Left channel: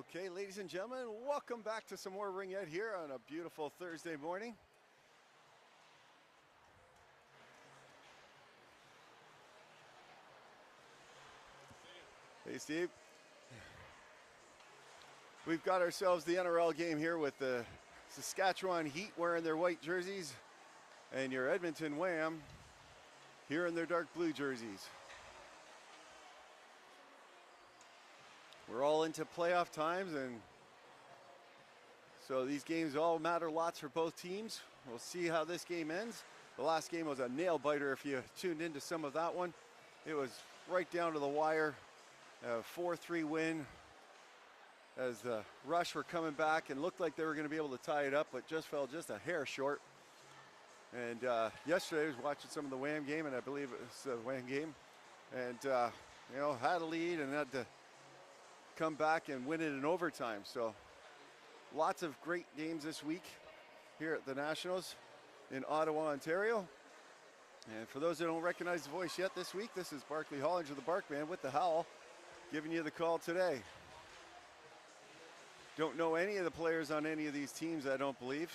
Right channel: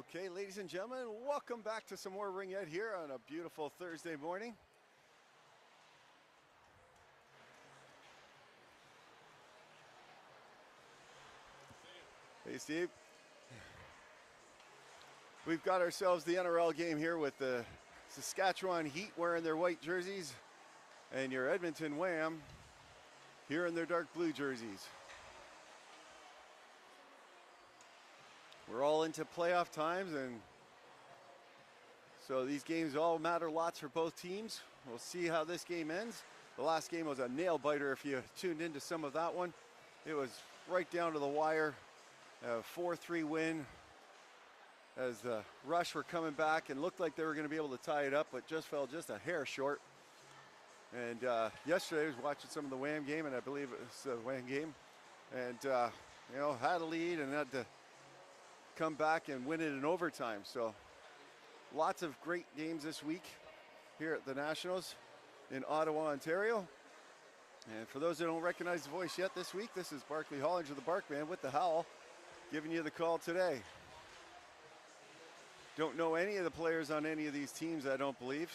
Okay, ladies and gentlemen, welcome back to some more Ring Ed here on a beautiful Thursday morning. Hey, Steve. We've got ourselves the NRL game here with the Saskatchewan-Heat wearing their white jerseys and your Edmonton-WAM here in their dark blue jerseys. We're all into playoff times, and so these games all matter lots for both teams. We'll see how this game ends. The last game was a nail biter if you tuned into some of that one. It was right down to the wire. A 4-3 win as the Rush were coming back and looked like they were going to be able to tie it up, but just fell just a hair short. And yesterday I was watching some of the WAM game, and I believe it was the WAM game, and had a lead and had to come back and win it in overtime. So lots of great games this week here at the Nationals in Ottawa, Ontario. And for those that don't recognize the voice yet this week, this is Barkley Hollinger, the Barkman with the Howl, giving you the call today. Don't know any of the players on any of these teams, I don't believe.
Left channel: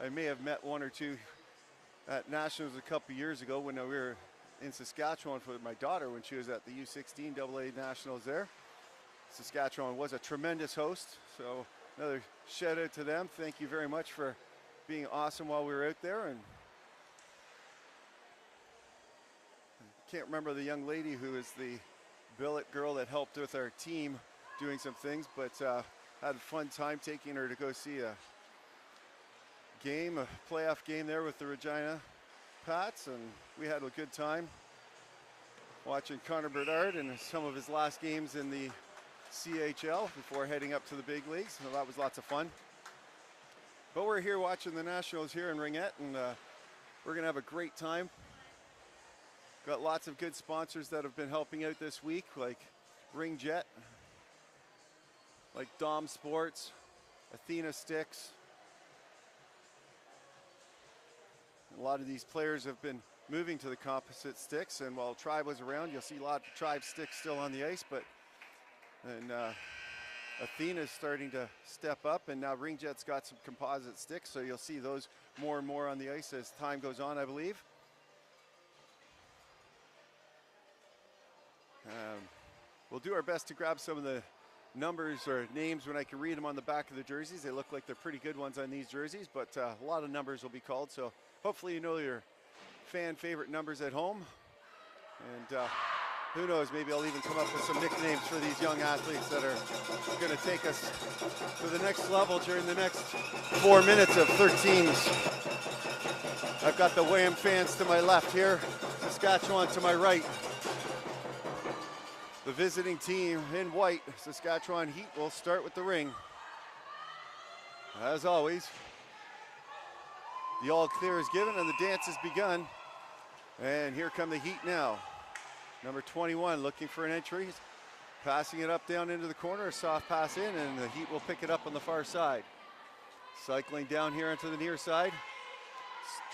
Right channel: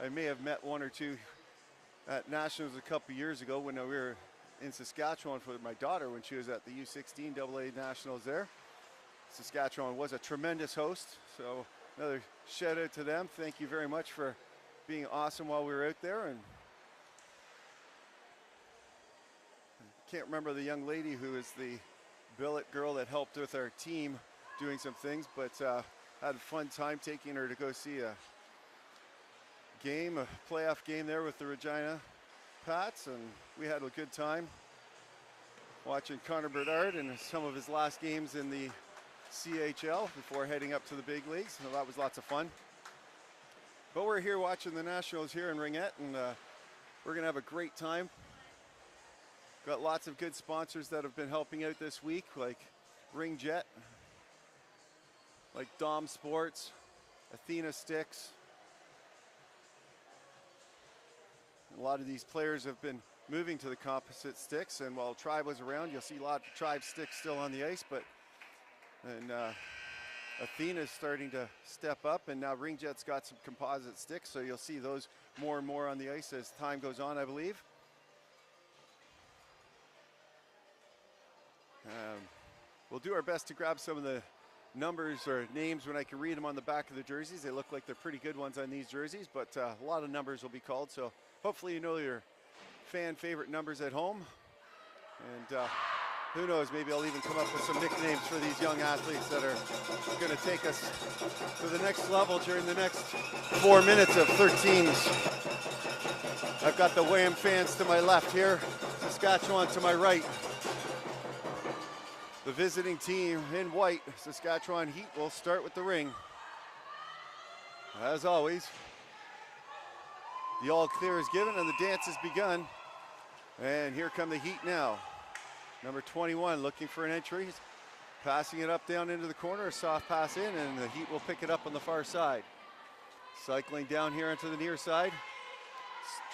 I may have met one or two at Nationals a couple years ago when we were in Saskatchewan for my daughter when she was at the U16 AA Nationals there. Saskatchewan was a tremendous host, so another shout out to them. Thank you very much for being awesome while we were out there. And I can't remember the young lady who is the billet girl that helped with our team doing some things, but had a fun time taking her to go see a game, a playoff game there with the Regina Pats, and we had a good time watching Connor Bedard and some of his last games in the CHL before heading up to the big leagues. So that was lots of fun. But we're here watching the Nationals here in Ringette, and we're going to have a great time. Got lots of good sponsors that have been helping out this week, like Ring Jet, like Dom Sports, Athena Sticks. A lot of these players have been moving to the composite sticks, and while Tribe was around, you'll see a lot of Tribe sticks still on the ice, but Athena's starting to step up, and now Ring Jet's got some composite sticks, so you'll see those more and more on the ice as time goes on, I believe. We'll do our best to grab some of the numbers or names when I can read them on the back of the jerseys. They look like they're pretty good ones on these jerseys, but a lot of numbers will be called, so hopefully you know your fan favorite numbers at home. And who knows, maybe I'll even come up with some nicknames for these young athletes that are going to take us to the next level during the next 4 minutes of 13s. I've got the WAM fans to my left here, Saskatchewan to my right. The visiting team in white, Saskatchewan Heat, will start with the ring. As always, the all clear is given and the dance has begun. And here come the Heat now. Number 21 looking for an entry, passing it up down into the corner, a soft pass in, and the Heat will pick it up on the far side. Cycling down here into the near side,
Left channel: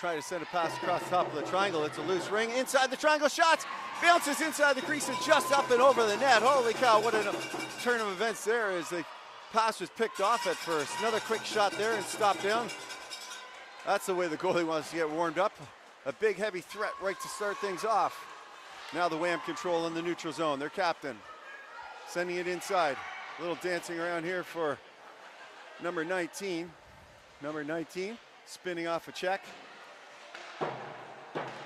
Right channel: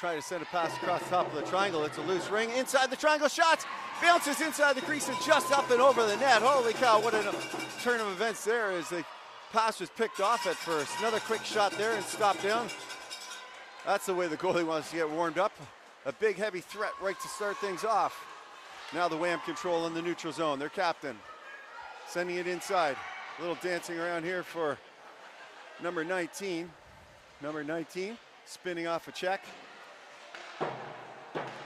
trying to send a pass across the top of the triangle. It's a loose ring, inside the triangle, shots, bounces inside the crease and just up and over the net. Holy cow, what a turn of events there as the pass was picked off at first. Another quick shot there and stopped down. That's the way the goalie wants to get warmed up. A big heavy threat right to start things off. Now the WAM control in the neutral zone. Their captain sending it inside. A little dancing around here for number 19. Number 19 spinning off a check.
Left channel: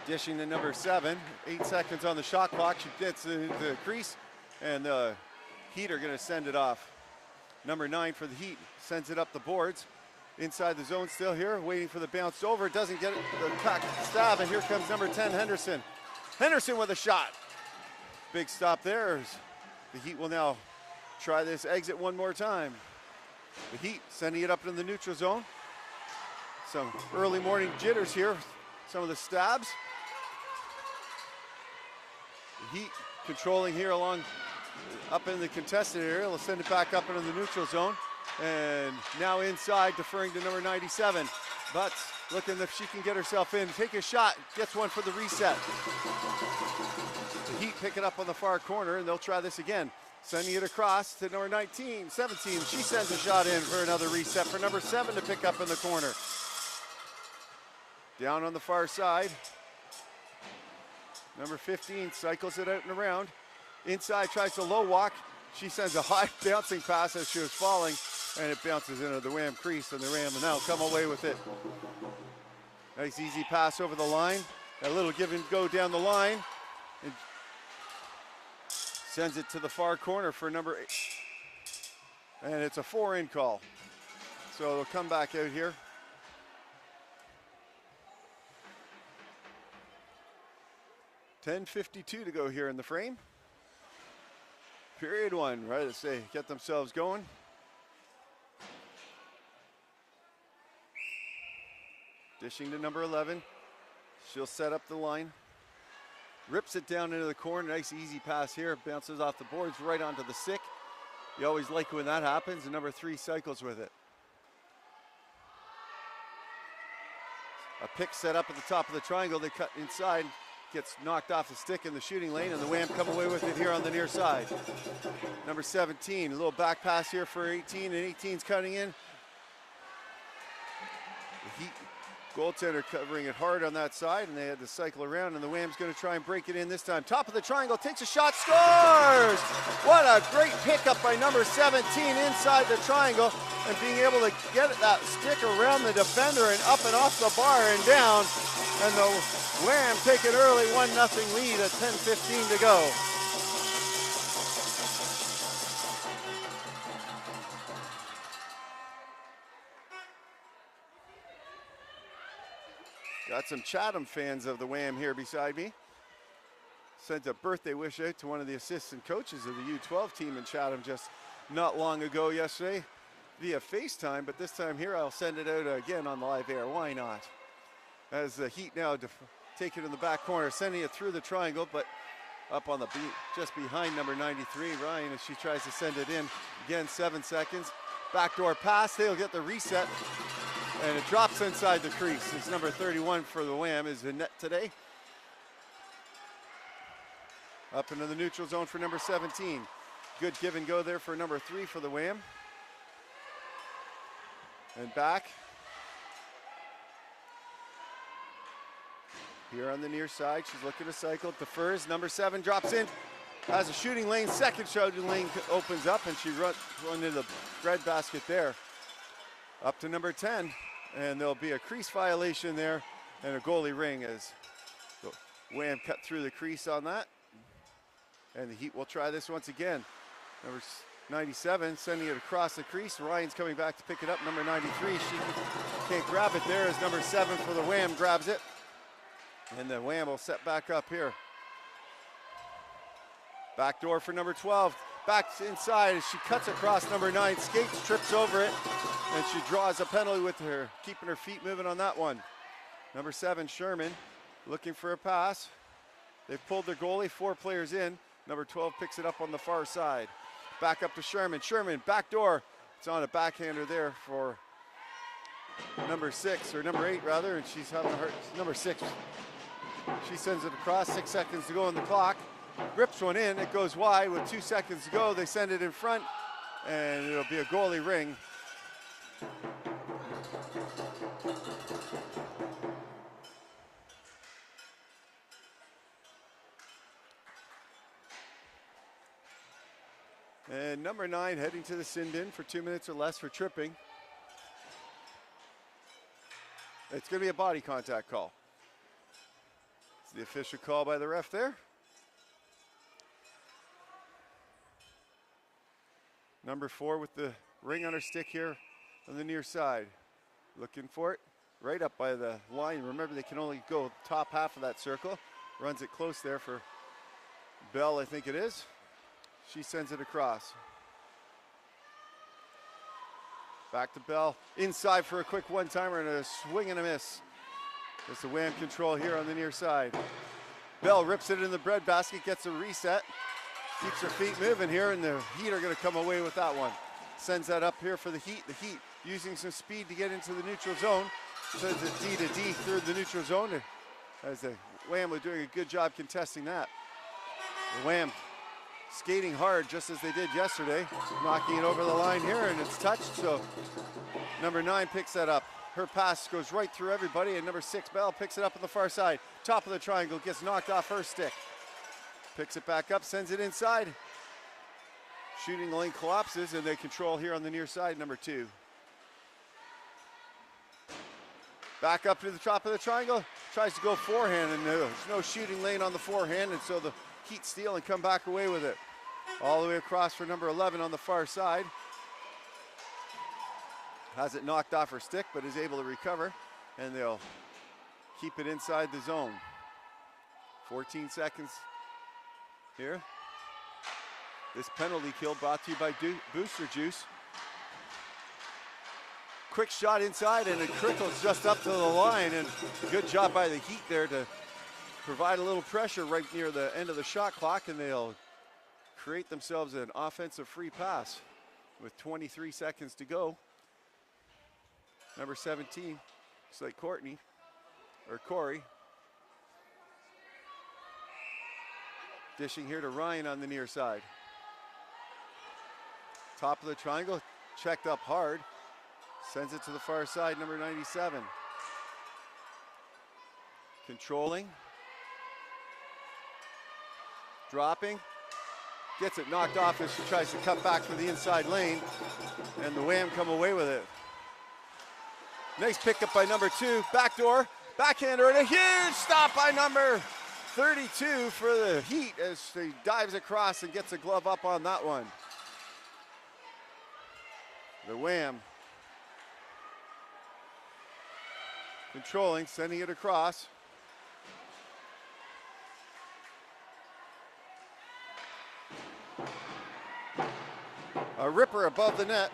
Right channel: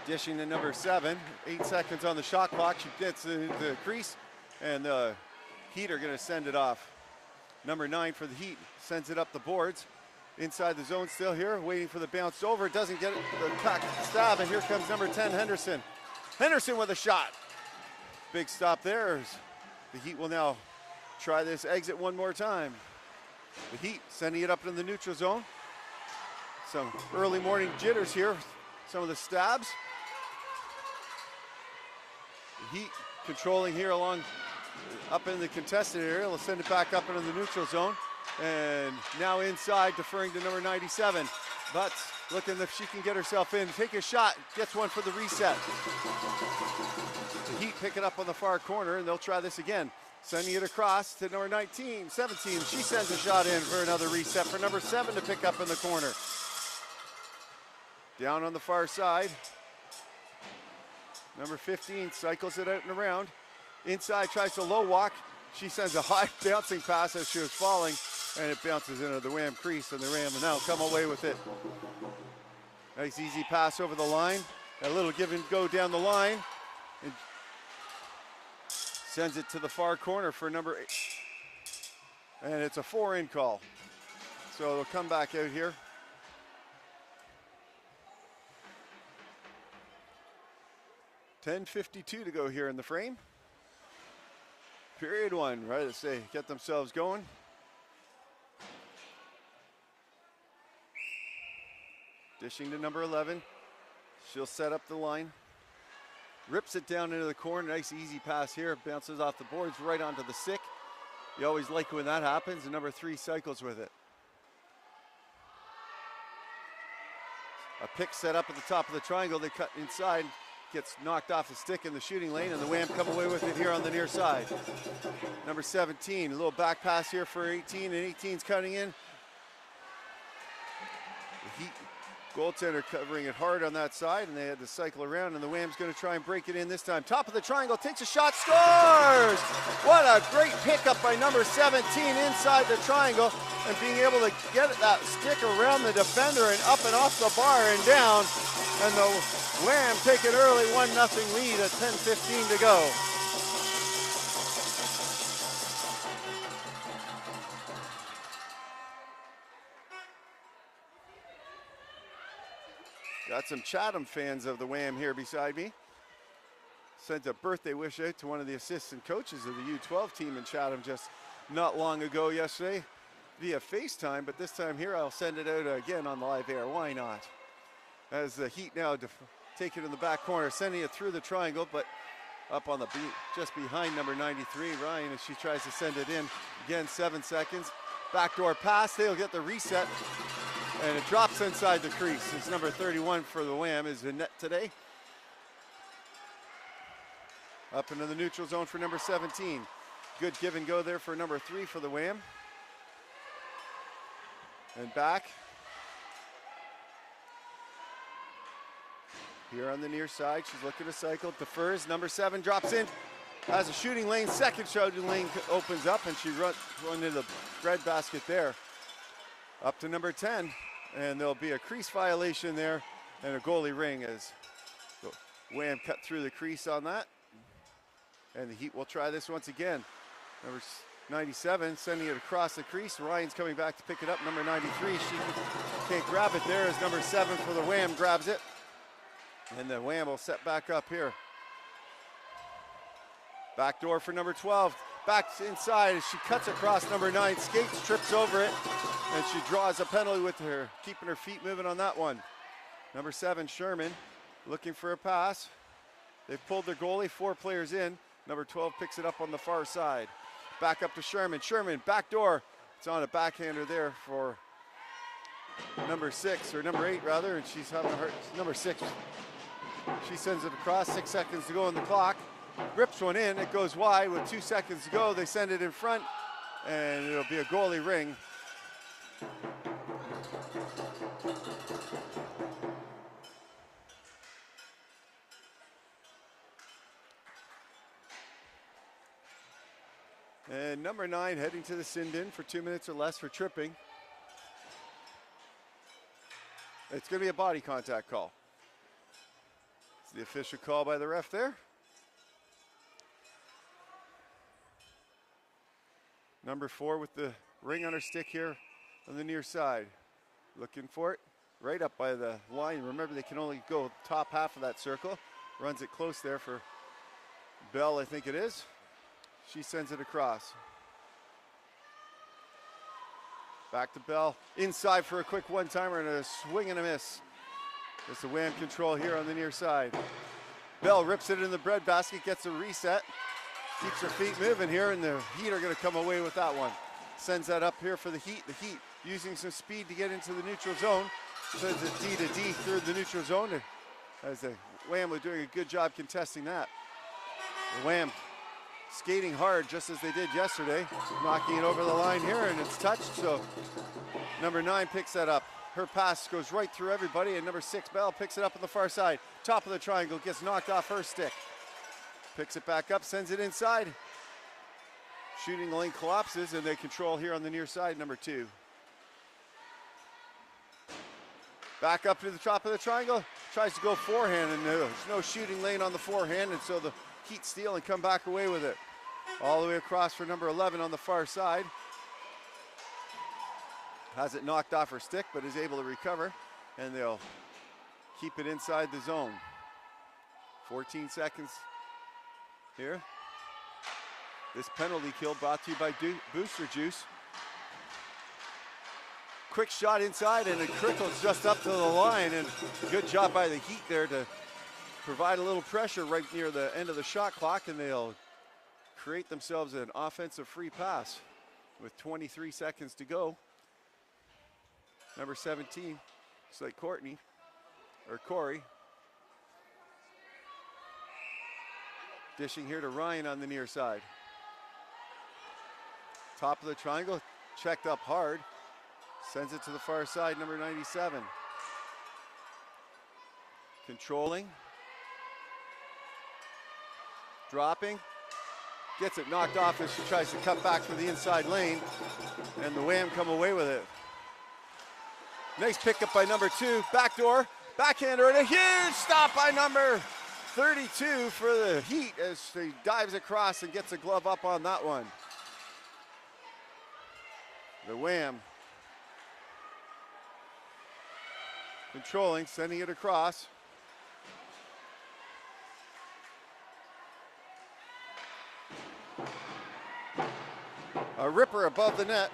Dishing to number 7. 8 seconds on the shot clock. She gets into the crease, and the Heat are going to send it off. Number 9 for the Heat sends it up the boards. Inside the zone still here, waiting for the bounce over. Doesn't get it, the cock stab, and here comes number 10, Henderson. Henderson with a shot. Big stop there. The Heat will now try this exit one more time. The Heat sending it up in the neutral zone. Some early morning jitters here. Some of the stabs. The Heat controlling here along up in the contested area. They'll send it back up into the neutral zone. And now inside, deferring to number 97. But looking if she can get herself in. Take a shot. Gets one for the reset. The Heat pick it up on the far corner, and they'll try this again. Sending it across to number 19, 17. She sends a shot in for another reset for number 7 to pick up in the corner. Down on the far side. Number 15 cycles it out and around. Inside, tries to low walk. She sends a high bouncing pass as she was falling, and it bounces into the WAM crease, and the WAM will now come away with it. Nice easy pass over the line. A little give and go down the line. It sends it to the far corner for number 8. And it's a 4-in call. So they'll come back out here. .10:52 to go here in the frame. Period 1, right to say, get themselves going. Dishing to number 11. She'll set up the line. Rips it down into the corner. Nice easy pass here. Bounces off the boards right onto the stick. You always like when that happens. And number 3 cycles with it. A pick set up at the top of the triangle. They cut inside. Gets knocked off the stick in the shooting lane, and the WAM come away with it here on the near side. Number 17, a little back pass here for 18, and 18's cutting in. The Heat goaltender covering it hard on that side, and they had to cycle around, and the WAM's going to try and break it in this time. Top of the triangle, takes a shot, scores! What a great pickup by number 17 inside the triangle, and being able to get that stick around the defender and up and off the bar and down, and the WAM take it early, 1-0 lead at 10:15 to go. Got some Chatham fans of the WAM here beside me. Sent a birthday wish out to one of the assistant coaches of the U12 team in Chatham just not long ago yesterday via FaceTime, but this time here I'll send it out again on the live air. Why not? As the Heat now take it in the back corner, sending it through the triangle, but up on the just behind number 93, Ryan, as she tries to send it in. Again, 7 seconds. Backdoor pass, they'll get the reset, and it drops inside the crease. It's number 31 for the WAM is the net today. Up into the neutral zone for number 17. Good give and go there for number 3 for the WAM. And back. Here on the near side, she's looking to cycle, defers, number 7 drops in, has a shooting lane, second shooting lane opens up, and she runs into the breadbasket there. Up to number 10, and there'll be a crease violation there, and a goalie ring as the WAM cut through the crease on that. And the Heat will try this once again. Number 97, sending it across the crease. Ryan's coming back to pick it up, number 93, she can't grab it there as number 7 for the WAM grabs it. And the WAM will set back up here. Back door for number 12. Back inside as she cuts across number 9. Skates, trips over it. And she draws a penalty with her, keeping her feet moving on that one. Number 7, Sherman, looking for a pass. They've pulled their goalie, 4 players in. Number 12 picks it up on the far side. Back up to Sherman. Sherman, back door. It's on a backhander there for number 6, or number 8 rather, and she's having a hurt. Number 6. She sends it across, 6 seconds to go on the clock. Grips one in, it goes wide with 2 seconds to go. They send it in front, and it'll be a goalie ring. And number 9 heading to the send-in for 2 minutes or less for tripping. It's going to be a body contact call. It's the official call by the ref there. Number 4 with the ring on her stick here on the near side. Looking for it right up by the line. Remember, they can only go top half of that circle. Runs it close there for Bell, I think it is. She sends it across. Back to Bell. Inside for a quick one-timer and a swing and a miss. It's the WAM control here on the near side. Bell rips it in the breadbasket, gets a reset. Keeps her feet moving here, and the Heat are going to come away with that one. Sends that up here for the Heat. The Heat using some speed to get into the neutral zone. Sends it D to D through the neutral zone, as the WAM was doing a good job contesting that. The WAM skating hard just as they did yesterday, knocking it over the line here, and it's touched, so number 9 picks that up. Her pass goes right through everybody, and number 6, Bell, picks it up on the far side. Top of the triangle, gets knocked off her stick. Picks it back up, sends it inside. Shooting lane collapses, and they control here on the near side, number 2. Back up to the top of the triangle, tries to go forehand, and there's no shooting lane on the forehand, and so the Heat steal and come back away with it. All the way across for number 11 on the far side. Has it knocked off her stick, but is able to recover, and they'll keep it inside the zone. 14 seconds here. This penalty kill brought to you by Booster Juice. Quick shot inside, and it trickles just up to the line, and good job by the Heat there to provide a little pressure right near the end of the shot clock, and they'll create themselves an offensive free pass with 23 seconds to go. Number 17, looks like Corey. Dishing here to Ryan on the near side. Top of the triangle, checked up hard. Sends it to the far side, number 97. Controlling. Dropping. Gets it knocked off as she tries to cut back for the inside lane. And the WAM come away with it. Nice pickup by number 2. Backdoor. Backhander, and a huge stop by number 32 for the Heat as she dives across and gets a glove up on that one. The WAM controlling, sending it across. A ripper above the net.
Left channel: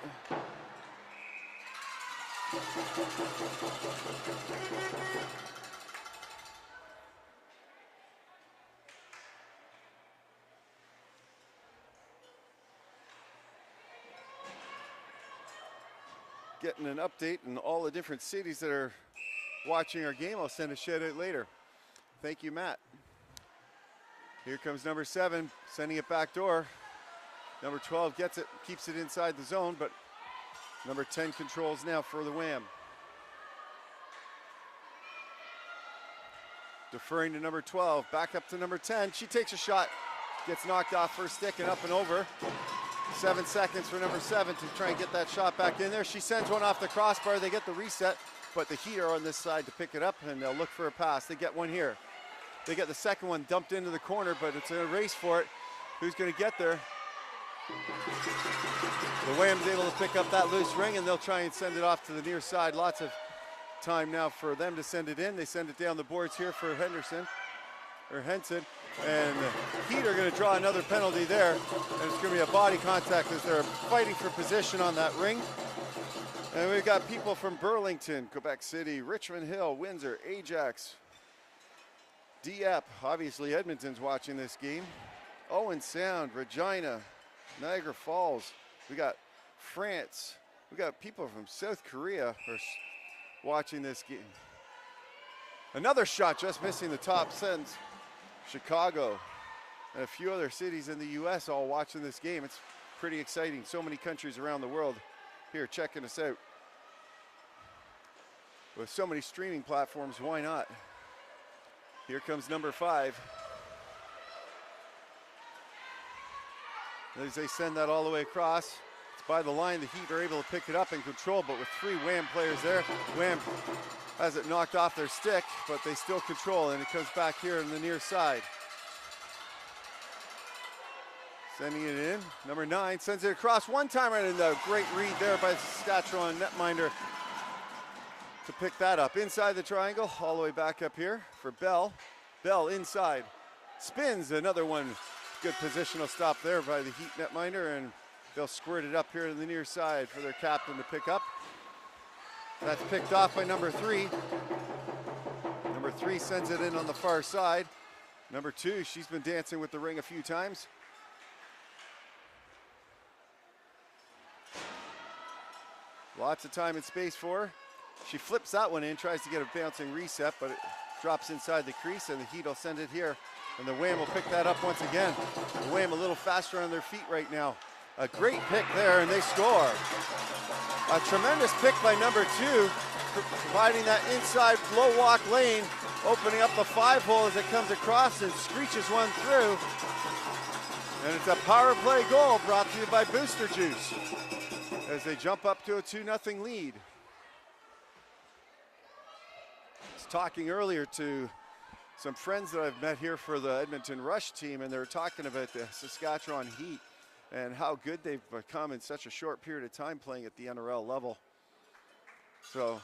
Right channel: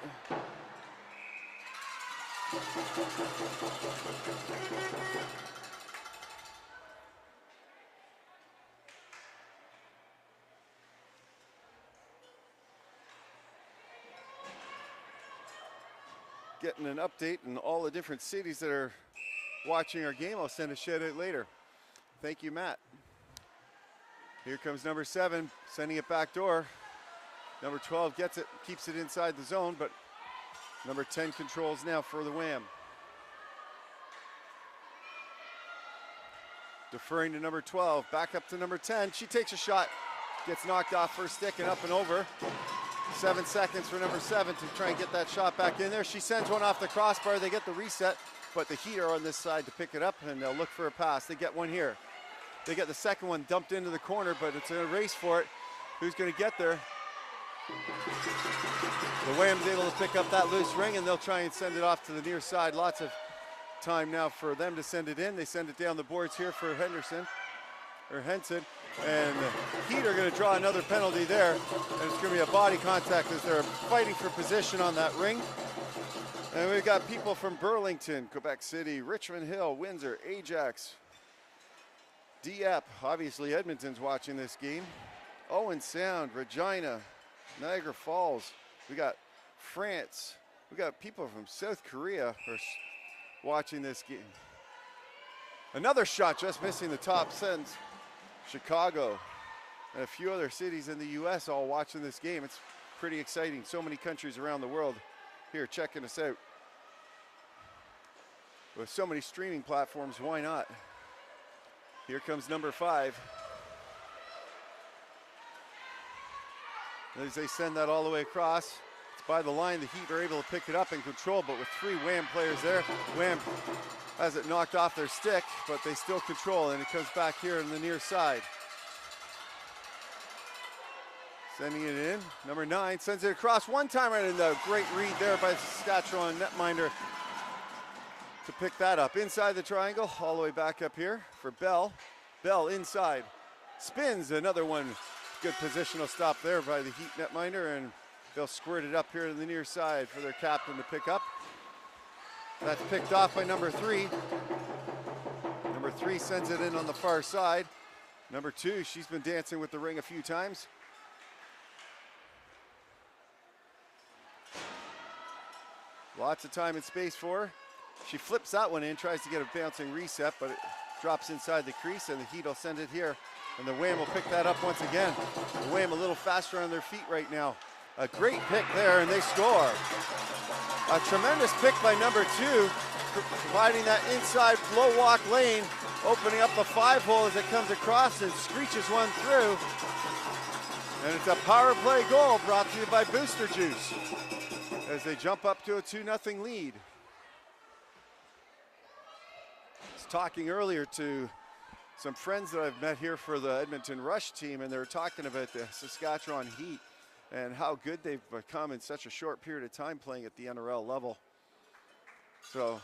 Getting an update in all the different cities that are watching our game. I'll send a shout out later. Thank you, Matt. Here comes number 7, sending it back door. Number 12 gets it, keeps it inside the zone, but number 10 controls now for the WAM. Deferring to number 12, back up to number 10. She takes a shot, gets knocked off her stick and up and over. 7 seconds for number 7 to try and get that shot back in there. She sends one off the crossbar, they get the reset, but the Heat are on this side to pick it up, and they'll look for a pass. They get one here. They get the second one dumped into the corner, but it's a race for it. Who's going to get there? The WAM's able to pick up that loose ring, and they'll try and send it off to the near side. Lots of time now for them to send it in. They send it down the boards here for Henson. And the Heat are going to draw another penalty there, and it's going to be a body contact as they're fighting for position on that ring. And we've got people from Burlington, Quebec City, Richmond Hill, Windsor, Ajax, Dieppe, obviously Edmonton's watching this game, Owen Sound, Regina, Niagara Falls. We got France. We got people from South Korea are watching this game. Another shot just missing the top sense. Chicago and a few other cities in the U.S. all watching this game. It's pretty exciting. So many countries around the world here checking us out. With so many streaming platforms, why not? Here comes number 5. As they send that all the way across, it's by the line. The Heat are able to pick it up and control, but with 3 WAM players there, WAM has it knocked off their stick, but they still control, and it comes back here on the near side. Sending it in. Number 9 sends it across one time, and a great read there by the Saskatchewan netminder to pick that up. Inside the triangle, all the way back up here for Bell. Bell inside. Spins, another one. Good positional stop there by the Heat netminder, and they'll squirt it up here to the near side for their captain to pick up. That's picked off by number 3. Number 3 sends it in on the far side. Number 2, she's been dancing with the ring a few times. Lots of time and space for her. She flips that one in, tries to get a bouncing reset, but it drops inside the crease, and the Heat will send it here And the WAM will pick that up once again. The WAM a little faster on their feet right now. A great pick there, and they score. A tremendous pick by number 2, providing that inside low walk lane, opening up the 5-hole as it comes across and screeches one through. And it's a power play goal brought to you by Booster Juice as they jump up to a 2-0 lead. I was talking earlier to some friends that I've met here for the Edmonton Rush team, and they were talking about the Saskatchewan Heat and how good they've become in such a short period of time playing at the NRL level. So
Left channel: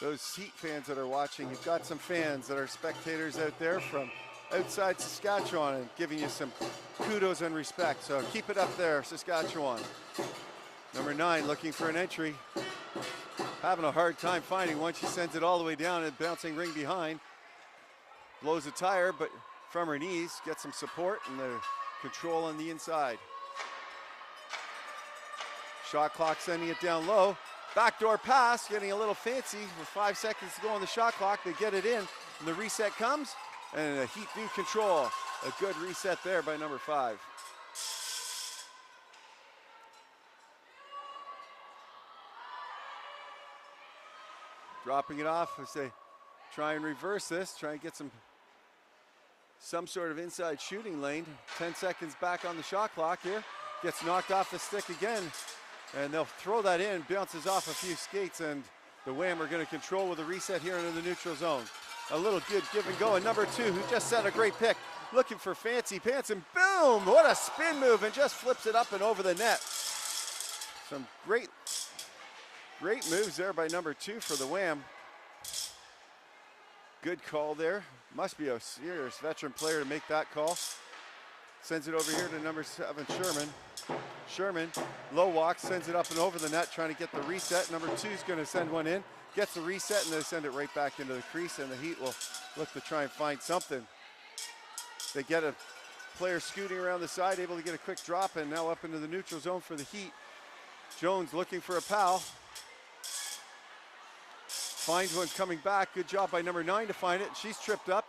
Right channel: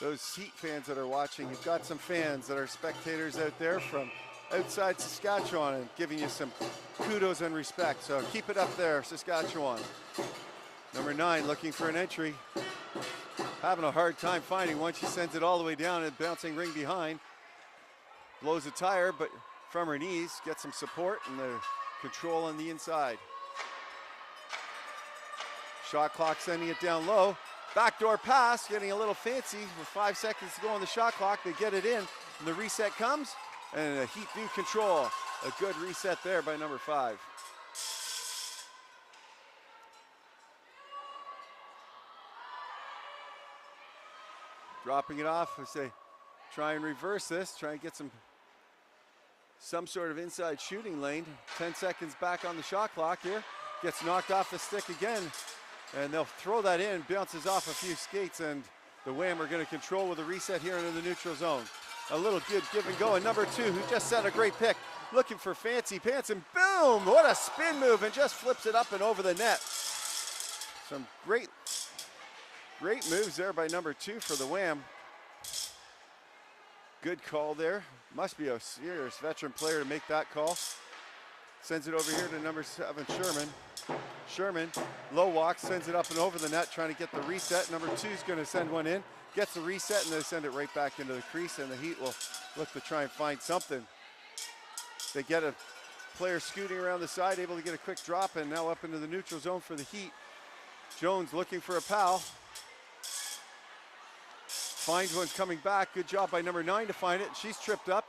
those Heat fans that are watching, you've got some fans that are spectators out there from outside Saskatchewan and giving you some kudos and respect. So keep it up there, Saskatchewan. Number 9 looking for an entry. Having a hard time finding one. She sends it all the way down and bouncing ring behind. Blows a tire, but from her knees, gets some support and the control on the inside. Shot clock sending it down low. Backdoor pass, getting a little fancy with 5 seconds to go on the shot clock. They get it in, and the reset comes, and a Heat do control. A good reset there by number 5. Dropping it off as they try and reverse this, try and get some sort of inside shooting lane. 10 seconds back on the shot clock here. Gets knocked off the stick again, and they'll throw that in, bounces off a few skates, and the WAM are going to control with a reset here into the neutral zone. A little good give and go, and number 2, who just set a great pick, looking for fancy pants, and boom, what a spin move, and just flips it up and over the net. Some great moves there by number 2 for the WAM. Good call there. Must be a serious veteran player to make that call. Sends it over here to number 7, Sherman. Sherman, low walk, sends it up and over the net, trying to get the reset. Number 2 is going to send one in, gets the reset, and they send it right back into the crease, and the Heat will look to try and find something. They get a player scooting around the side, able to get a quick drop, and now up into the neutral zone for the Heat. Jones looking for a pal. Finds one coming back. Good job by number 9 to find it. She's tripped up,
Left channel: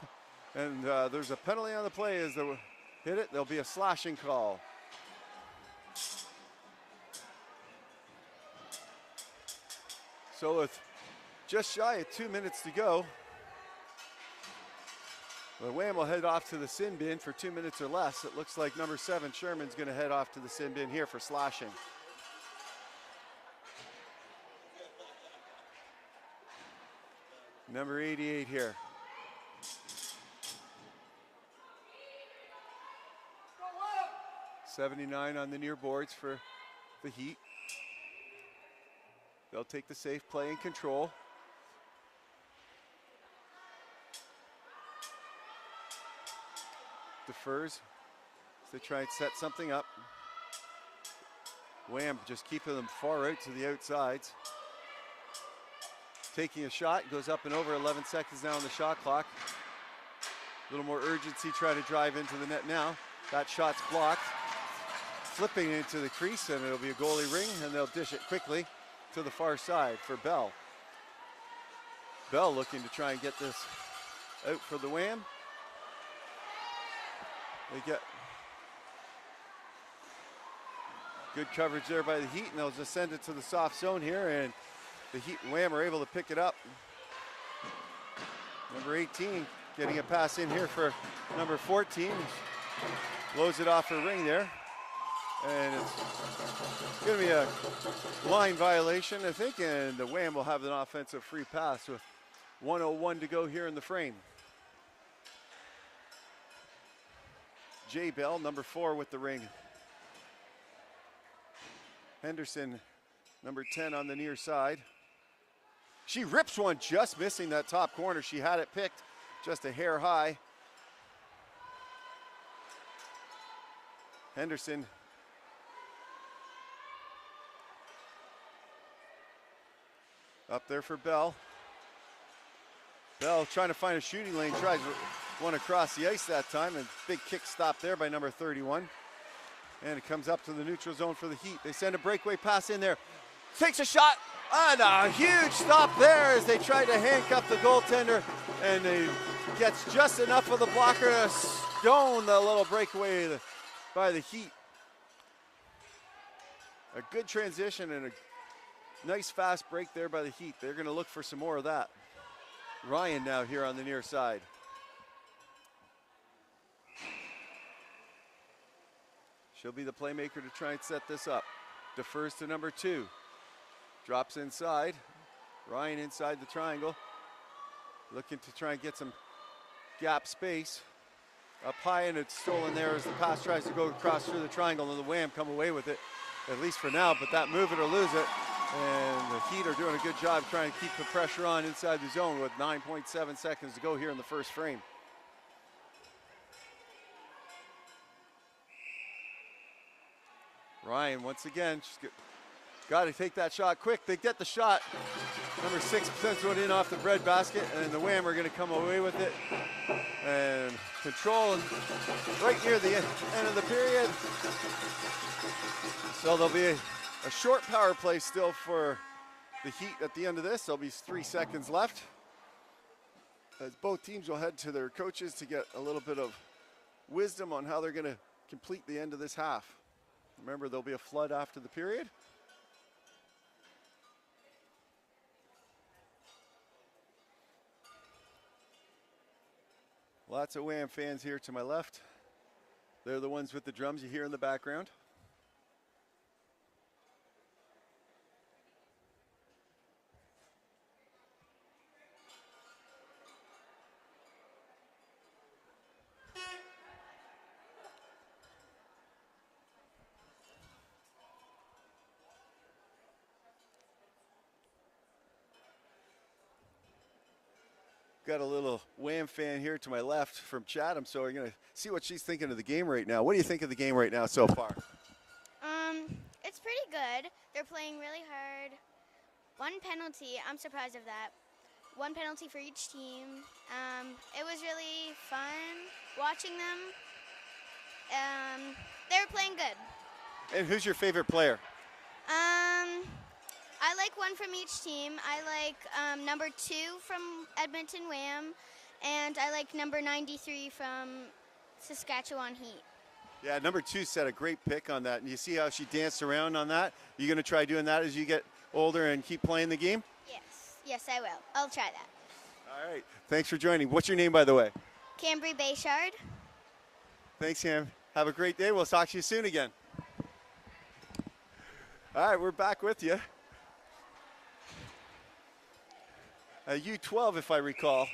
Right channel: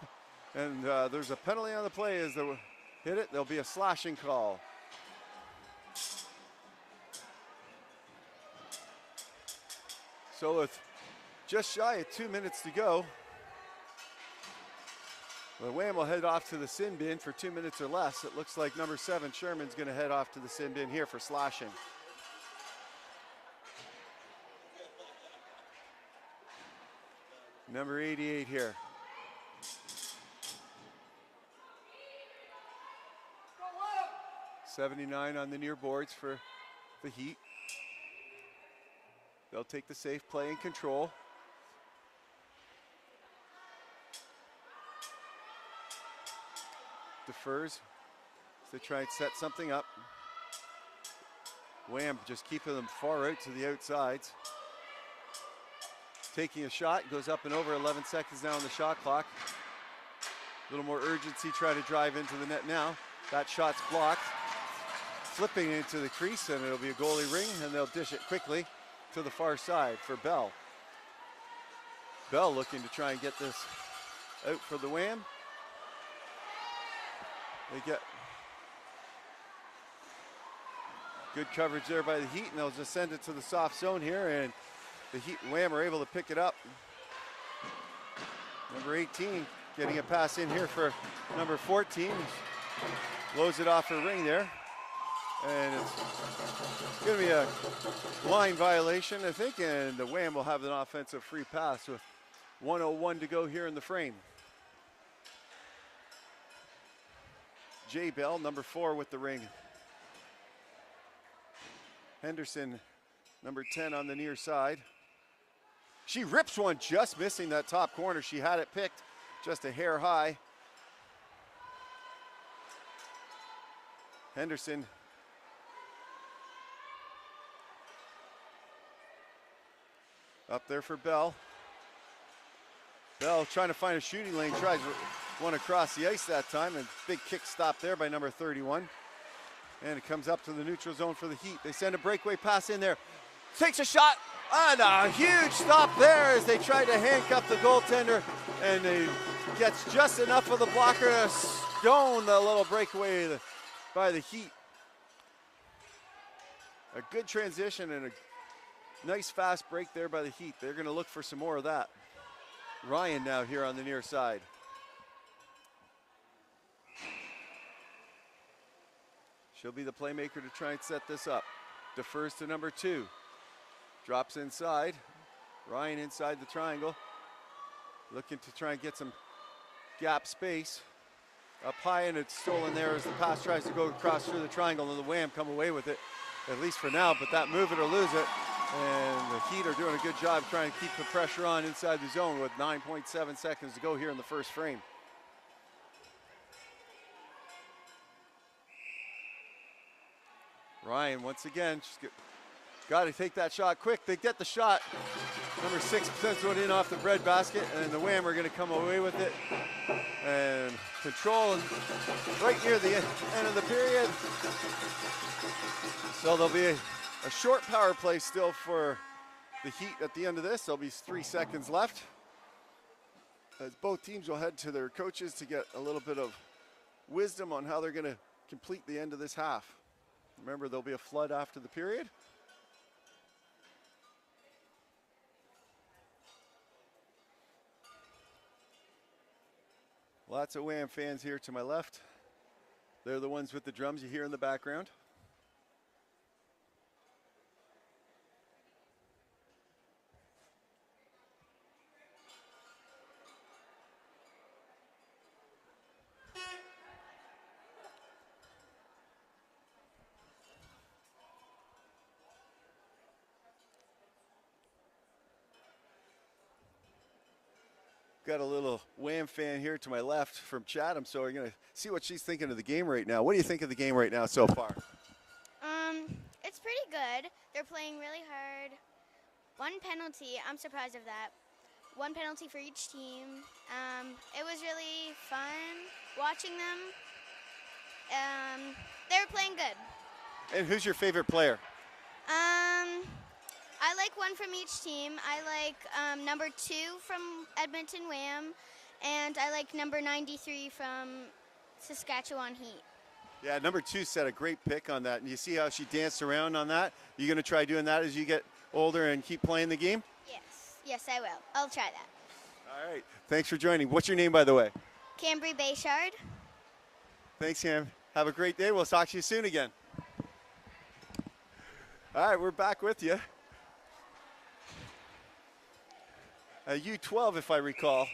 and there's a penalty on the play as they hit it. There'll be a slashing call. So with just shy of 2 minutes to go, the WAM will head off to the sin bin for 2 minutes or less. It looks like number 7, Sherman's going to head off to the sin bin here for slashing. Number 88 here. $79 on the near boards for the Heat. They'll take the safe play and control. Defers as they try and set something up. WAM just keeping them far out to the outsides. Taking a shot, goes up and over. 11 seconds now on the shot clock. A little more urgency, try to drive into the net now. That shot's blocked. Flipping into the crease, and it'll be a goalie ring, and they'll dish it quickly to the far side for Bell. Bell looking to try and get this out for the WAM. They get good coverage there by the Heat, and they'll just send it to the soft zone here, and the Heat and WAM are able to pick it up. Number 18 getting a pass in here for number 14. Blows it off her ring there. And it's going to be a line violation, I think, and the WAM will have an offensive free pass with 1:01 to go here in the frame. Jay Bell, number 4 with the ring. Henderson, number 10 on the near side. She rips one, just missing that top corner. She had it picked just a hair high. Henderson up there for Bell. Bell trying to find a shooting lane, tries one across the ice that time, and big kick stop there by number 31. And it comes up to the neutral zone for the Heat. They send a breakaway pass in there. Takes a shot, And a huge stop there as they try to handcuff the goaltender, and he gets just enough of the blocker to stone the little breakaway by the Heat. A good transition and a nice fast break there by the Heat. They're going to look for some more of that. Ryan now here on the near side. She'll be the playmaker to try and set this up. Defers to number 2. Drops inside. Ryan inside the triangle. Looking to try and get some gap space. Up high, and it's stolen there as the pass tries to go across through the triangle, and the WAM come away with it, at least for now, but that move it or lose it. And the Heat are doing a good job trying to keep the pressure on inside the zone with 9.7 seconds to go here in the first frame. Ryan, once again, she's got to take that shot quick. They get the shot. Number 6 sends one in off the bread basket, and the WAM are going to come away with it. And control right near the end of the period. So there'll be a short power play still for the Heat at the end of this. There'll be 3 seconds left, as both teams will head to their coaches to get a little bit of wisdom on how they're going to complete the end of this half. Remember, there'll be a flood after the period. Lots of WAM fans here to my left. They're the ones with the drums you hear in the background. Got a little WAM fan here to my left from Chatham, so we're going to see what she's thinking of the game right now. What do you think of the game right now so far? It's pretty good. They're playing really hard. 1 penalty, I'm surprised of that. 1 penalty for each team. It was really fun watching them. They were playing good. And who's your favorite player? I like 1 from each team. I like number 2 from Edmonton-WAM, and I like number 93 from Saskatchewan-Heat. Yeah, number 2 set a great pick on that. And you see how she danced around on that? You going to try doing that as you get older and keep playing the game? Yes, I will. I'll try that. All right. Thanks for joining. What's your name, by the way? Cambry Bayshard. Thanks, Cam. Have a great day. We'll talk to you soon again. All right, we're back with you. A U12, if I recall,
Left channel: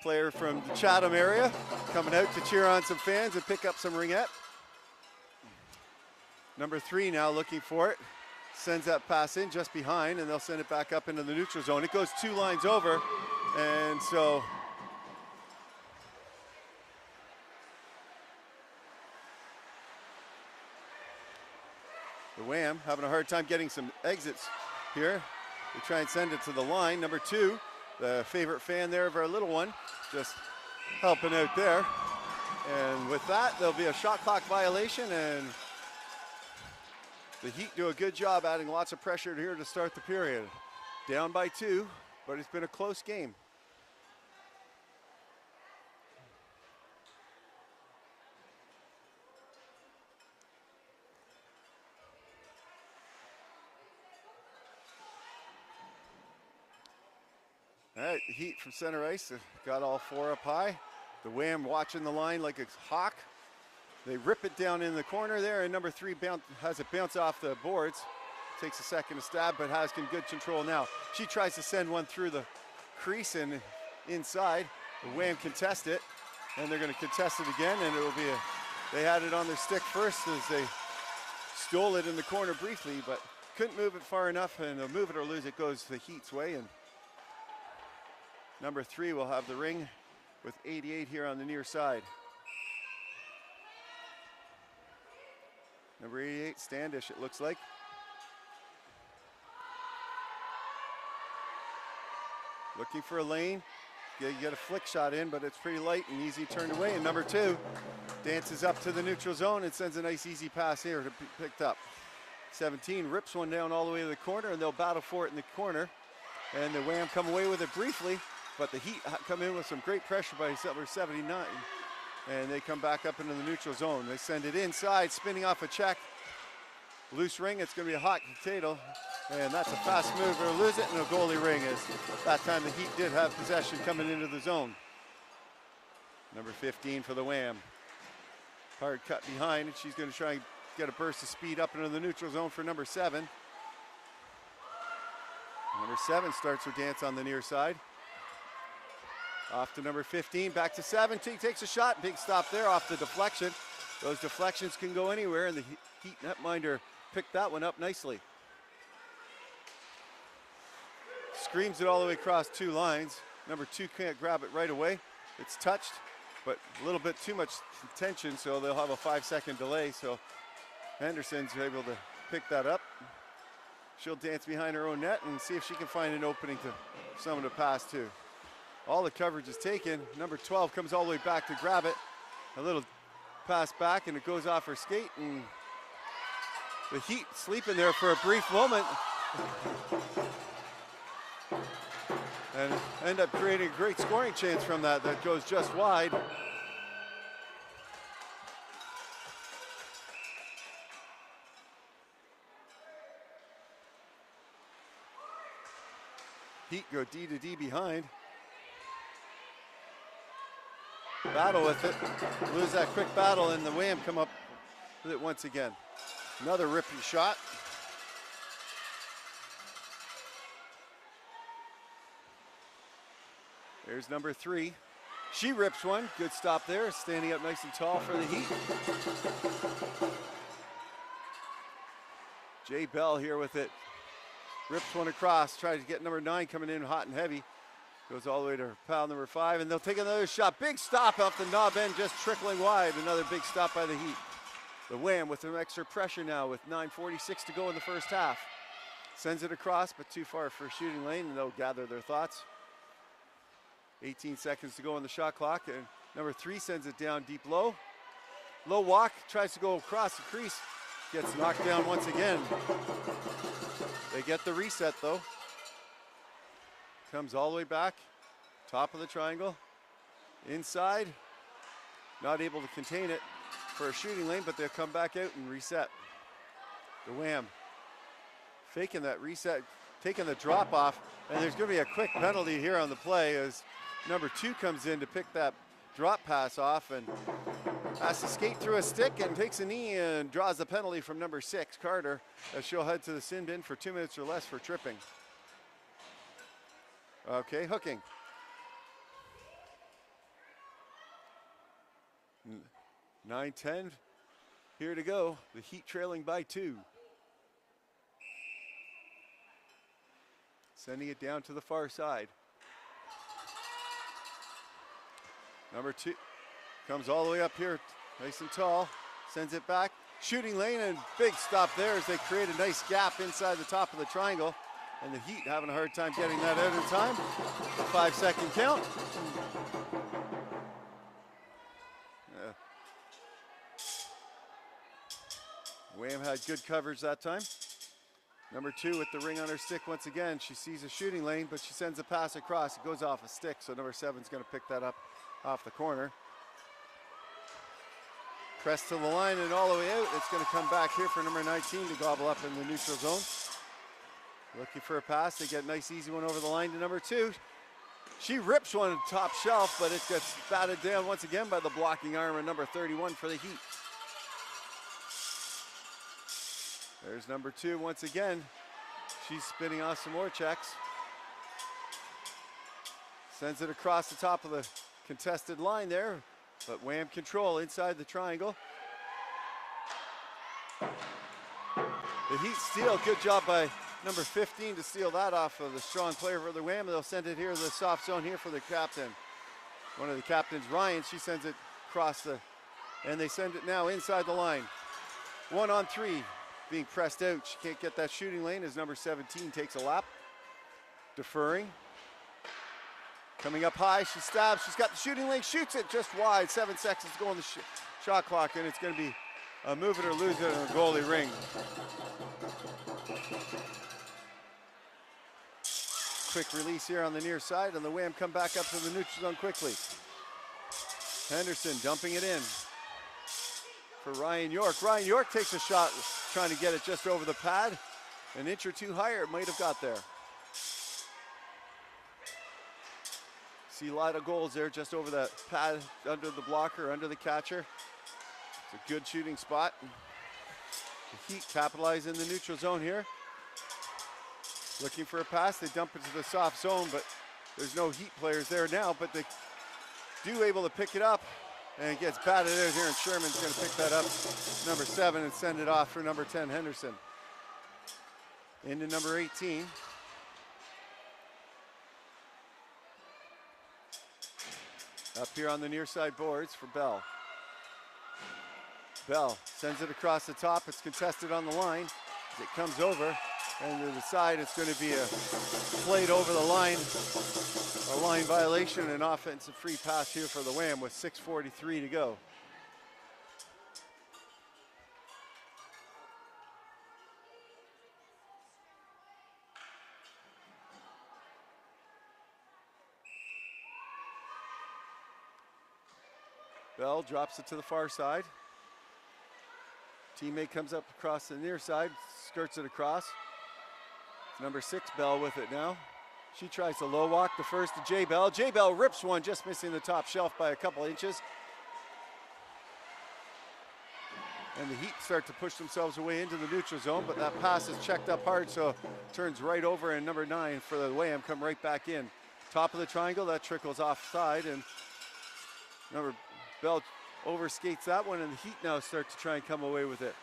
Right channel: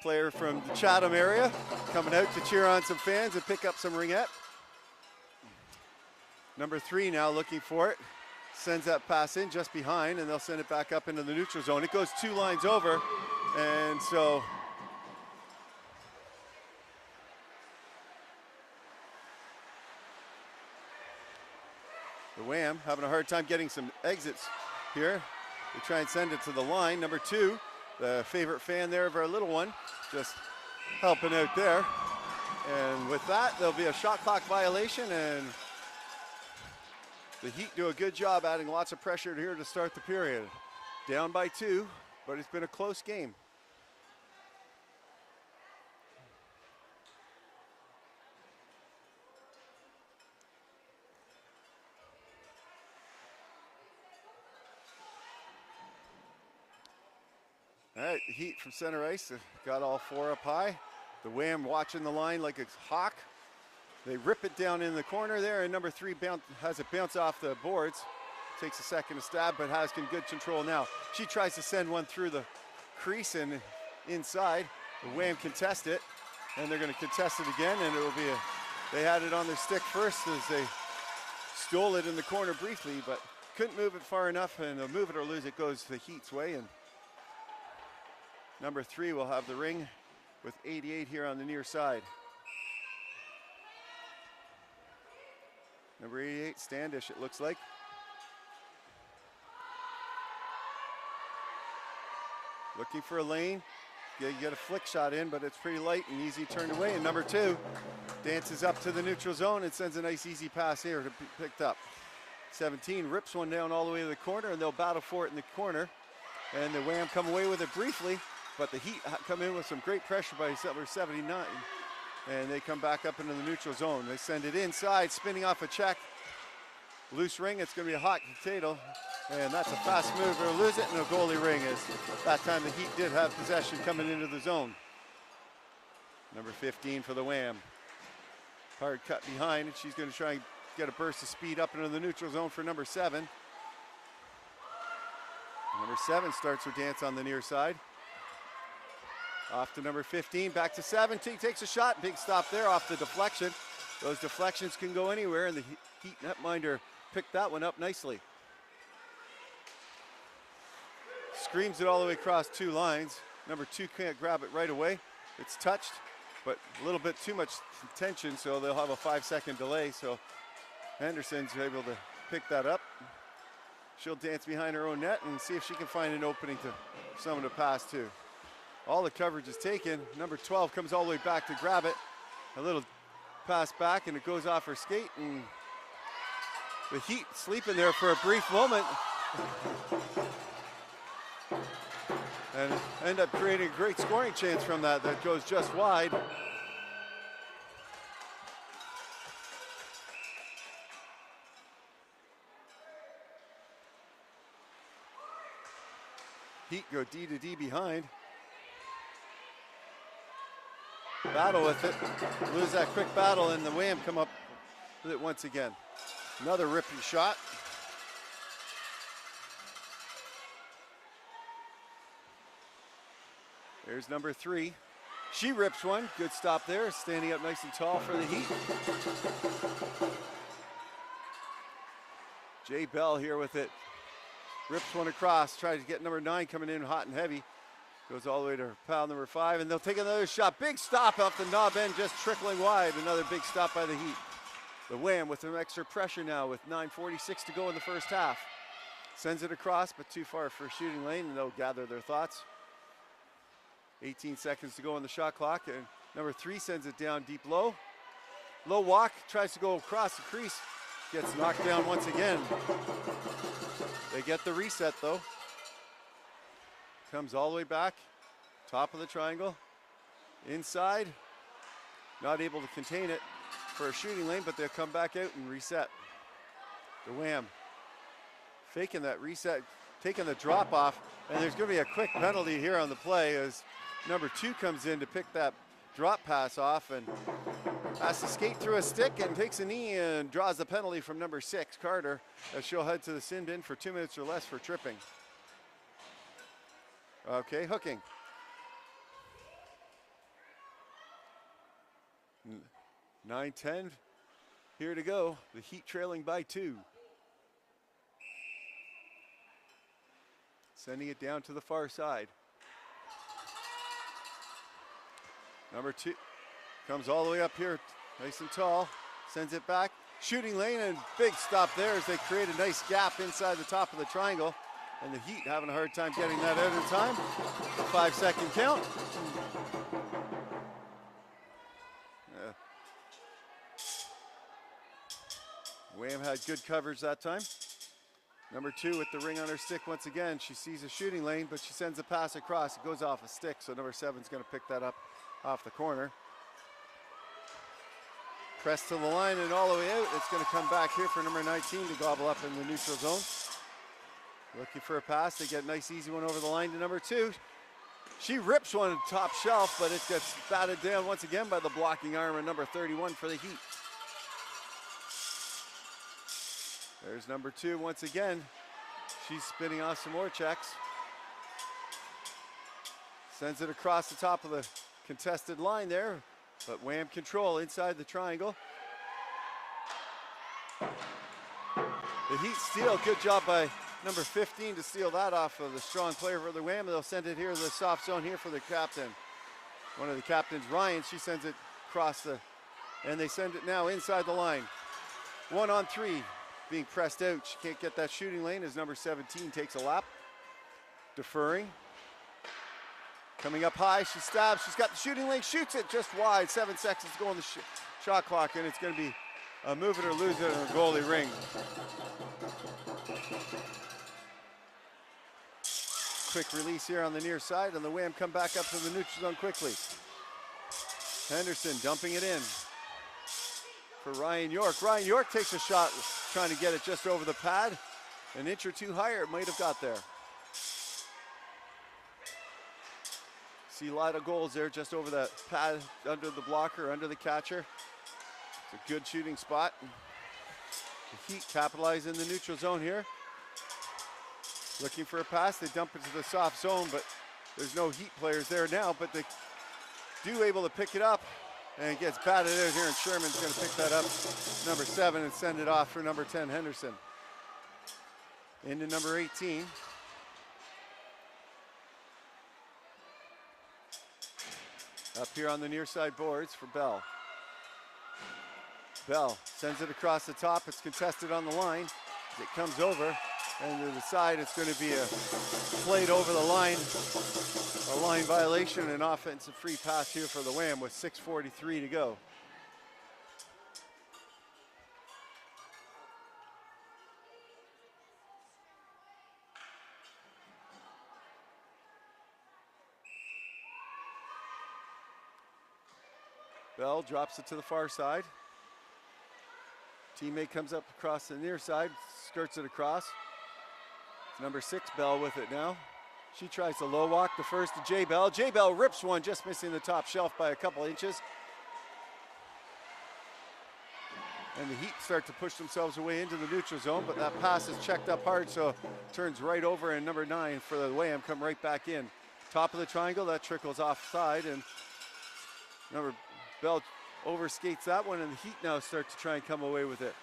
player from the Chatham area, coming out to cheer on some fans and pick up some ringette. Number 3 now looking for it. Sends that pass in just behind, and they'll send it back up into the neutral zone. It goes 2 lines over, and so the WAM having a hard time getting some exits here. We try and send it to the line. Number 2, the favorite fan there of our little one, just helping out there. And with that, there'll be a shot clock violation, and the Heat do a good job adding lots of pressure here to start the period. Down by 2, but it's been a close game. All right, the Heat from center ice got all 4 up high. The WAM watching the line like a hawk. They rip it down in the corner there, and number 3 has it bounce off the boards. Takes a second to stab, but has good control now. She tries to send one through the crease and inside. The WAM contest it, and they're going to contest it again, and it will be they had it on their stick first as they stole it in the corner briefly, but couldn't move it far enough, and a move it or lose it goes the Heat's way, and number 3 will have the ring with 88 here on the near side. Number 88, Standish, it looks like. Looking for a lane. You get a flick shot in, but it's pretty light and easy turned away. And number 2 dances up to the neutral zone and sends a nice easy pass here to be picked up. 17 rips one down all the way to the corner, and they'll battle for it in the corner. And the WAM come away with it briefly, but the Heat come in with some great pressure by number 79. And they come back up into the neutral zone. They send it inside, spinning off a check. Loose ring, it's going to be a hot potato. And that's a fast move. They'll lose it, and a goalie ring is. That time the Heat did have possession coming into the zone. Number 15 for the WAM. Hard cut behind, and she's going to try and get a burst of speed up into the neutral zone for number 7. Number 7 starts her dance on the near side. Off to number 15, back to 17, takes a shot, big stop there off the deflection. Those deflections can go anywhere, and the Heat netminder picked that one up nicely. Screams it all the way across 2 lines. Number 2 can't grab it right away. It's touched, but a little bit too much tension, so they'll have a 5-second delay. So Henderson's able to pick that up. She'll dance behind her own net and see if she can find an opening to someone to pass to. All the coverage is taken. Number 12 comes all the way back to grab it. A little pass back, and it goes off her skate, and the Heat sleeping there for a brief moment and end up creating a great scoring chance from that goes just wide. Heat go D to D behind. Battle with it. Lose that quick battle, and the WAM come up with it once again. Another ripping shot. There's number 3. She rips one. Good stop there. Standing up nice and tall for the Heat. Jay Bell here with it. Rips one across. Tries to get number 9 coming in hot and heavy. Goes all the way to pound number 5, and they'll take another shot. Big stop off the knob end, just trickling wide. Another big stop by the Heat. The WAM with some extra pressure now with 9:46 to go in the first half. Sends it across, but too far for shooting lane, and they'll gather their thoughts. 18 seconds to go on the shot clock, and number 3 sends it down deep low. Low walk, tries to go across the crease. Gets knocked down once again. They get the reset though. Comes all the way back, top of the triangle, inside, not able to contain it for a shooting lane, but they'll come back out and reset. The WAM faking that reset, taking the drop off, and there's going to be a quick penalty here on the play as number 2 comes in to pick that drop pass off and has to skate through a stick and takes a knee and draws the penalty from number 6, Carter, as she'll head to the sin bin for 2 minutes or less for tripping. Okay, hooking. 9:10 here to go. The Heat trailing by 2. Sending it down to the far side. Number 2 comes all the way up here, nice and tall. Sends it back. Shooting lane, and big stop there as they create a nice gap inside the top of the triangle. And the Heat having a hard time getting that out in time. 5-second count. WAM had good coverage that time. Number 2 with the ring on her stick once again. She sees a shooting lane, but she sends a pass across. It goes off a stick, so number 7's going to pick that up off the corner. Press to the line and all the way out. It's going to come back here for number 19 to gobble up in the neutral zone. Looking for a pass. They get a nice easy one over the line to number 2. She rips one top shelf, but it gets batted down once again by the blocking arm of number 31 for the Heat. There's number 2 once again. She's spinning off some more checks. Sends it across the top of the contested line there, but WAM control inside the triangle. The Heat steal. Good job by number 15 to steal that off of the strong player for the WAM. They'll send it here to the soft zone here for the captain. One of the captains, Ryan, she sends it across the, and they send it now inside the line. 1-on-3, being pressed out. She can't get that shooting lane as number 17 takes a lap. Deferring. Coming up high, she stabs. She's got the shooting lane, shoots it just wide. 7 seconds to go on the shot clock, and it's going to be a move it or lose it in the goalie ring. Quick release here on the near side, and the WAM come back up to the neutral zone quickly. Henderson dumping it in for Ryan York. Ryan York takes a shot, trying to get it just over the pad. An inch or two higher, it might have got there. See a lot of goals there, just over that pad, under the blocker, under the catcher. It's a good shooting spot. The Heat capitalize in the neutral zone here. Looking for a pass, they dump it to the soft zone, but there's no Heat players there now, but they do able to pick it up, and it gets batted there here, and Sherman's going to pick that up, number 7, and send it off for number 10, Henderson. Into number 18. Up here on the near side boards for Bell. Bell sends it across the top, it's contested on the line. As it comes over, and to the side, it's going to be a played over the line, a line violation, and offensive free pass here for the WAM with 6:43 to go. Bell drops it to the far side. Teammate comes up across the near side, skirts it across. It's number 6, Bell with it now. She tries to low walk the first to J Bell. J Bell rips one, just missing the top shelf by a couple inches. And the Heat start to push themselves away into the neutral zone, but that pass is checked up hard, so turns right over, and number 9 for the WAM come right back in. Top of the triangle, that trickles offside, and number Bell overskates that one, and the Heat now start to try and come away with it.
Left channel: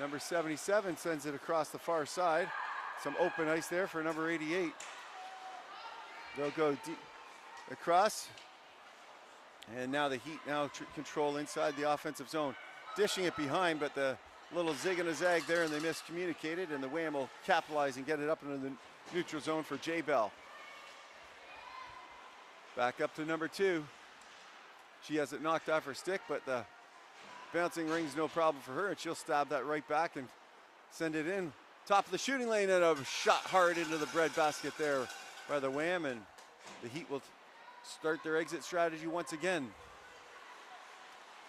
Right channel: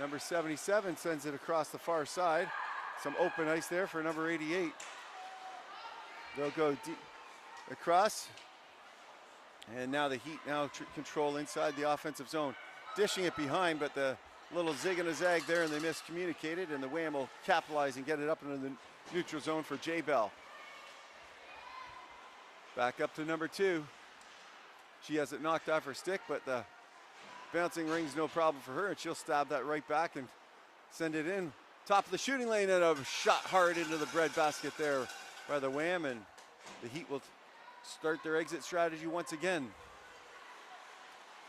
Number 77 sends it across the far side. Some open ice there for number 88. They'll go deep across, and now the Heat now control inside the offensive zone. Dishing it behind, but the little zig and a zag there, and they miscommunicated, and the WAM will capitalize and get it up into the neutral zone for J Bell. Back up to number 2. She has it knocked off her stick, but the bouncing ring's no problem for her, and she'll stab that right back and send it in. Top of the shooting lane, and a shot hard into the breadbasket there by the WAM, and the Heat will start their exit strategy once again.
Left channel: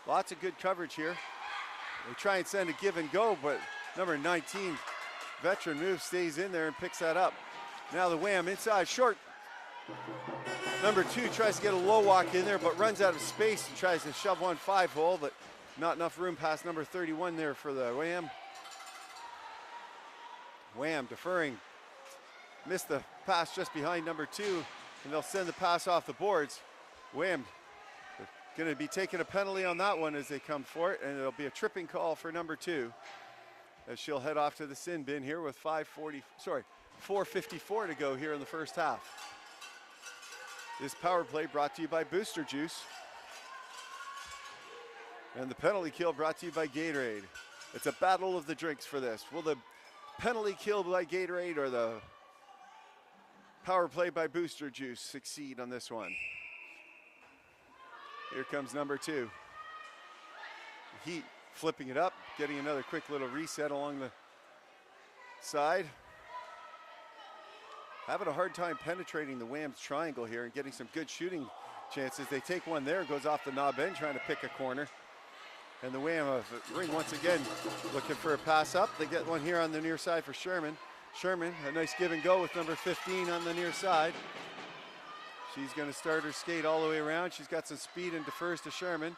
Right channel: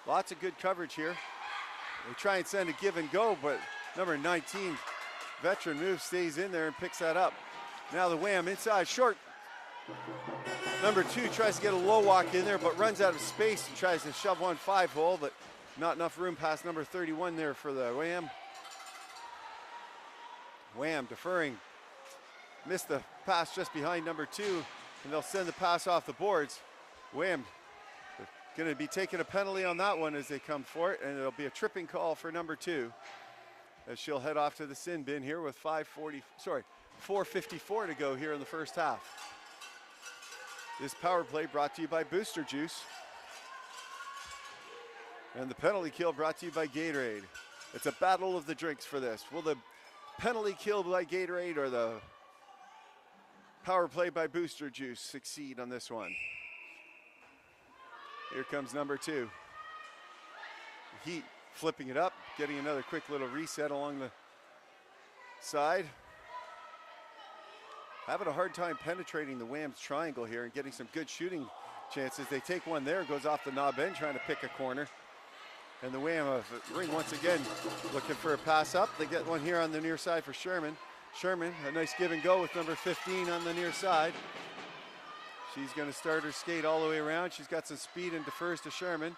Lots of good coverage here. They try and send a give and go, but number 19, veteran move, stays in there and picks that up. Now the WAM inside, short. Number 2 tries to get a low walk in there, but runs out of space and tries to shove one 5-hole, but not enough room past number 31 there for the WAM. WAM deferring. Missed the pass just behind number 2, and they'll send the pass off the boards. WAM going to be taking a penalty on that one as they come for it, and it'll be a tripping call for number 2 as she'll head off to the sin bin here with 4:54 to go here in the first half. This power play brought to you by Booster Juice, and the penalty kill brought to you by Gatorade. It's a battle of the drinks for this. Will the penalty kill by Gatorade or the power play by Booster Juice succeed on this one? Here comes number 2. Heat flipping it up, getting another quick little reset along the side. Having a hard time penetrating the WAM's triangle here and getting some good shooting chances. They take one there, goes off the knob end, trying to pick a corner. And the WAM Ring once again looking for a pass up. They get one here on the near side for Sherman. Sherman, a nice give and go with number 15 on the near side. She's going to start her skate all the way around. She's got some speed and defers to Sherman.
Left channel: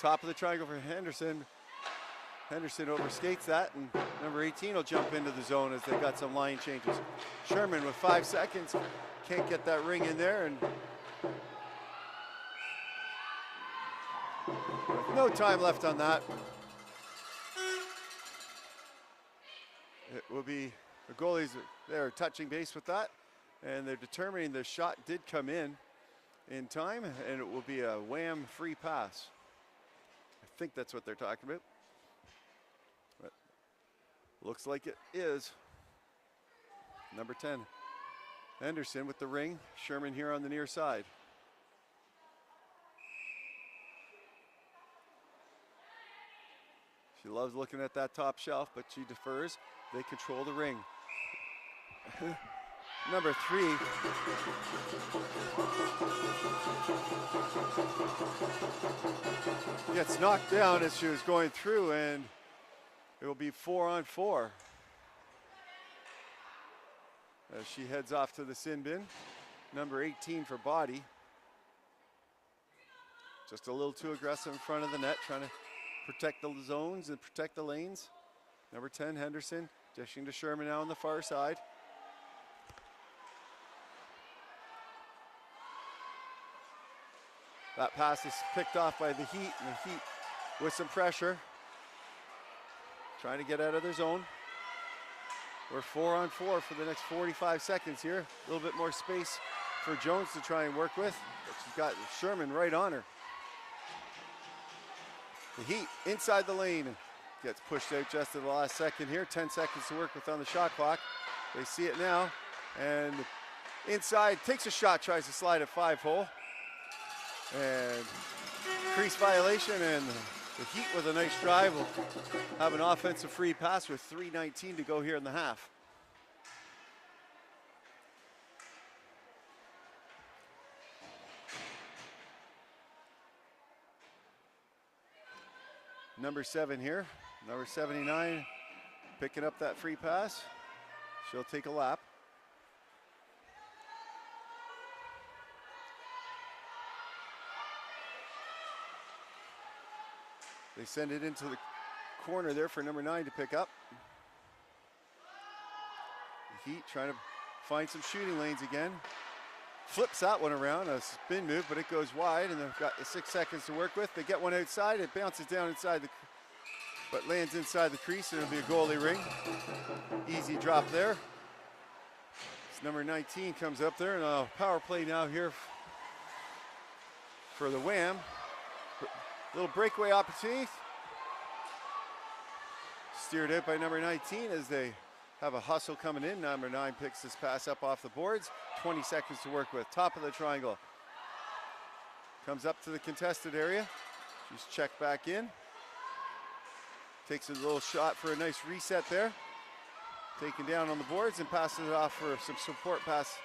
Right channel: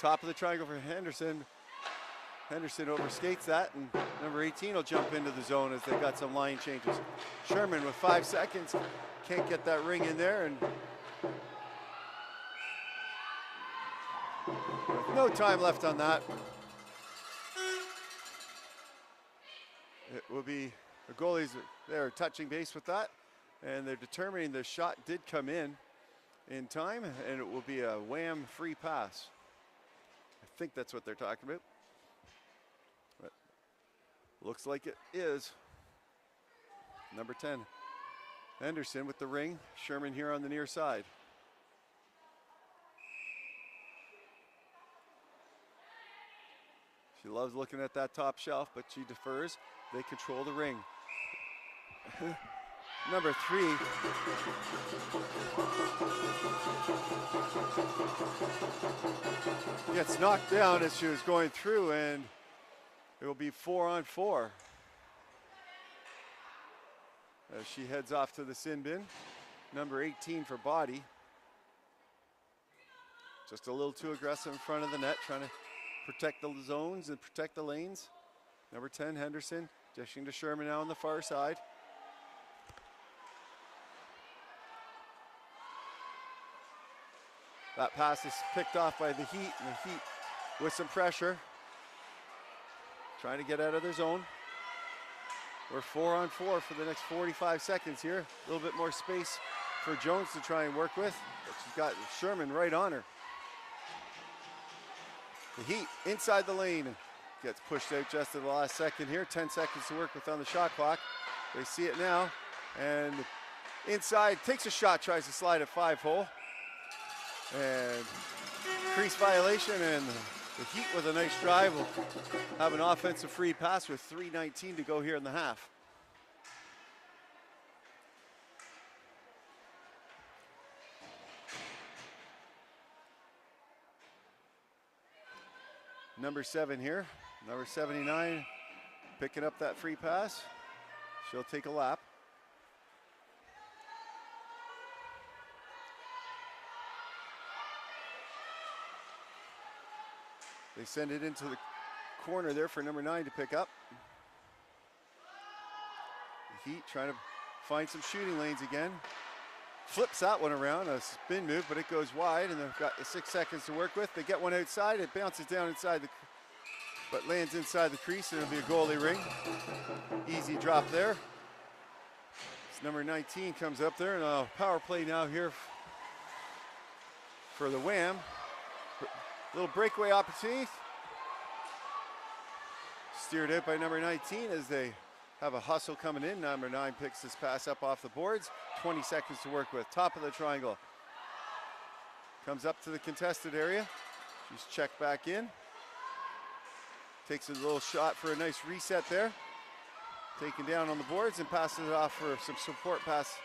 Top of the triangle for Henderson. Henderson overskates that, and number 18 will jump into the zone as they got some line changes. Sherman with 5 seconds, can't get that ring in there, and no time left on that. It will be the goalies, they're touching base with that, and they're determining the shot did come in time, and it will be a WAM free pass. I think that's what they're talking about. But looks like it is. Number 10, Henderson with the ring. Sherman here on the near side. She loves looking at that top shelf, but she defers. They control the ring. Number 3. Gets knocked down as she was going through, and it will be 4-on-4. As she heads off to the sin bin. Number 18 for body. Just a little too aggressive in front of the net, trying to protect the zones and protect the lanes. Number 10, Henderson, dishing to Sherman now on the far side. That pass is picked off by the Heat, and the Heat with some pressure, trying to get out of their zone. We're 4-on-4 for the next 45 seconds here. A little bit more space for Jones to try and work with, but she's got Sherman right on her. The Heat inside the lane, gets pushed out just at the last second here. 10 seconds to work with on the shot clock. They see it now, and inside, takes a shot, tries to slide a 5-hole. And crease violation, and the Heat with a nice drive will have an offensive free pass with 3:19 to go here in the half. Number 7 here, number 79, picking up that free pass. She'll take a lap. They send it into the corner there for number 9 to pick up. The Heat trying to find some shooting lanes again. Flips that one around, a spin move, but it goes wide, and they've got 6 seconds to work with. They get one outside, it bounces down inside but lands inside the crease, and it'll be a goalie ring. Easy drop there. It's number 19 comes up there, and a power play now here for the WAM. Little breakaway opportunity. Steered out by number 19 as they have a hustle coming in. Number 9 picks this pass up off the boards. 20 seconds to work with. Top of the triangle. Comes up to the contested area. She's checked back in. Takes a little shot for a nice reset there. Taken down on the boards and passes it off for some support pass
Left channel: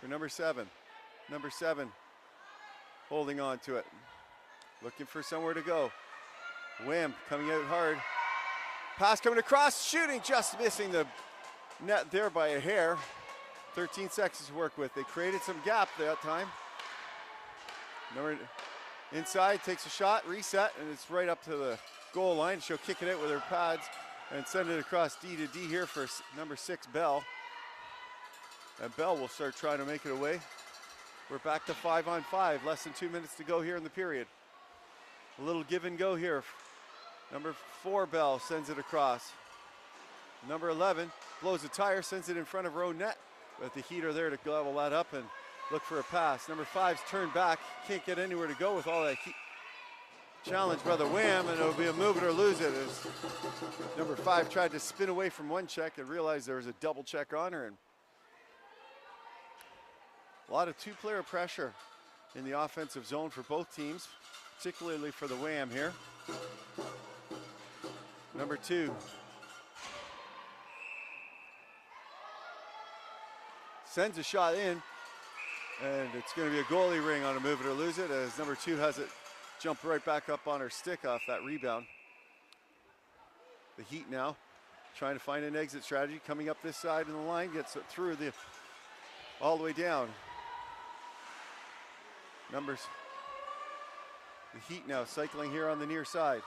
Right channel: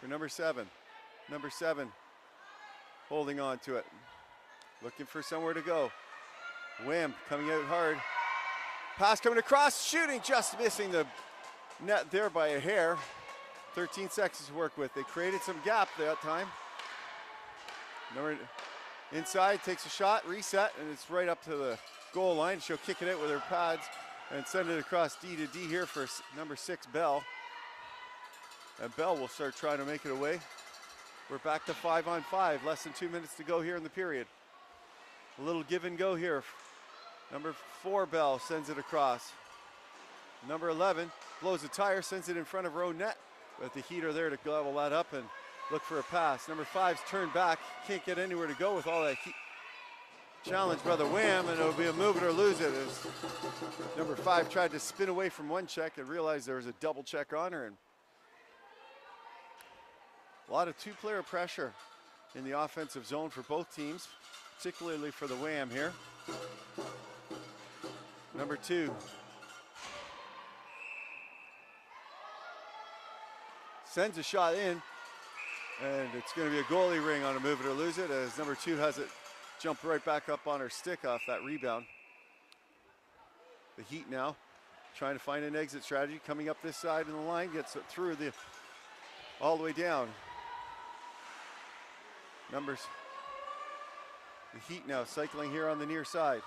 for number 7. Number 7. Holding on to it. Looking for somewhere to go. WAM coming out hard. Pass coming across. Shooting, just missing the net there by a hair. 13 seconds to work with. They created some gap that time. Inside, takes a shot, reset, and it's right up to the goal line. She'll kick it out with her pads and send it across D to D here for number 6, Bell. And Bell will start trying to make it away. We're back to 5-on-5, less than 2 minutes to go here in the period. A little give and go here. Number 4, Bell, sends it across. Number 11 blows a tire, sends it in front of her own net. But the Heat are there to gobble that up and look for a pass. Number 5's turned back, can't get anywhere to go with all that heat. Challenge by the WAM, and it'll be a move it or lose it. As number 5 tried to spin away from one check and realized there was a double check on her. And a lot of 2-player pressure in the offensive zone for both teams, particularly for the WAM here. Number 2. Sends a shot in, and it's going to be a goalie ring on a move it or lose it, as number 2 has it jump right back up on her stick off that rebound. The Heat now trying to find an exit strategy, coming up this side of the line, gets it through all the way down. The Heat now cycling here on the near side.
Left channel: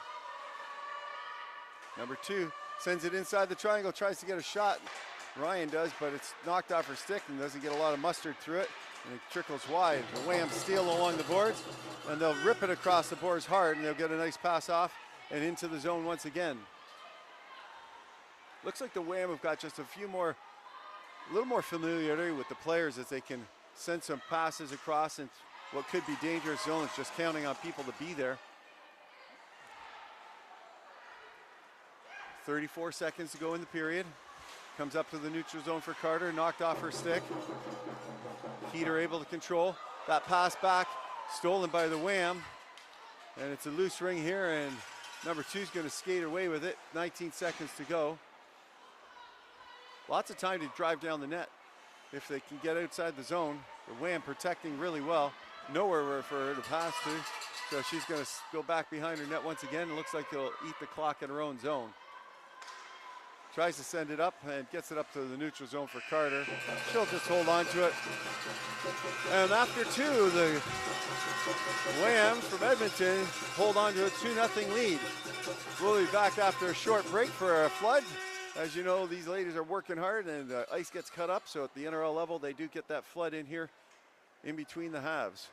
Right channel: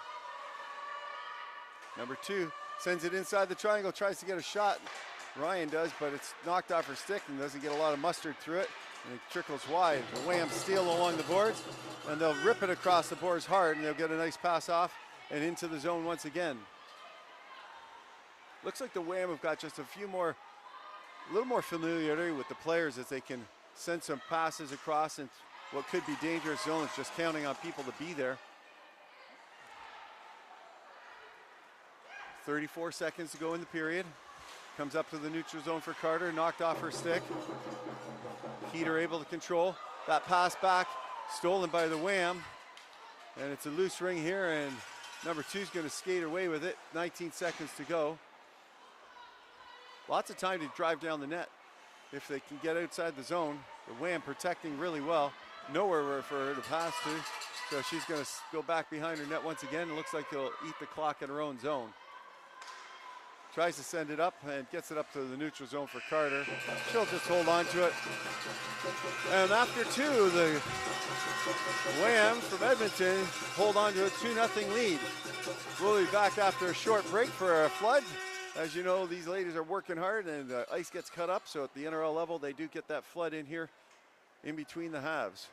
Number 2 sends it inside the triangle, tries to get a shot. Ryan does, but it's knocked off her stick and doesn't get a lot of mustard through it. And it trickles wide. The WAM steal along the boards, and they'll rip it across the boards hard, and they'll get a nice pass off and into the zone once again. Looks like the WAM have got just a little more familiarity with the players as they can send some passes across in what could be dangerous zones, just counting on people to be there. 34 seconds to go in the period. Comes up to the neutral zone for Carter, knocked off her stick. Heat are able to control. That pass back, stolen by the WAM. And it's a loose ring here, and Number 2 is going to skate away with it. 19 seconds to go. Lots of time to drive down the net if they can get outside the zone. The WAM protecting really well. Nowhere for her to pass to. So she's going to go back behind her net once again. It looks like they'll eat the clock in her own zone. Tries to send it up and gets it up to the neutral zone for Carter. She'll just hold on to it. And after 2, the WAM from Edmonton hold on to a 2-0 lead. We'll be back after a short break for a flood. As you know, these ladies are working hard and ice gets cut up. So at the NRL level, they do get that flood in here in between the halves.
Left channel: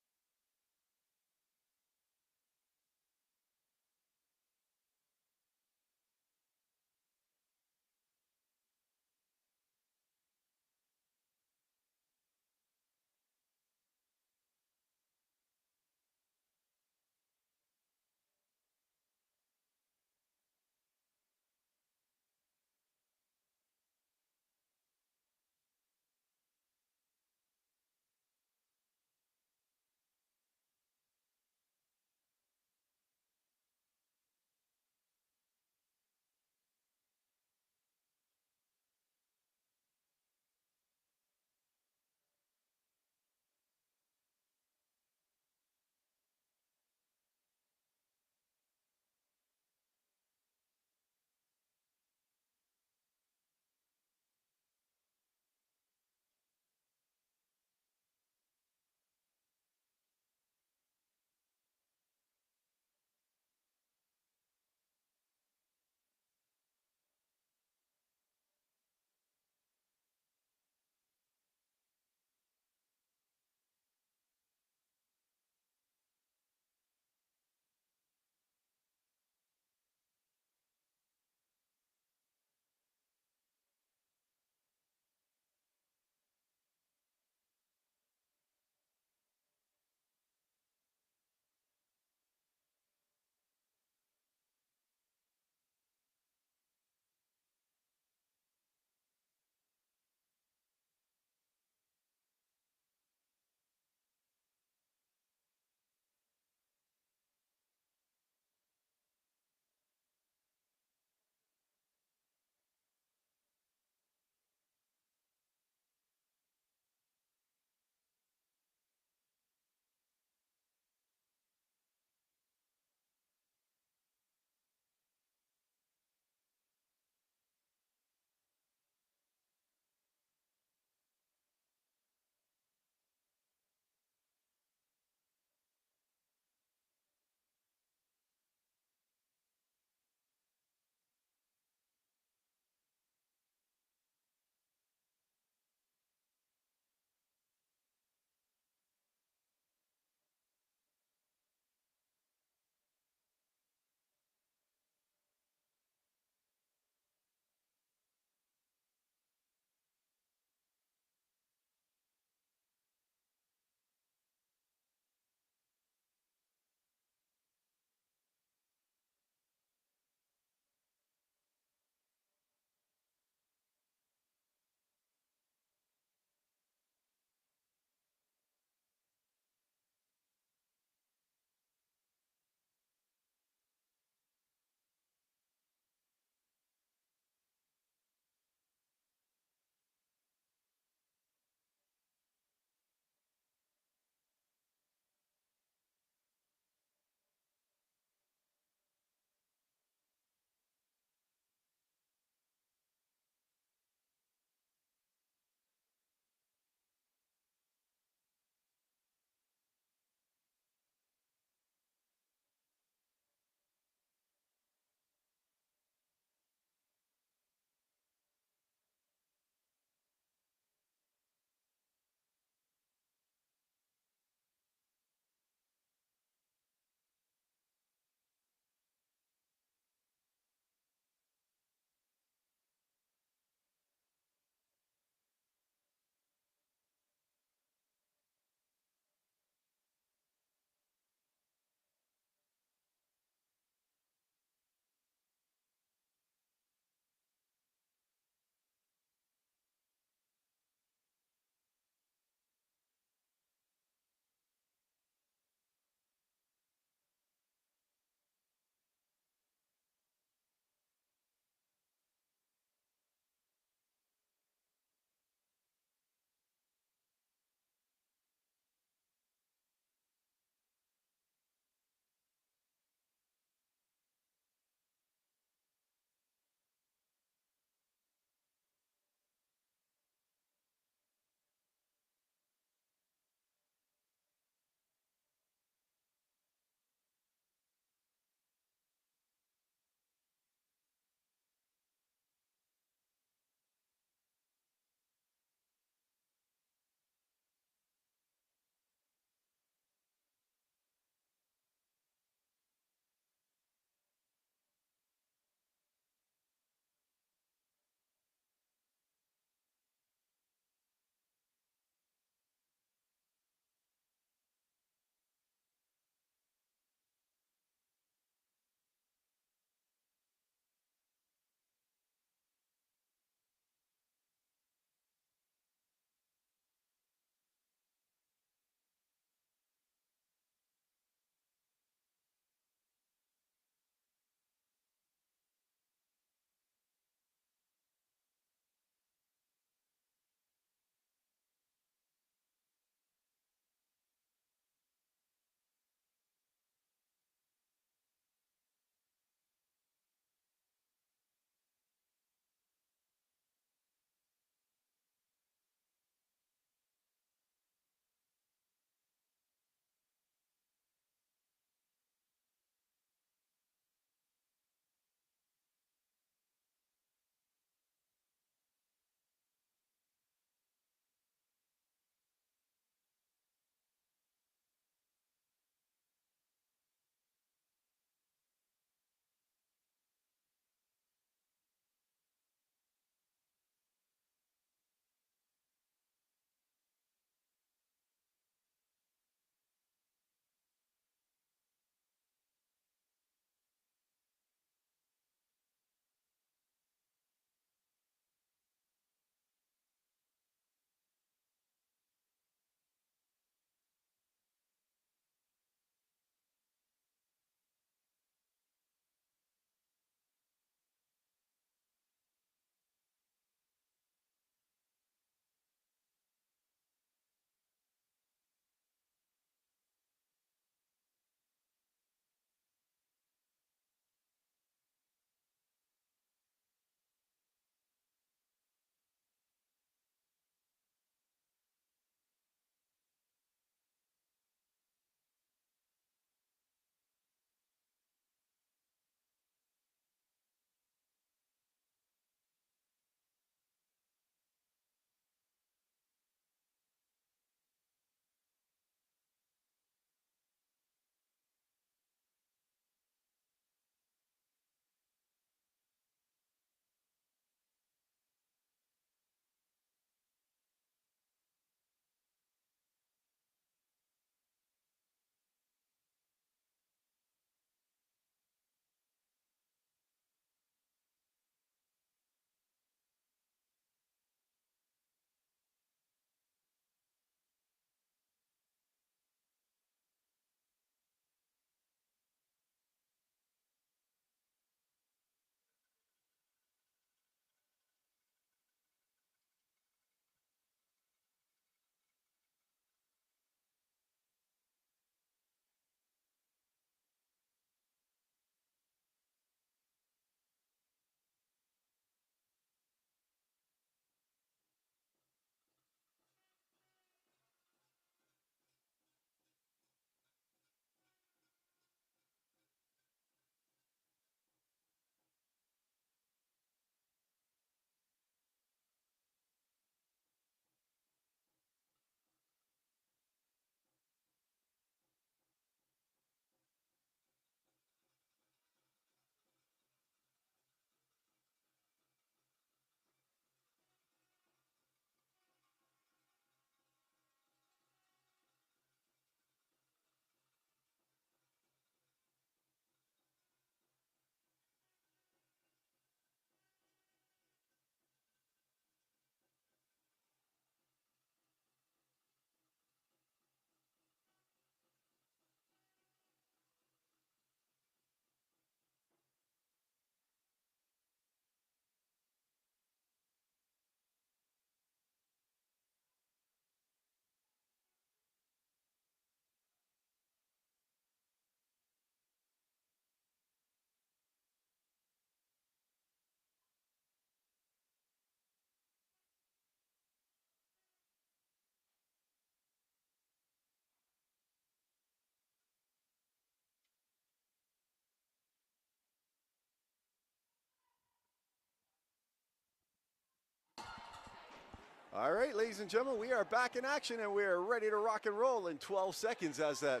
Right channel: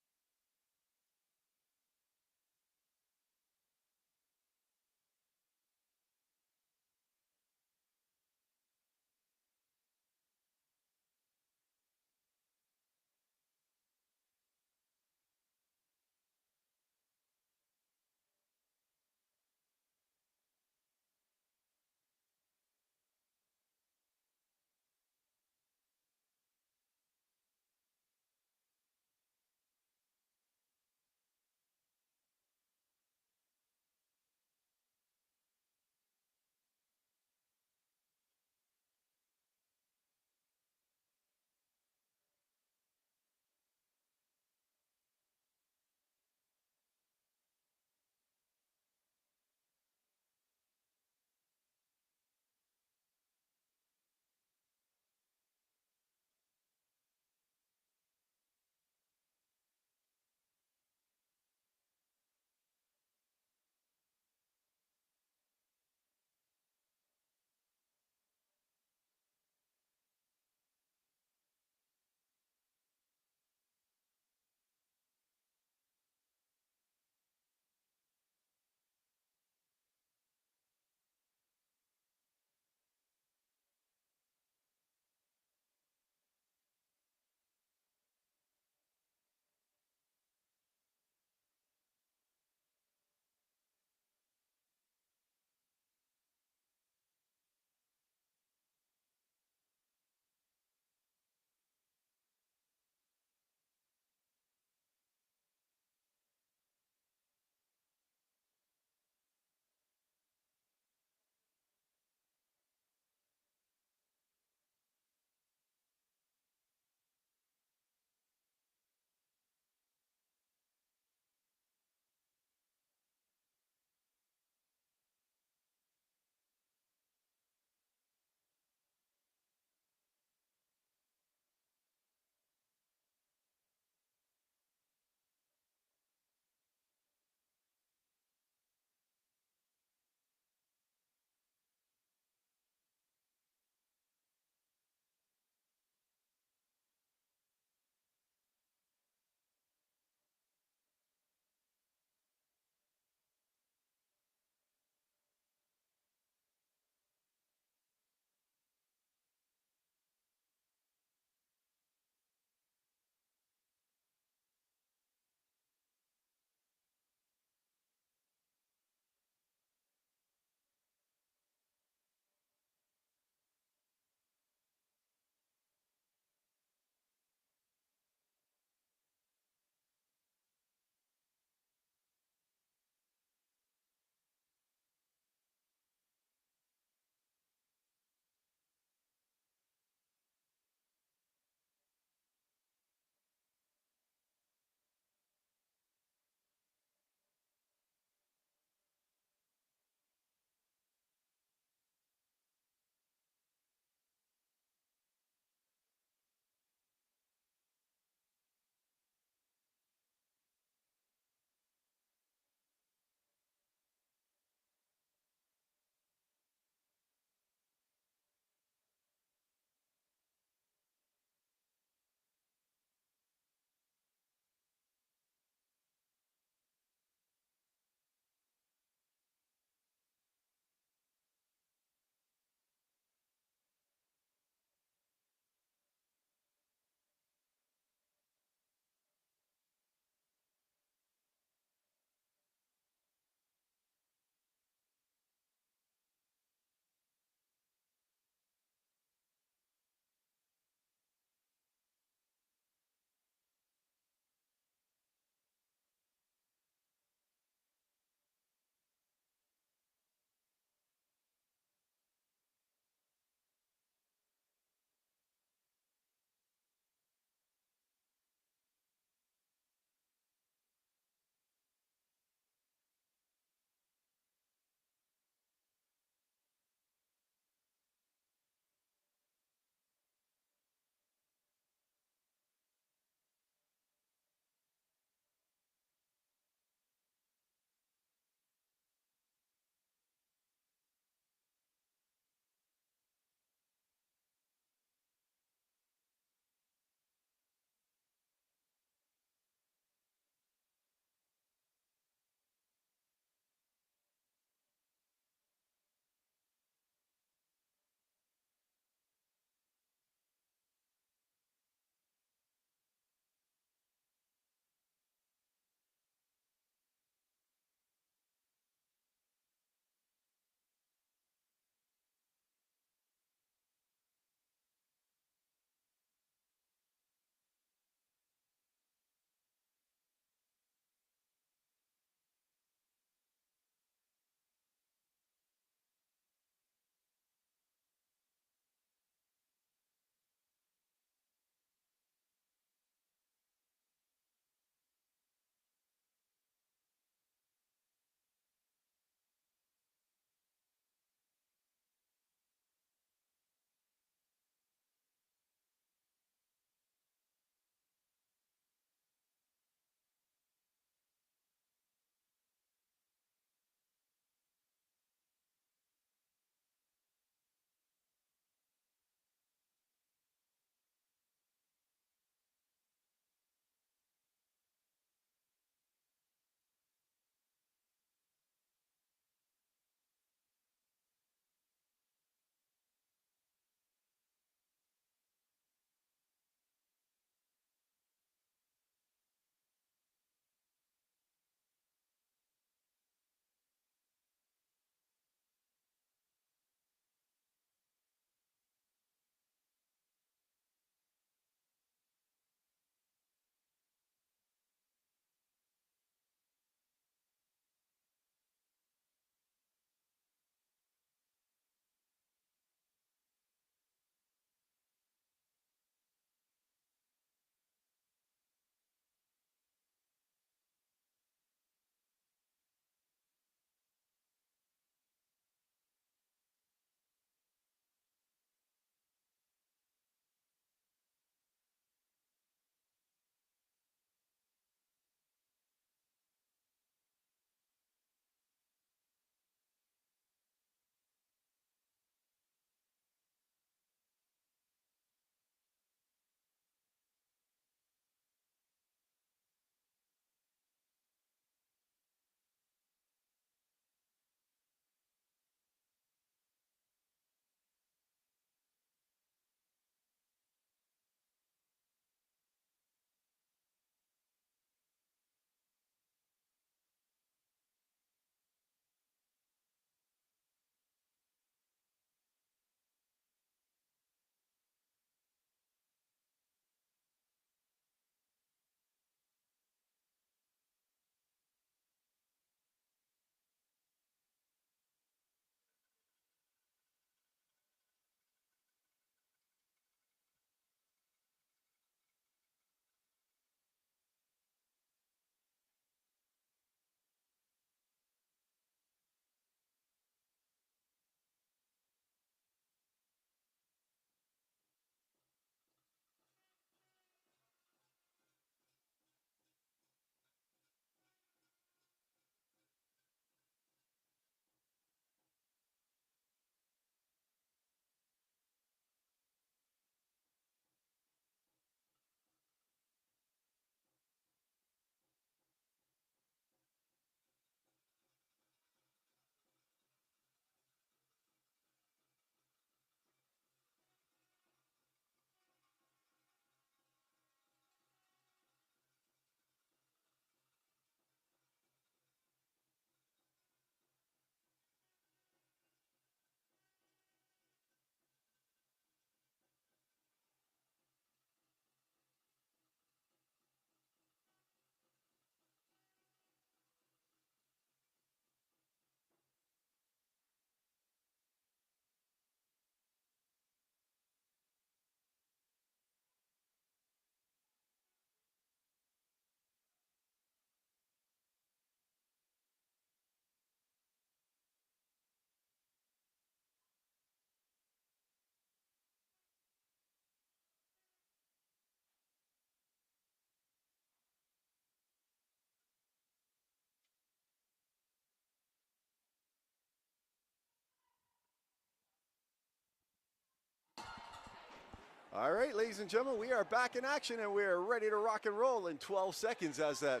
All right, ladies and gentlemen, we are back in action and we are ready to rock and roll in 12 seconds as that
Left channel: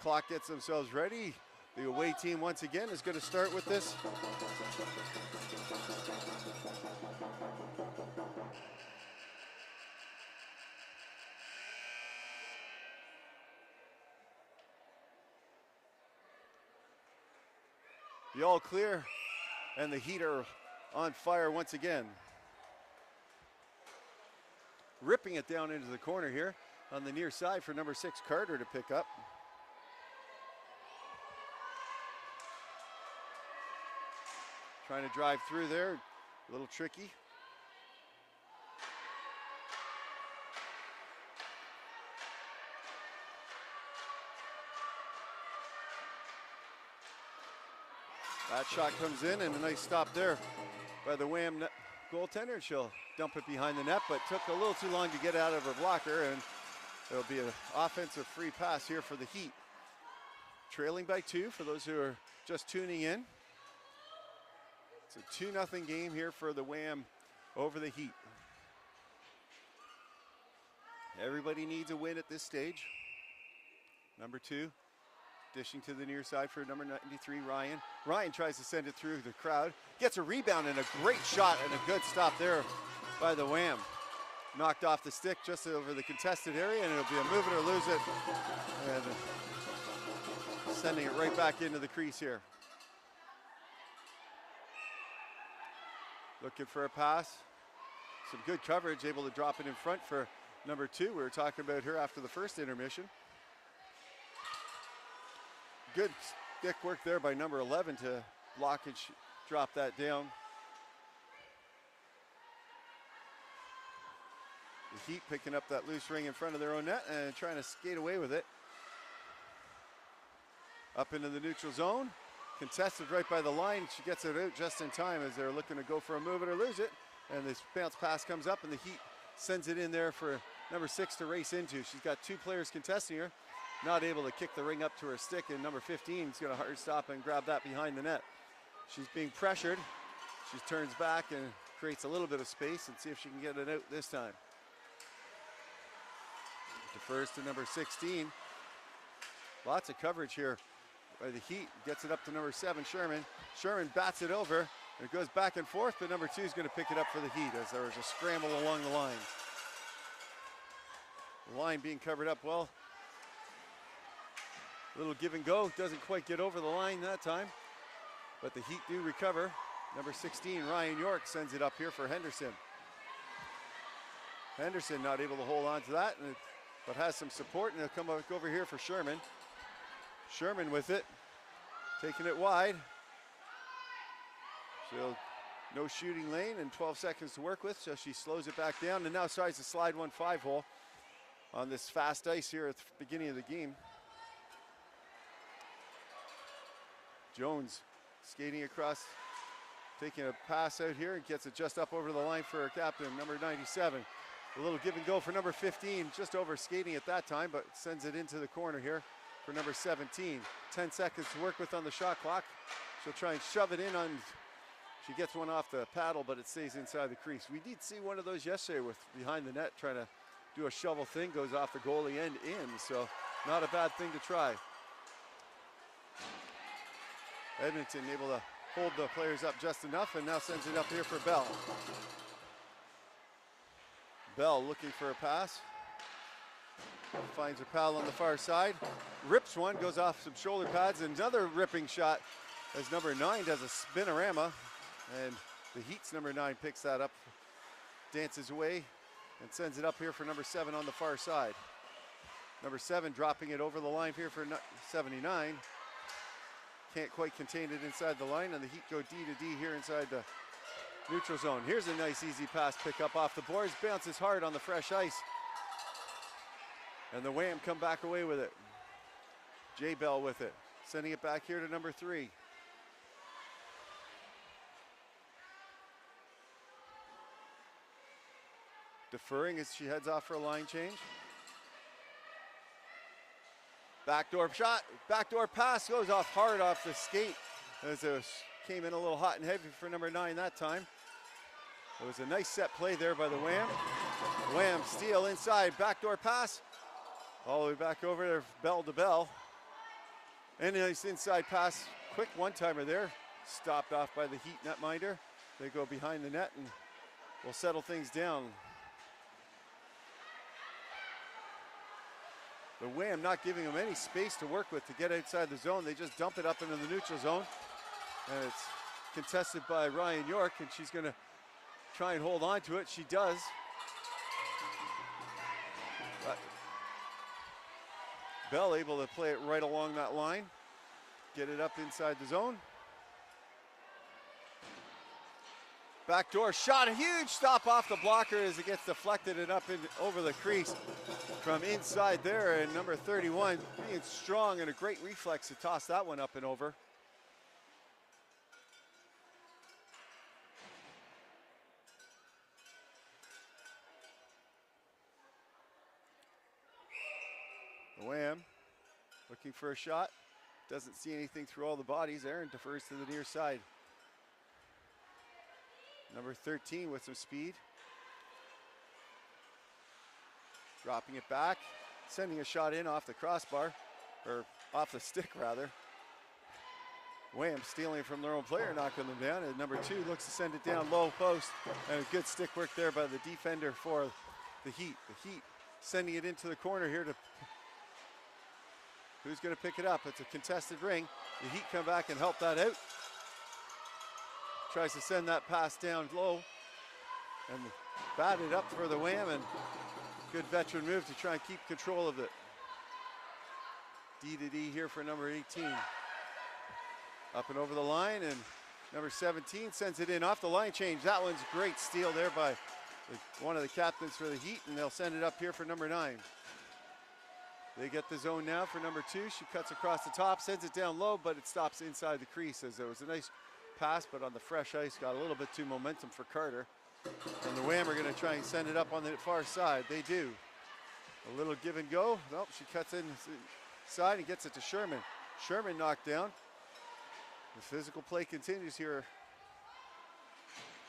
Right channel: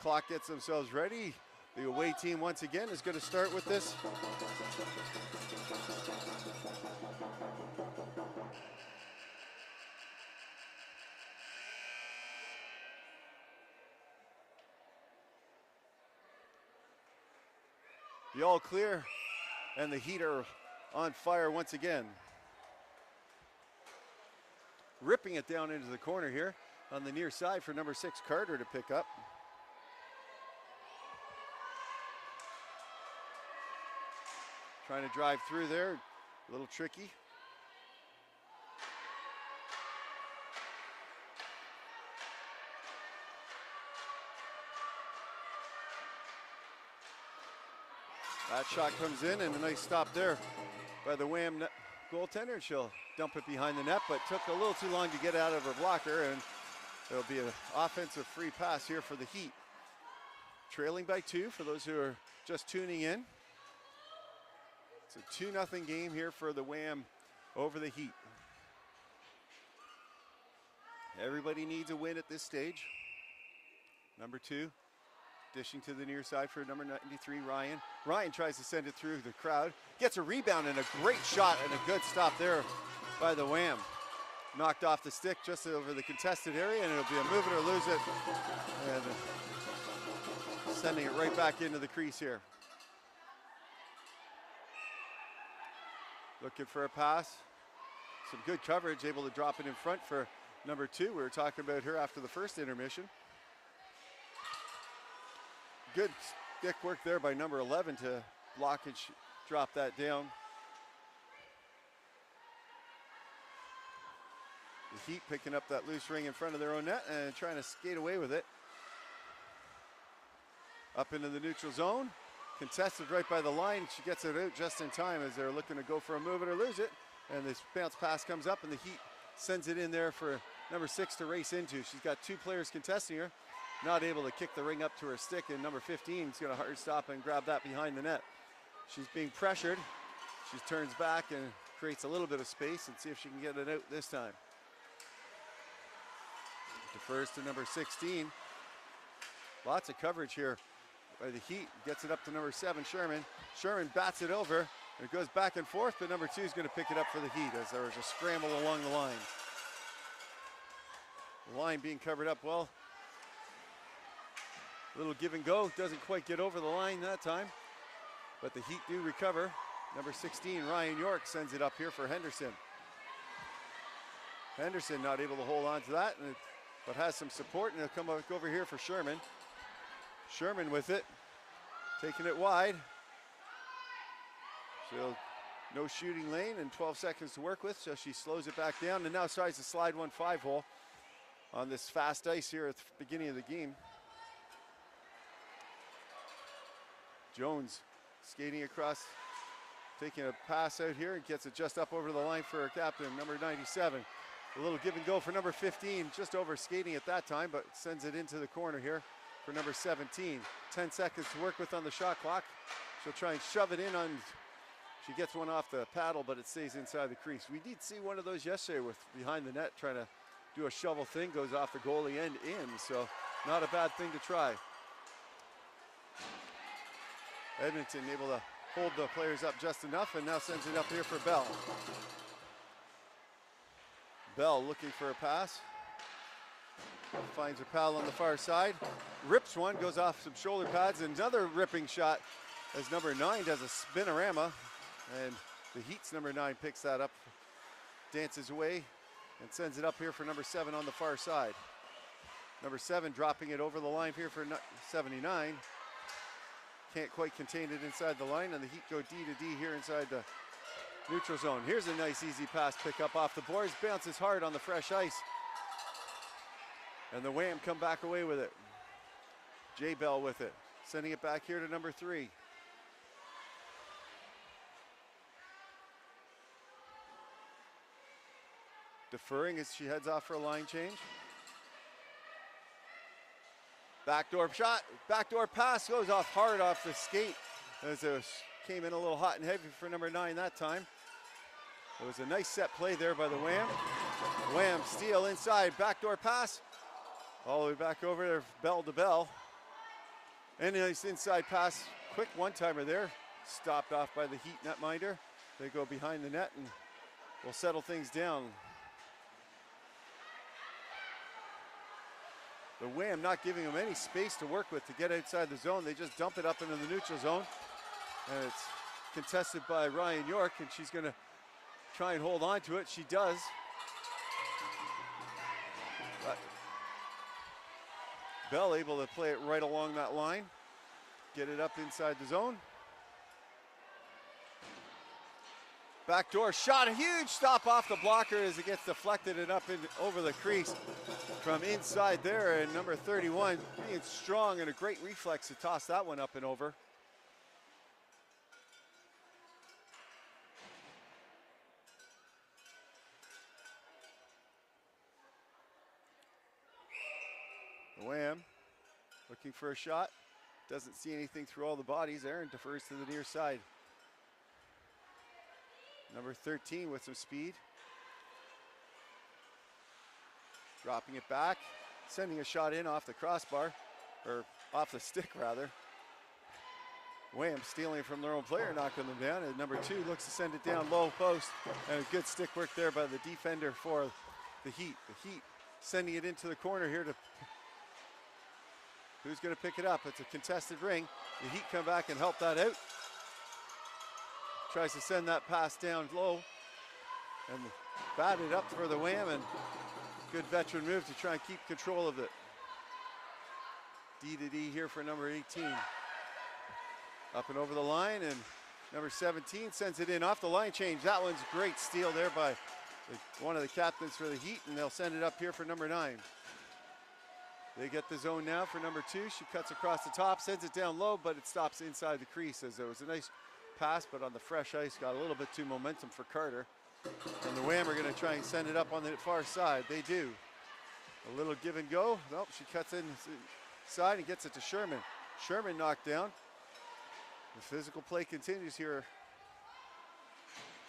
clock gets themselves ready. The away team once again is going to start with this. The all clear and the Heat are on fire once again. Ripping it down into the corner here on the near side for number 6 Carter to pick up. Trying to drive through there, a little tricky. That shot comes in and a nice stop there by the WAM goaltender. She'll dump it behind the net, but took a little too long to get out of her blocker, and there'll be an offensive free pass here for the Heat. Trailing by 2 for those who are just tuning in. It's a 2-0 game here for the WAM over the Heat. Everybody needs a win at this stage. Number 2. Dishing to the near side for number 93, Ryan. Ryan tries to send it through the crowd. Gets a rebound and a great shot and a good stop there by the WAM. Knocked off the stick just over the contested area, and it'll be a move it or lose it. And sending it right back into the crease here. Looking for a pass. Some good coverage, able to drop it in front for number 2. We were talking about her after the first intermission. Good stick work there by number 11 to block and drop that down. The Heat picking up that loose ring in front of their own net and trying to skate away with it. Up into the neutral zone. Contested right by the line. She gets it out just in time as they're looking to go for a move it or lose it. And this bounce pass comes up and the Heat sends it in there for number 6 to race into. She's got 2 players contesting her. Not able to kick the ring up to her stick, and number 15 is going to hard stop and grab that behind the net. She's being pressured. She turns back and creates a little bit of space and see if she can get it out this time. Defers to number 16. Lots of coverage here by the Heat. Gets it up to number 7, Sherman. Sherman bats it over. And it goes back and forth, but number 2 is going to pick it up for the Heat as there's a scramble along the line. The line being covered up well. Little give and go, doesn't quite get over the line that time, but the Heat do recover. Number 16, Ryan York, sends it up here for Henderson. Henderson not able to hold on to that, but has some support, and it'll come over here for Sherman. Sherman with it, taking it wide. So no shooting lane and 12 seconds to work with, so she slows it back down and now tries to slide 1-5 hole on this fast ice here at the beginning of the game. Jones skating across, taking a pass out here and gets it just up over the line for her captain, number 97. A little give and go for number 15, just over skating at that time, but sends it into the corner here for number 17. 10 seconds to work with on the shot clock. She'll try and shove it in on, she gets one off the paddle, but it stays inside the crease. We did see one of those yesterday with behind the net trying to do a shovel thing, goes off the goalie and in, so not a bad thing to try. Edmonton able to hold the players up just enough and now sends it up here for Bell. Bell looking for a pass. Finds her pal on the far side. Rips one, goes off some shoulder pads. Another ripping shot as number 9 does a spinorama. And the Heat's number 9 picks that up, dances away, and sends it up here for number 7 on the far side. Number 7 dropping it over the line here for 79. Can't quite contain it inside the line, and the Heat go D to D here inside the neutral zone. Here's a nice easy pass pick up off the boards, bounces hard on the fresh ice. And the WAM come back away with it. J Bell with it, sending it back here to number 3. Deferring as she heads off for a line change. Backdoor shot, backdoor pass goes off hard off the skate as it came in a little hot and heavy for number 9 that time. It was a nice set play there by the WAM. Wham, steal inside, backdoor pass. All the way back over there, bell to bell. And a nice inside pass, quick one-timer there. Stopped off by the Heat netminder. They go behind the net and will settle things down. The Wham not giving them any space to work with to get outside the zone. They just dump it up into the neutral zone. And it's contested by Ryan York, and she's going to try and hold on to it. She does. But Bell able to play it right along that line. Get it up inside the zone. Backdoor shot, a huge stop off the blocker as it gets deflected and up over the crease from inside there. And number 31 being strong and a great reflex to toss that one up and over. The Wham looking for a shot. Doesn't see anything through all the bodies. Aaron defers to the near side. Number 13 with some speed. Dropping it back. Sending a shot in off the crossbar. Or off the stick rather. Wham stealing from their own player, knocking them down. And number 2 looks to send it down low post. And a good stick work there by the defender for the Heat. The Heat sending it into the corner here to... Who's going to pick it up? It's a contested ring. The Heat come back and help that out. Tries to send that pass down low. And bat it up for the Wham, and good veteran move to try and keep control of it. D to D here for number 18. Up and over the line, and number 17 sends it in off the line change. That one's a great steal there by one of the captains for the Heat, and they'll send it up here for number 9. They get the zone now for number 2. She cuts across the top, sends it down low, but it stops inside the crease as there was a nice pass, but on the fresh ice got a little bit too momentum for Carter. And the Wham are going to try and send it up on the far side. They do. A little give and go. Nope, she cuts inside and gets it to Sherman. Sherman knocked down. The physical play continues here.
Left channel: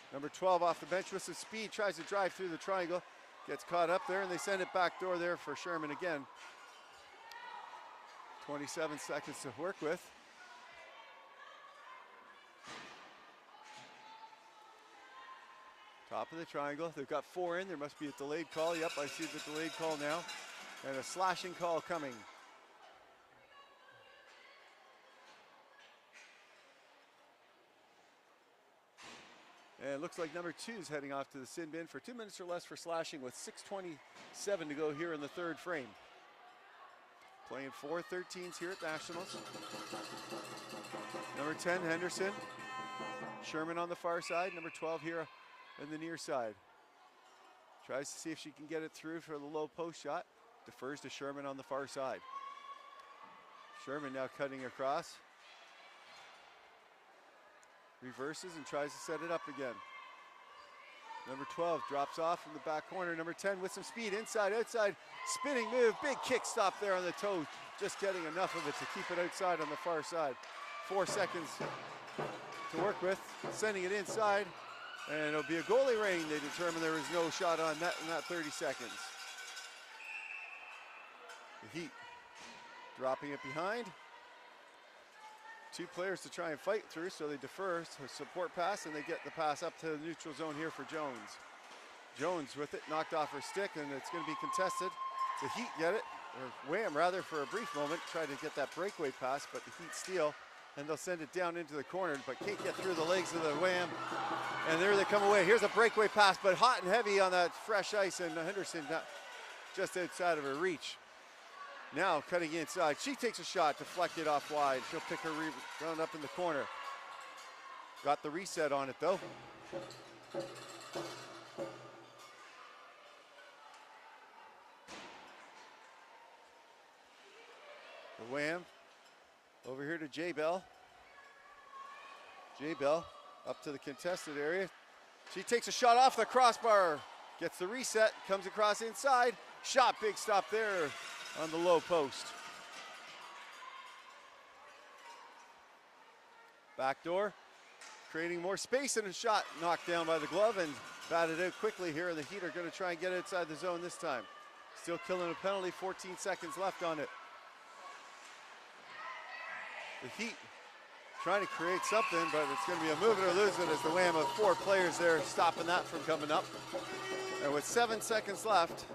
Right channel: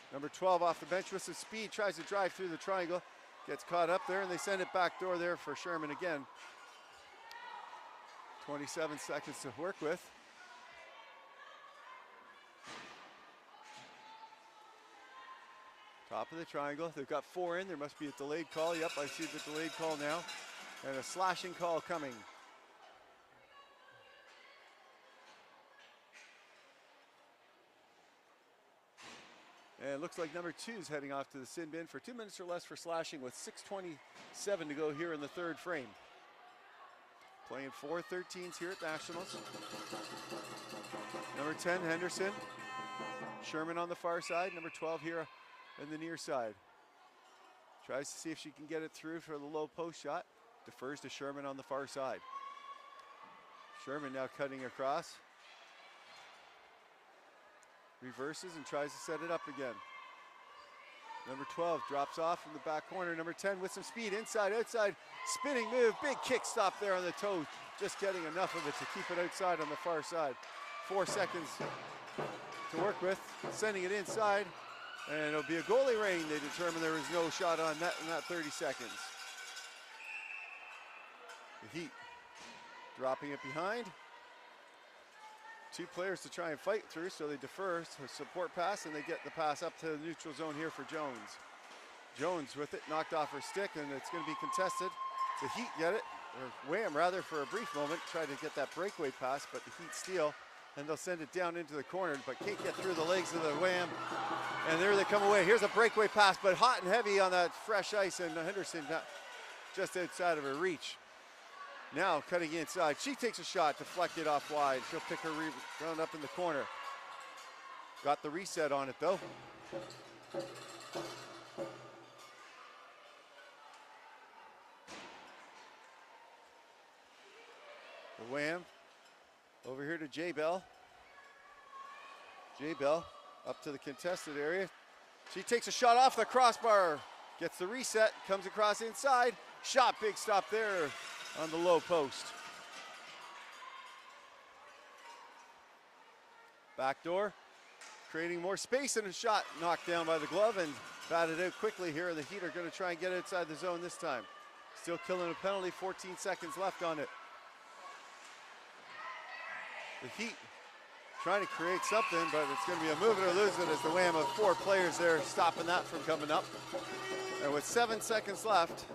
Number 12 off the bench with some speed, tries to drive through the triangle. Gets caught up there, and they send it back door there for Sherman again. 27 seconds to work with. Top of the triangle. They've got 4 in. There must be a delayed call. Yep, I see the delayed call now. And a slashing call coming. And it looks like number 2 is heading off to the sin bin for 2 minutes or less for slashing with 6:27 to go here in the third frame. Playing 4-13s here at Nationals. Number 10, Henderson. Sherman on the far side. Number 12 here in the near side. Tries to see if she can get it through for the low post shot. Defers to Sherman on the far side. Sherman now cutting across. Reverses and tries to set it up again. Number 12 drops off from the back corner. Number 10 with some speed, inside, outside, spinning move, big kick stop there on the toe. Just getting enough of it to keep it outside on the far side. 4 seconds to work with, sending it inside, and it'll be a goalie ring. They determined there was no shot on net in that 30 seconds. The Heat dropping it behind. 2 players to try and fight through, so they defer to support pass, and they get the pass up to the neutral zone here for Jones. Jones with it, knocked off her stick, and it's going to be contested. The Heat get it, or Wham rather, for a brief moment, tried to get that breakaway pass, but the Heat steal, and they'll send it down into the corner, but can't get through the legs of the Wham, and there they come away. Here's a breakaway pass, but hot and heavy on that fresh ice, and Henderson just outside of her reach. Now cutting inside, she takes a shot, deflected off wide. She'll pick her round up in the corner. Got the reset on it though. The Wham over here to J-Bell. J-Bell up to the contested area. She takes a shot off the crossbar, gets the reset, comes across inside. Shot, big stop there on the low post. Backdoor, creating more space, and a shot knocked down by the glove, and batted out quickly here, and the Heat are going to try and get inside the zone this time. Still killing a penalty, 14 seconds left on it. The Heat trying to create something, but it's going to be a move it or lose it as the WAM of 4 players there stopping that from coming up. And with 7 seconds left,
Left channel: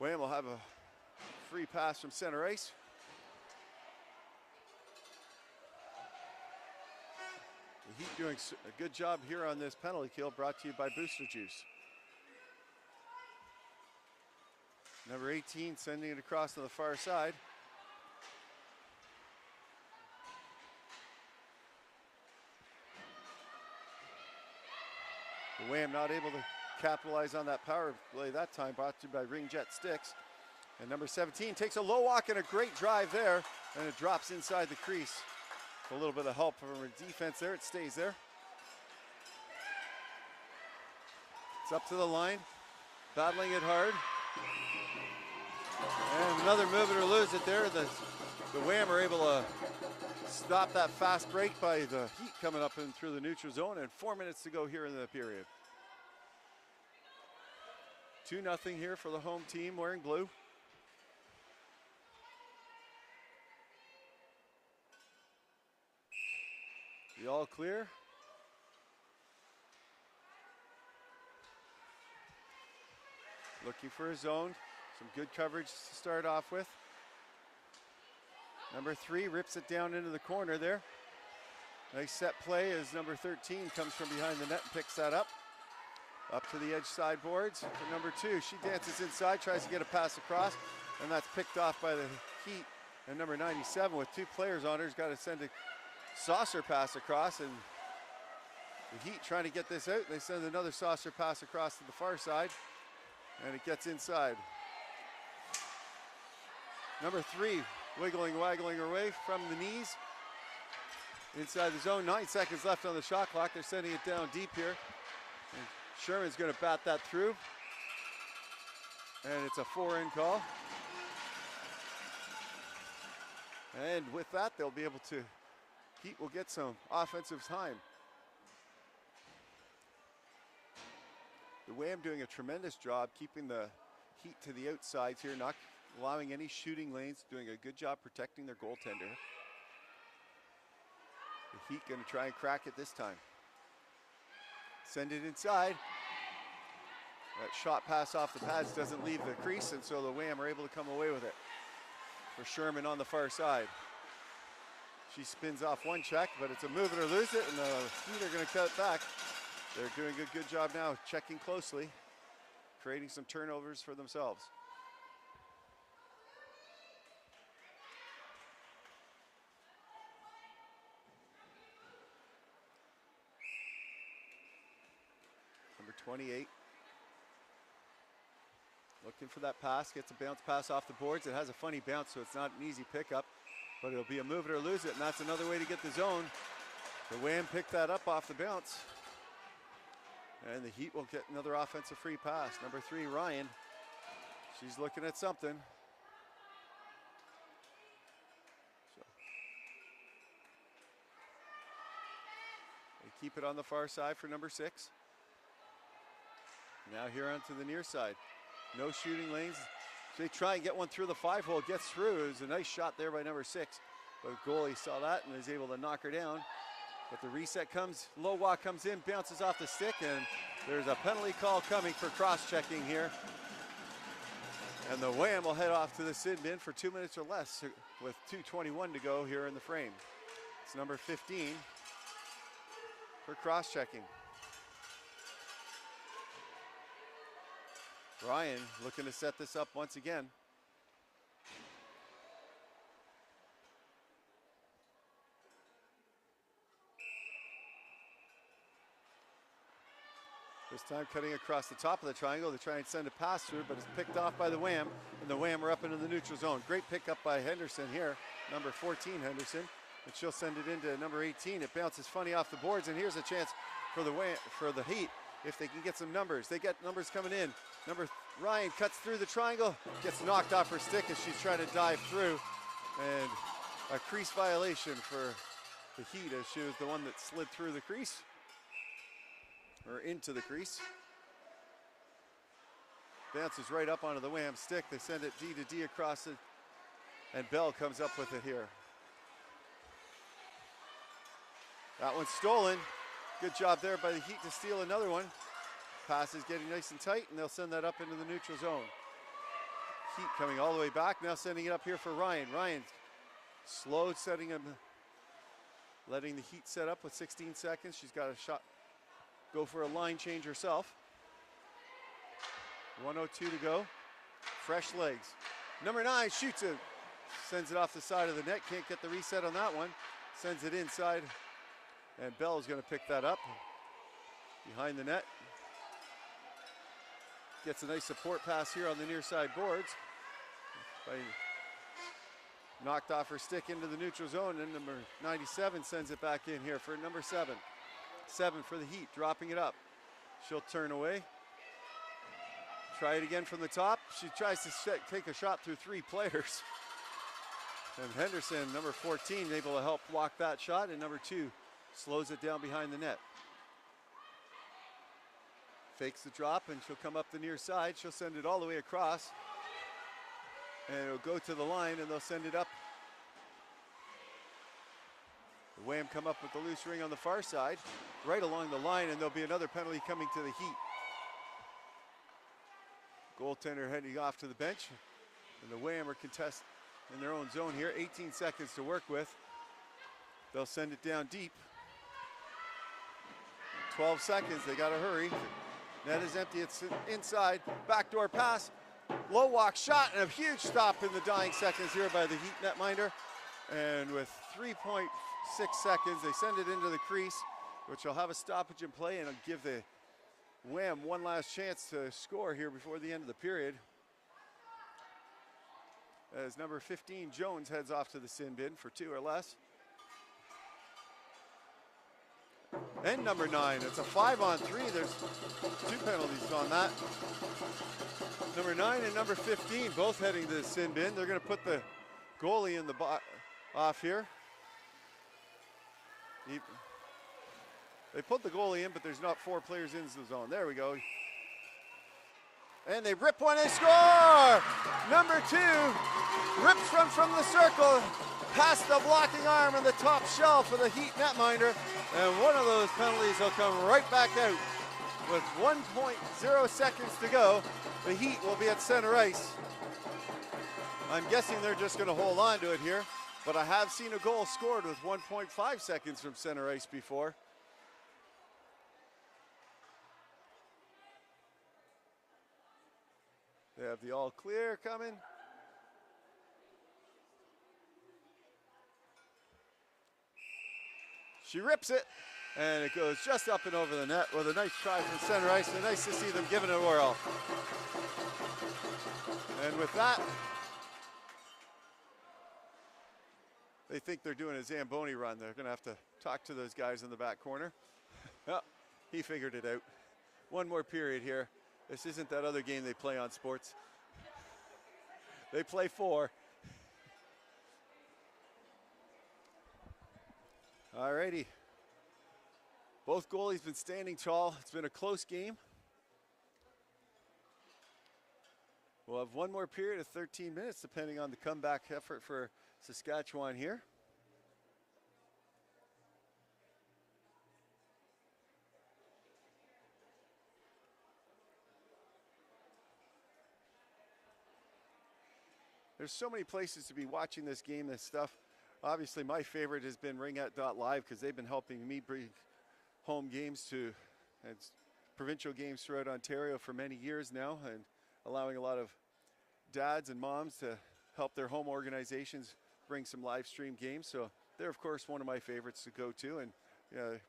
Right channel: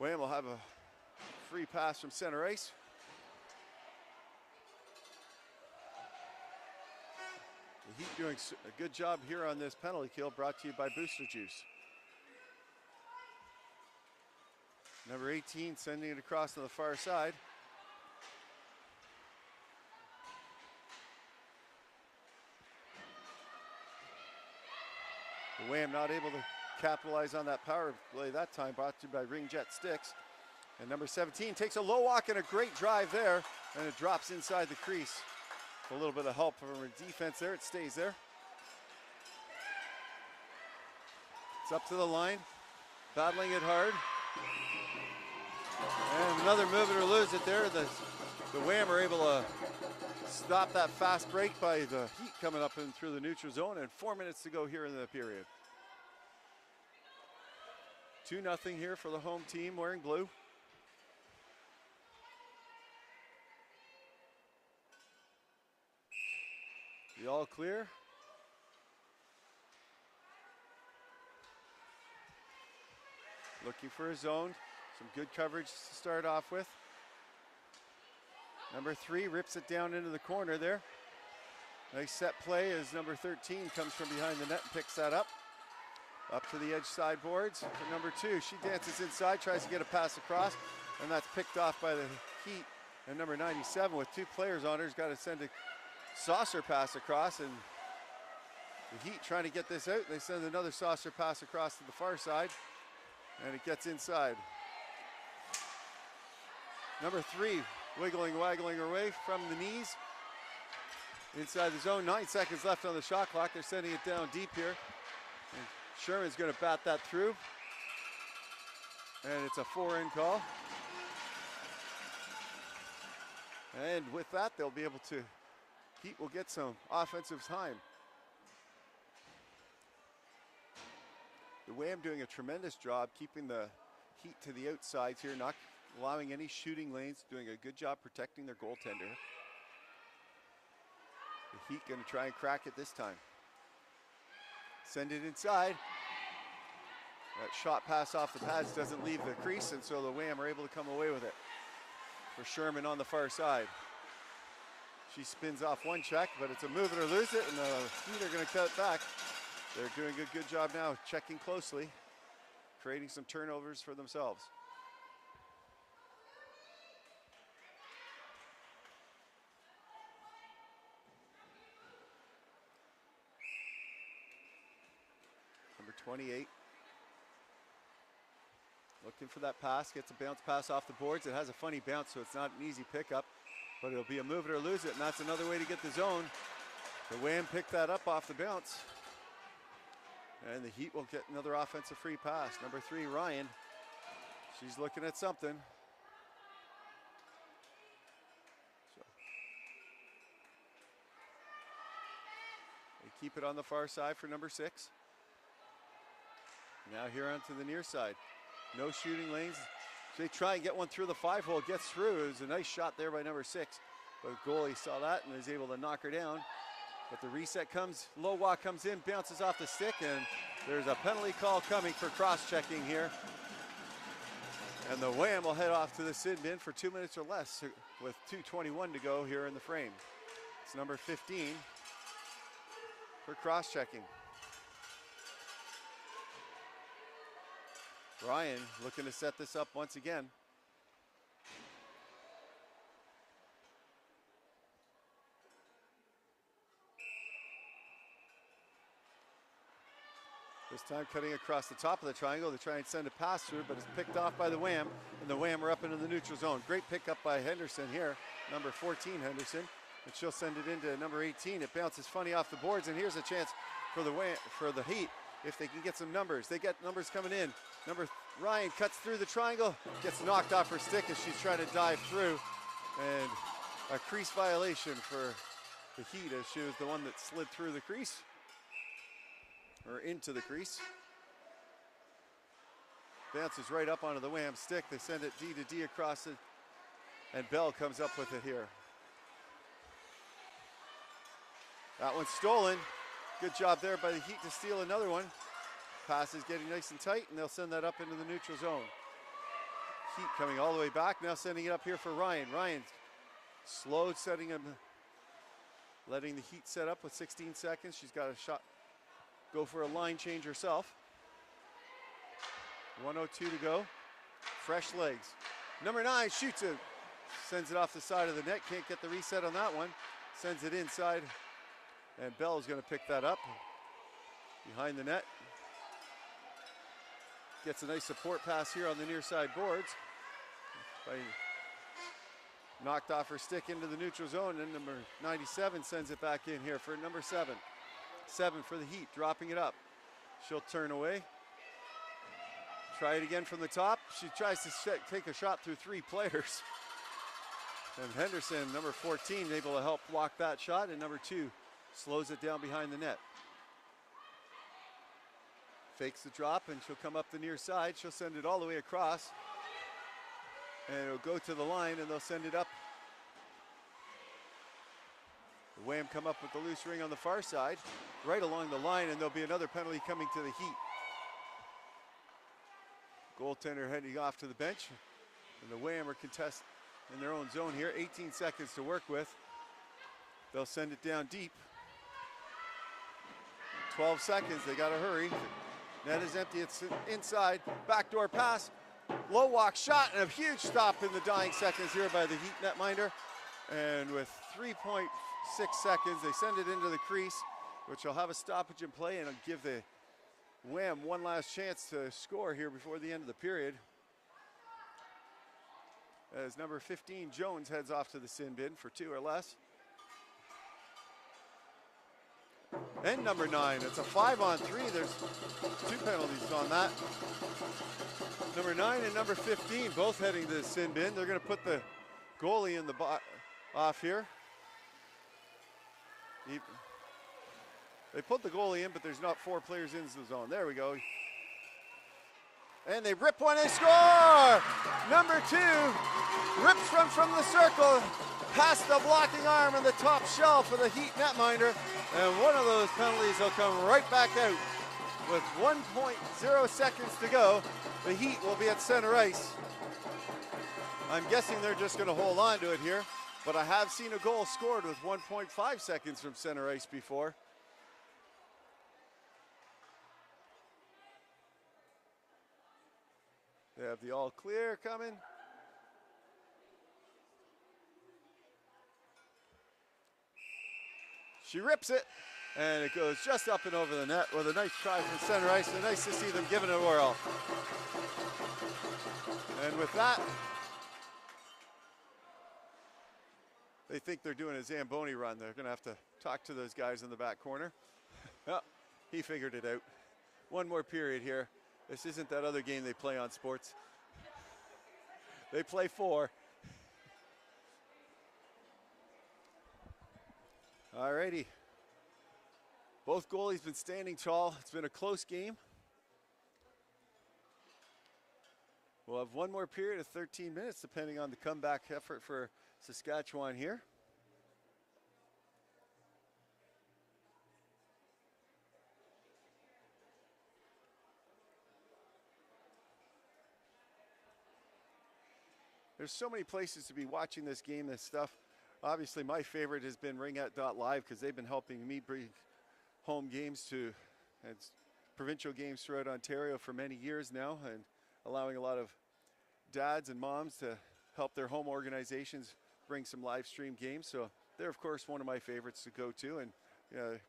WAM will have a free pass from center ice. The Heat doing a good job here on this penalty kill, brought to you by Booster Juice. Number 18 sending it across to the far side. The WAM not able to capitalize on that power play that time, brought to you by Ring Jet Sticks. And number 17 takes a low walk and a great drive there, and it drops inside the crease. A little bit of help from our defense there, it stays there. It's up to the line, battling it hard. And another move it or lose it there. The WAM are able to stop that fast break by the Heat coming up in through the neutral zone, and 4 minutes to go here in the period. 2-0 here for the home team wearing blue. The all clear. Looking for a zone. Some good coverage to start off with. Number 3 rips it down into the corner there. Nice set play as number 13 comes from behind the net, picks that up. Up to the edge sideboards. For number 2, she dances inside, tries to get a pass across, and that's picked off by the Heat. And number 97 with 2 players on her has got to send a saucer pass across, and the Heat trying to get this out. They send another saucer pass across to the far side, and it gets inside. Number 3 waggling away from the knees. Inside the zone, 9 seconds left on the shot clock. They're sending it down deep here. And Sherman's going to bat that through. And it's a 4-in call. And with that, they'll be able to, Heat will get some offensive time. The WAM doing a tremendous job keeping the Heat to the outsides here, not allowing any shooting lanes, doing a good job protecting their goaltender. The Heat going to try and crack it this time. Send it inside. That shot pass off the pads doesn't leave the crease, and so the WAM are able to come away with it. For Sherman on the far side. She spins off one check, but it's a move it or lose it, and the Heat are going to cut back. They're doing a good job now, checking closely, creating some turnovers for themselves. Number 28. Looking for that pass, gets a bounce pass off the boards. It has a funny bounce, so it's not an easy pickup, but it'll be a move it or lose it, and that's another way to get the zone. The WAM picked that up off the bounce, and the Heat will get another offensive free pass. Number 3, Ryan. She's looking at something. So they keep it on the far side for number 6. Now here onto the near side. No shooting lanes. So they try and get one through the 5-hole. Gets through. It was a nice shot there by number 6. But the goalie saw that and is able to knock her down. But the reset comes. Low walk comes in, bounces off the stick, and there's a penalty call coming for cross-checking here. And the WAM will head off to the sin bin for 2 minutes or less with 2:21 to go here in the frame. It's number 15 for cross-checking. Ryan looking to set this up once again. This time cutting across the top of the triangle to try and send a pass through, but it's picked off by the WAM, and the WAM are up into the neutral zone. Great pickup by Henderson here, number 14 Henderson, and she'll send it into number 18. It bounces funny off the boards, and here's a chance for the WAM, for the Heat, if they can get some numbers. They get numbers coming in. Ryan cuts through the triangle, gets knocked off her stick as she's trying to dive through, and a crease violation for the Heat as she was the one that slid through the crease. or into the crease. Bounces right up onto the WAM stick. They send it D to D across it, and Bell comes up with it here. That one's stolen. Good job there by the Heat to steal another one. Pass is getting nice and tight, and they'll send that up into the neutral zone. Heat coming all the way back, now sending it up here for Ryan. Ryan's slow setting him, letting the Heat set up with 16 seconds. She's got a shot, go for a line change herself. 1:02 to go. Fresh legs. Number 9 shoots it. Sends it off the side of the net. Can't get the reset on that one. Sends it inside. And Bell is going to pick that up. Behind the net. Gets a nice support pass here on the near side boards. Knocked off her stick into the neutral zone. And number 97 sends it back in here for number 7. 7 for the Heat. Dropping it up. She'll turn away. Try it again from the top. She tries to take a shot through 3 players. And Henderson, number 14, able to help block that shot. And number 2 slows it down behind the net. Fakes the drop, and she'll come up the near side. She'll send it all the way across. And it'll go to the line, and they'll send it up. The WAM come up with the loose ring on the far side, right along the line, and there'll be another penalty coming to the Heat. Goaltender heading off to the bench, and the WAM are contest in their own zone here. 18 seconds to work with. They'll send it down deep. 12 seconds, they gotta hurry. Net is empty, it's inside. Backdoor pass, low walk shot, and a huge stop in the dying seconds here by the Heat netminder. And with 3.6 seconds, they send it into the crease, which will have a stoppage in play, and it'll give the WAM one last chance to score here before the end of the period. As number 15, Jones, heads off to the sin bin for 2 or less. And number 9, it's a 5-on-3. There's 2 penalties on that. Number 9 and number 15 both heading to the sin bin. They're going to put the goalie in the off here. They put the goalie in, but there's not 4 players in the zone. There we go. And they rip one and score! Number 2 rips from the circle, past the blocking arm of the top shelf of the Heat netminder. And one of those penalties will come right back out. With 1.0 seconds to go, the Heat will be at center ice. I'm guessing they're just going to hold on to it here, but I have seen a goal scored with 1.5 seconds from center ice before. They have the all clear coming. She rips it, and it goes just up and over the net with a nice try from center ice, and nice to see them giving it a whirl. And with that, they think they're doing a Zamboni run. They're going to have to talk to those guys in the back corner. Oh, he figured it out. One more period here. This isn't that other game they play on sports. They play 4. Alrighty. Both goalies been standing tall. It's been a close game. We'll have one more period of 13 minutes, depending on the comeback effort for Saskatchewan here. There's so many places to be watching this game and stuff. Obviously, my favorite has been ringette.live because they've been helping me bring home games to and provincial games throughout Ontario for many years now, and allowing a lot of dads and moms to help their home organizations bring some live stream games. So they're, of course, one of my favorites to go to, and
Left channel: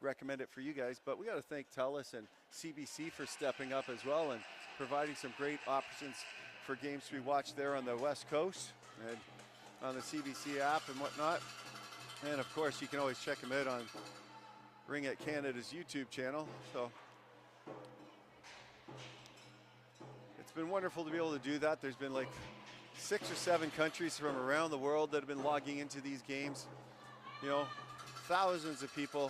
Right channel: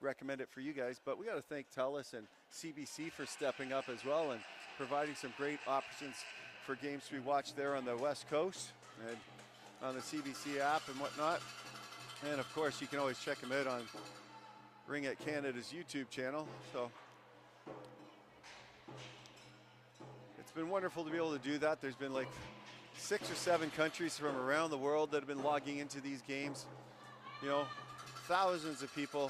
recommend it for you guys. But we got to thank TELUS and CBC for stepping up as well and providing some great options for games to be watched there on the West Coast and on the CBC app and whatnot. And of course, you can always check them out on Ringette Canada's YouTube channel. So it's been wonderful to be able to do that. There's been like 6 or 7 countries from around the world that have been logging into these games. You know, thousands of people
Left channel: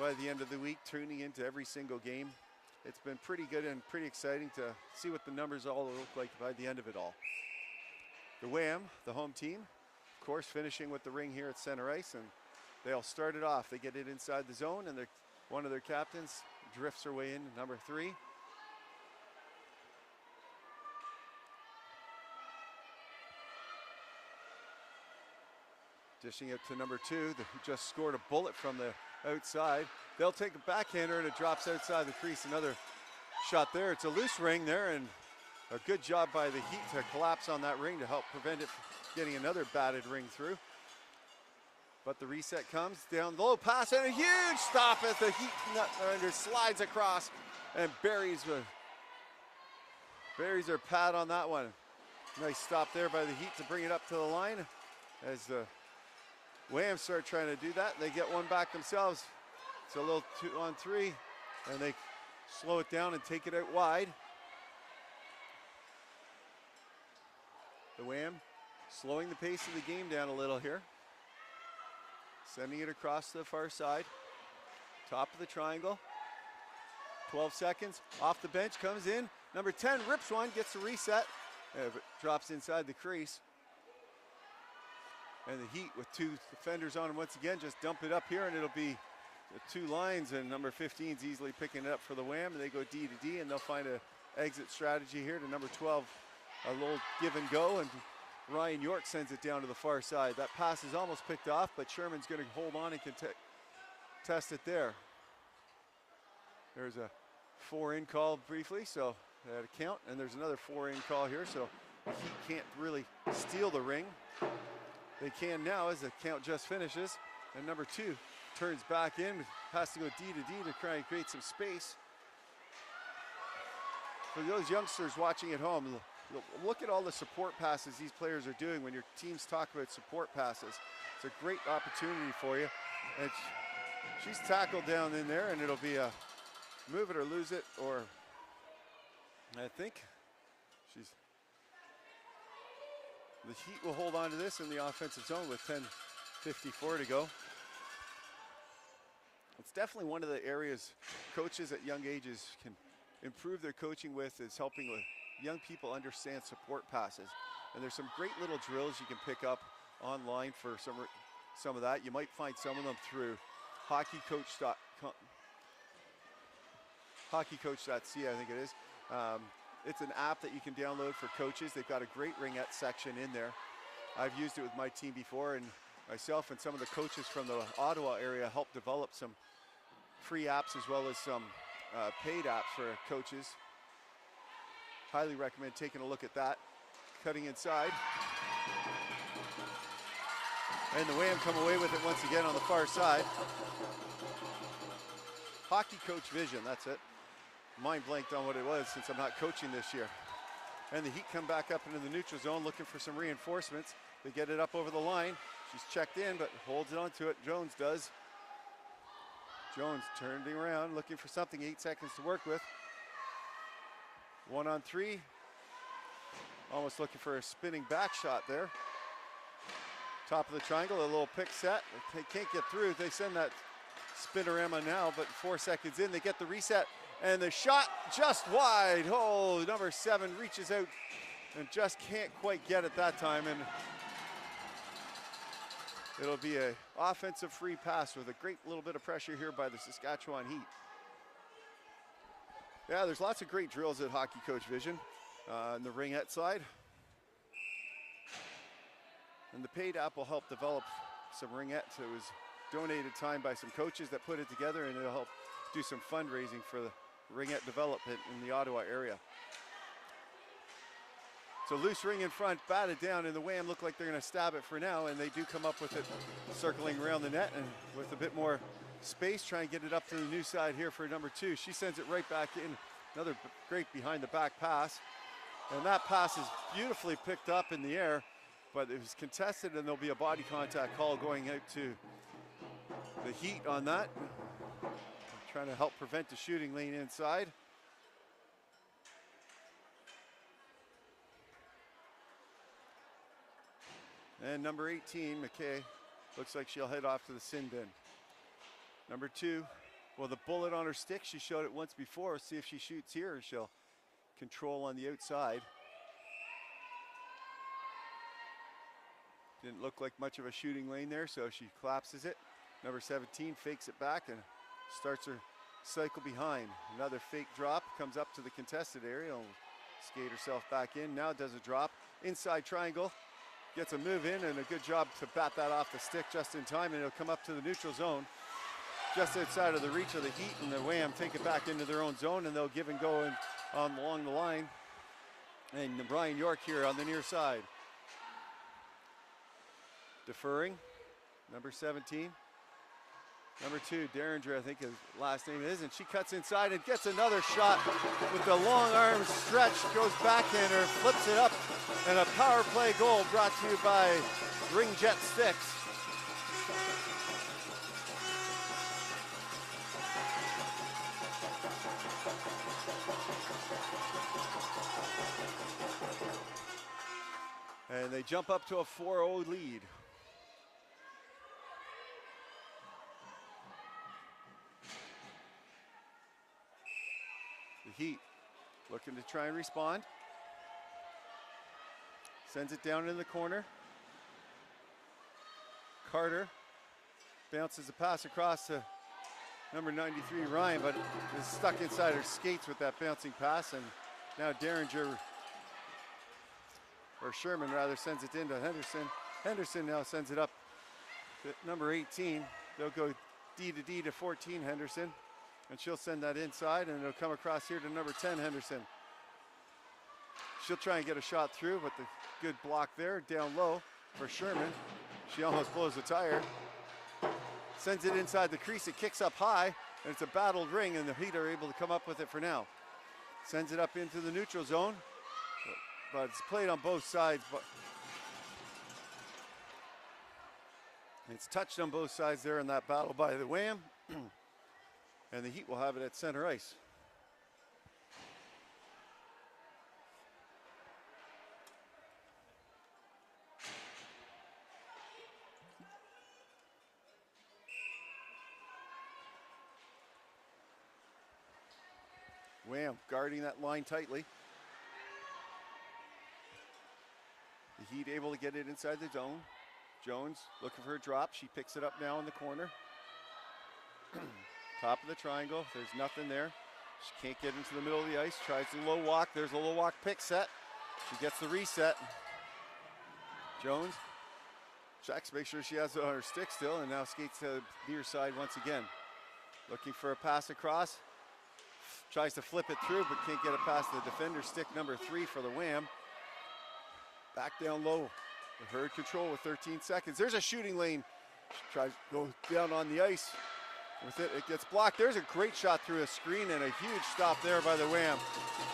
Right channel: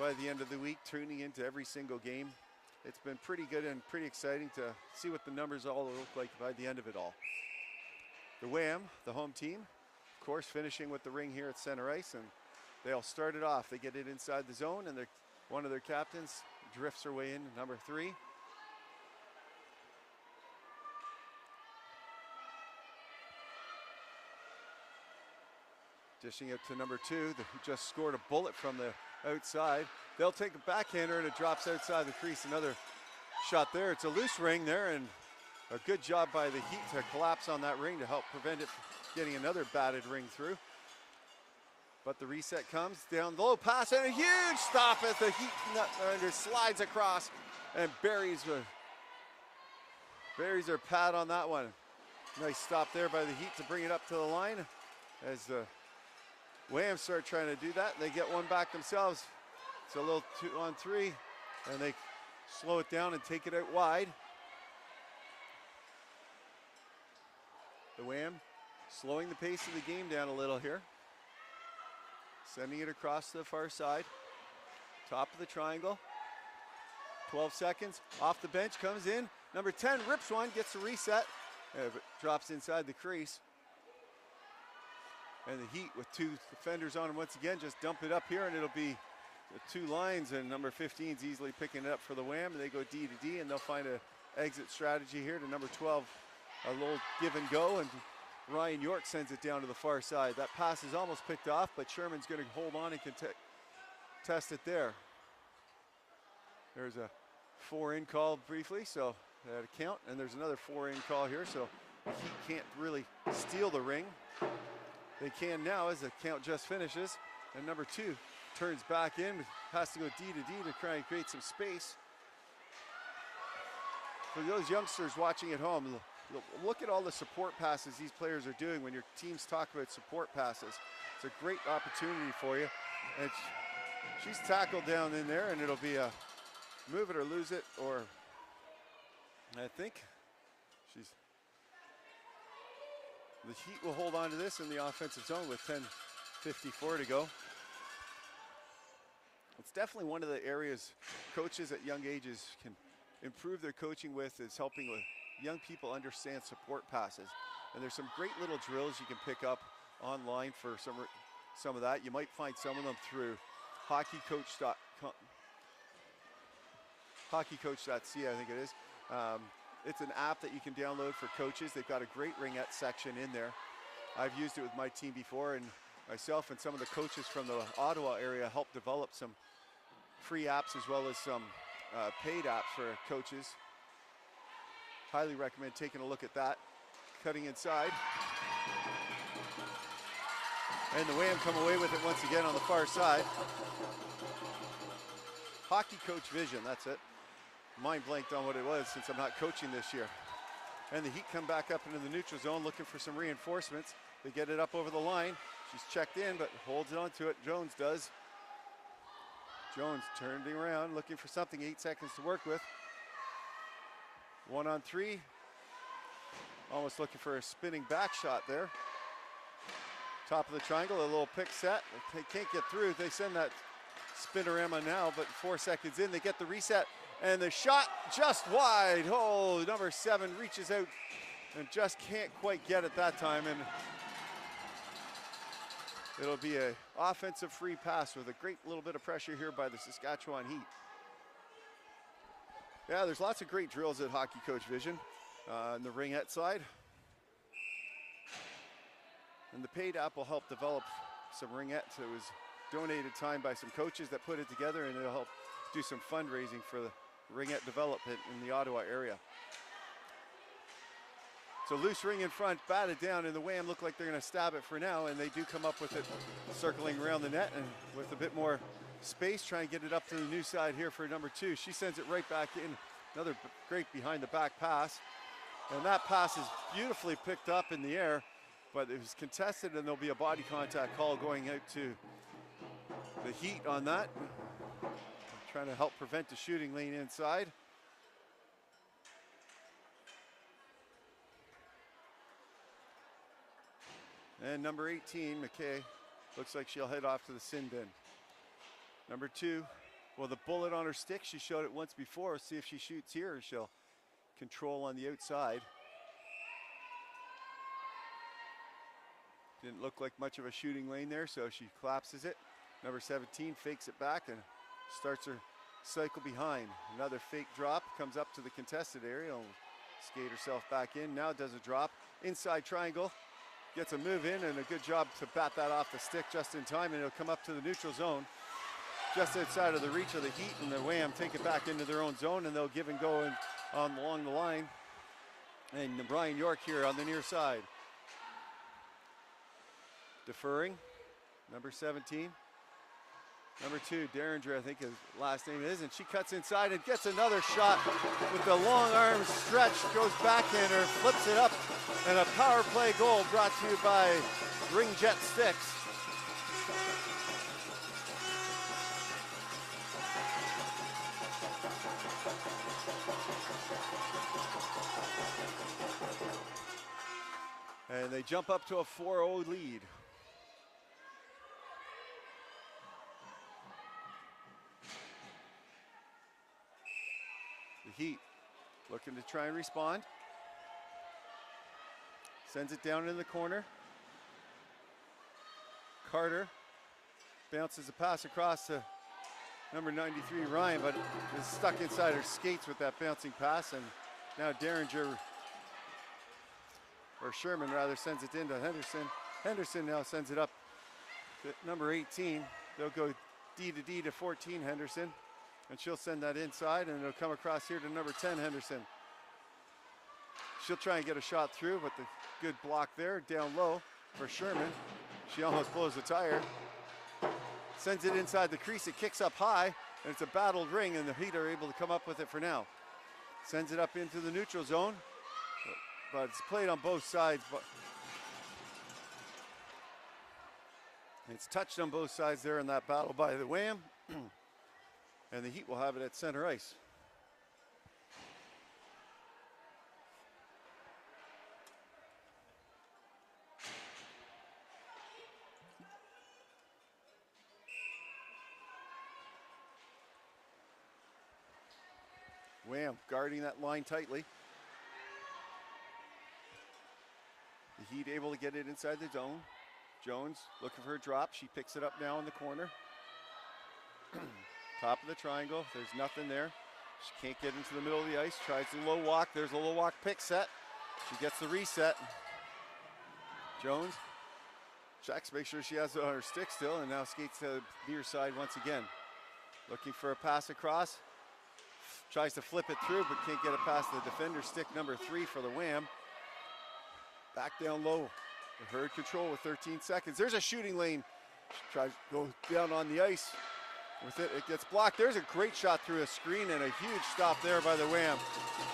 by the end of the week tuning into every single game. it's been pretty good and pretty exciting to see what the numbers all look like by the end of it all. The WAM, the home team, of course, finishing with the Ring here at center ice, and they all started off. They get it inside the zone, and one of their captains drifts her way in, number 3. Dishing it to number 2, who just scored a bullet from the outside. They'll take a backhander, and it drops outside the crease. Another shot there. It's a loose ring there, and a good job by the Heat to collapse on that ring to help prevent it from getting another batted ring through. But the reset comes down low pass, and a huge stop as the Heat slides across and buries their pad on that one. Nice stop there by the Heat to bring it up to the line. As the WAM start trying to do that, they get one back themselves. It's a little 2-on-3, and they slow it down and take it out wide. The WAM slowing the pace of the game down a little here. Sending it across to the far side. Top of the triangle. 12 seconds. Off the bench, comes in. Number 10 rips one, gets a reset. Drops inside the crease. And the Heat with 2 defenders on him once again, just dump it up here, and it'll be the 2 lines, and number 15's easily picking it up for the WAM, and they go D to D, and they'll find an exit strategy here to number 12. A little give and go, and Ryan York sends it down to the far side. That pass is almost picked off, but Sherman's going to hold on and test it there. There's a 4-in call briefly, so that a count, and there's another 4-in call here, so he can't really steal the ring. They can now as the count just finishes, and number 2 turns back in, has to go D to D to try and create some space. For those youngsters watching at home, look at all the support passes these players are doing when your teams talk about support passes. It's a great opportunity for you. And she's tackled down in there, and it'll be a move it or lose it, or I think the Heat will hold on to this in the offensive zone with 10:54 to go. It's definitely one of the areas coaches at young ages can improve their coaching with, is helping with young people understand support passes. And there's some great little drills you can pick up online for some of that. You might find some of them through hockeycoach.ca, I think it is. It's an app that you can download for coaches. They've got a great ringette section in there. I've used it with my team before, and myself and some of the coaches from the Ottawa area helped develop some free apps as well as some paid apps for coaches. Highly recommend taking a look at that. Cutting inside. And the WAM come away with it once again on the far side. Hockey Coach Vision, that's it. Mind blanked on what it was since I'm not coaching this year. And the Heat come back up into the neutral zone looking for some reinforcements. They get it up over the line. She's checked in, but holds on to it. Jones does. Jones turning around, looking for something. 8 seconds to work with. 1-on-3. Almost looking for a spinning back shot there. Top of the triangle, a little pick set. They can't get through. They send that spinorama now, but 4 seconds in, they get the reset. And the shot just wide. Oh, number 7 reaches out and just can't quite get it that time. And it'll be an offensive free pass with a great little bit of pressure here by the Saskatchewan Heat. Yeah, there's lots of great drills at Hockey Coach Vision on the ringette side. And the paid app will help develop some ringettes. It was donated time by some coaches that put it together, and it'll help do some fundraising for the ringette development in the Ottawa area. So loose ring in front, batted down, and the WAM look like they're going to stab it for now, and they do come up with it circling around the net, and with a bit more space, try and get it up to the new side here for number 2. She sends it right back in. Another great behind the back pass, and that pass is beautifully picked up in the air, but it was contested, and there'll be a body contact call going out to the Heat on that. Trying to help prevent the shooting lane inside. And number 18, McKay, looks like she'll head off to the sin bin. Number 2, Well, the bullet on her stick, she showed it once before. See if she shoots here. She'll control on the outside. Didn't look like much of a shooting lane there, so she collapses it. Number 17 fakes it back and starts her cycle behind. Another fake drop, comes up to the contested area, will skate herself back in. Now does a drop, inside triangle, gets a move in, and a good job to bat that off the stick just in time, and it'll come up to the neutral zone. Just outside of the reach of the Heat, and the WAM take it back into their own zone, and they'll give and go along the line. And Brian York here on the near side. Deferring, number 17. Number 2, Derringer, I think his last name is, and she cuts inside and gets another shot with the long arm stretch, goes backhander, flips it up, and a power play goal brought to you by Ring Jet Sticks. And they jump up to a 4-0 lead. The Heat looking to try and respond. Sends it down in the corner. Carter bounces a pass across to number 93, Ryan, but is stuck inside her skates with that bouncing pass. And now Derringer, or Sherman rather, sends it into Henderson. Henderson now sends it up to number 18. They'll go D to D to 14, Henderson. And she'll send that inside, and it'll come across here to number 10, Henderson. She'll try and get a shot through, but the good block there, down low for Sherman. She almost blows the tire. Sends it inside the crease, it kicks up high, and it's a battled ring, and the Heat are able to come up with it for now. Sends it up into the neutral zone, but it's played on both sides. But it's touched on both sides there in that battle by the WAM. And the Heat will have it at center ice. WAM guarding that line tightly. The Heat able to get it inside the zone. Jones looking for her drop. She picks it up now in the corner. Top of the triangle, there's nothing there. She can't get into the middle of the ice, tries the low walk, there's a low walk pick set. She gets the reset. Jones checks, make sure she has her stick still, and now skates to the near side once again. Looking for a pass across, tries to flip it through, but can't get it past the defender. Stick number 3 for the WAM. Back down low, herd control with 13 seconds. There's a shooting lane. She tries to go down on the ice. With it, it gets blocked. There's a great shot through a screen and a huge stop there by the WAM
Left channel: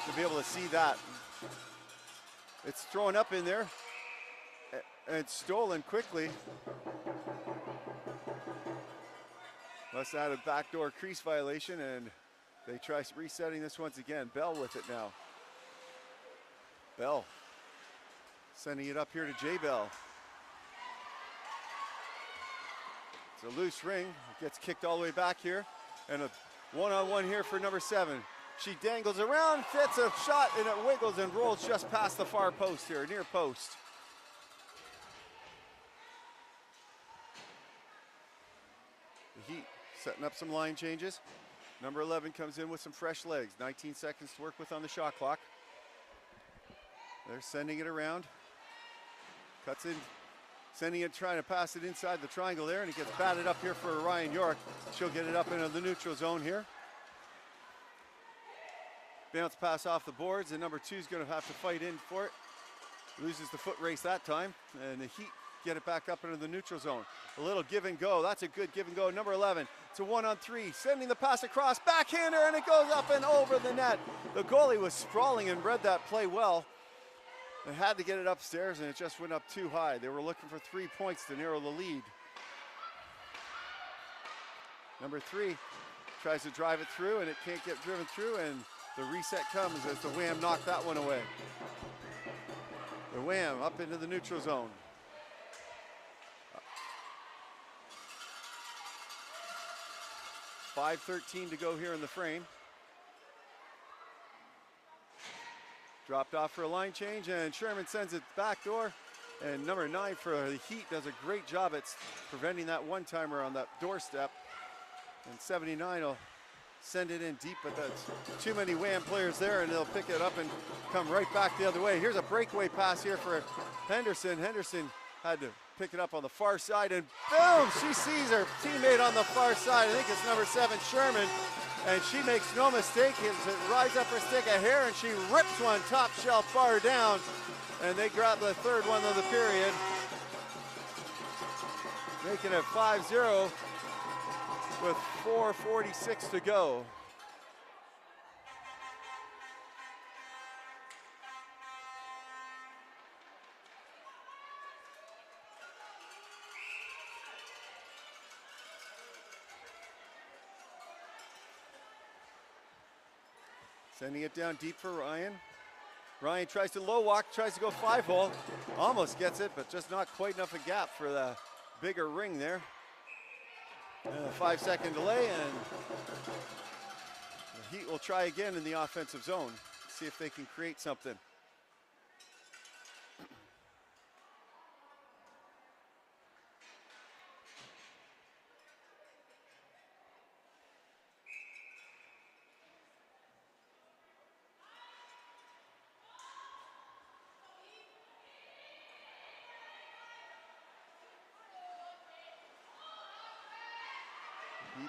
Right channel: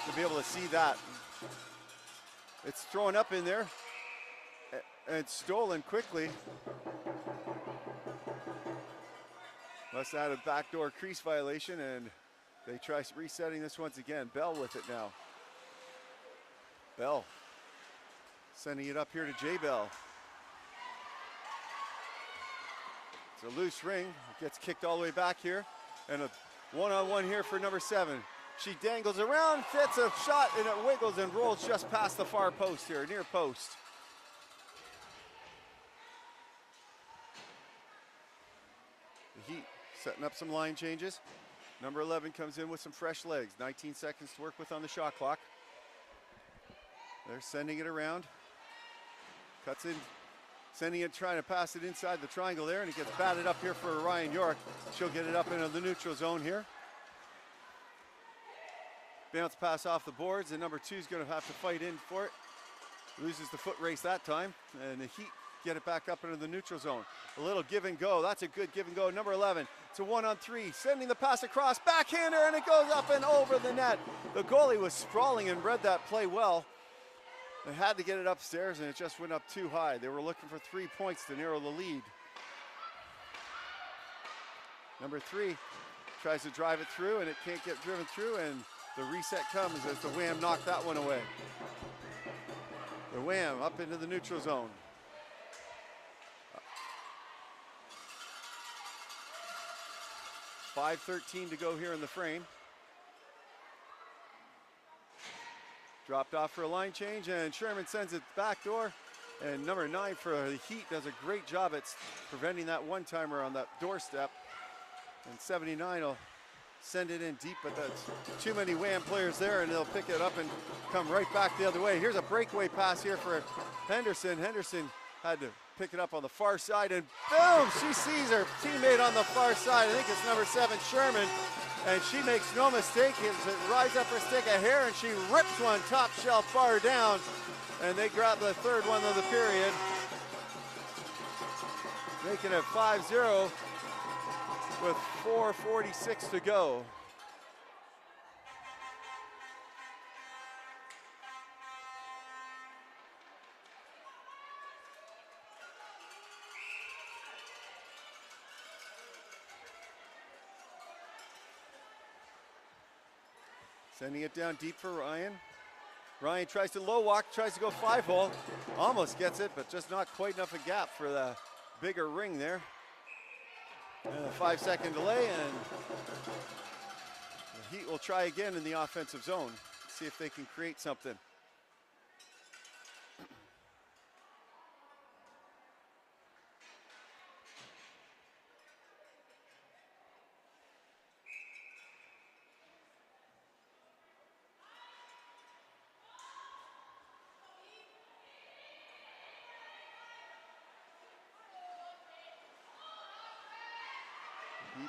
to be able to see that. It's thrown up in there and it's stolen quickly. Must have had a backdoor crease violation, and they try resetting this once again. Bell with it now. Bell sending it up here to J. Bell. It's a loose ring, it gets kicked all the way back here, and a one-on-one here for number 7. She dangles around, gets a shot, and it wiggles and rolls just past the far post here, near post. The Heat setting up some line changes. Number 11 comes in with some fresh legs. 19 seconds to work with on the shot clock. They're sending it around. Cuts in. Sending it, trying to pass it inside the triangle there, and it gets batted up here for Ryan York. She'll get it up into the neutral zone here. Bounce pass off the boards, and number 2 is going to have to fight in for it. Loses the foot race that time, and the Heat get it back up into the neutral zone. A little give and go. That's a good give and go. Number 11, it's a 1-on-3, sending the pass across, backhander, and it goes up and over the net. The goalie was sprawling and read that play well. They had to get it upstairs, and it just went up too high. They were looking for 3 points to narrow the lead. Number 3 tries to drive it through, and it can't get driven through, and the reset comes as the WAM knocked that one away. The WAM up into the neutral zone. 5:13 to go here in the frame. Dropped off for a line change, and Sherman sends it back door. And number 9 for the Heat does a great job at preventing that one-timer on that doorstep. And 79 will send it in deep, but that's too many WAM players there, and they'll pick it up and come right back the other way. Here's a breakaway pass here for Henderson. Henderson had to pick it up on the far side, and boom, she sees her teammate on the far side. I think it's number 7, Sherman, and she makes no mistake. It rides up her stick of hair, and she rips one top shelf far down, and they grab the third one of the period, making it 5-0 with 4:46 to go. Sending it down deep for Ryan. Ryan tries to low walk, tries to go 5-hole. Almost gets it, but just not quite enough a gap for the bigger ring there. And a 5-second delay, and the Heat will try again in the offensive zone. See if they can create something.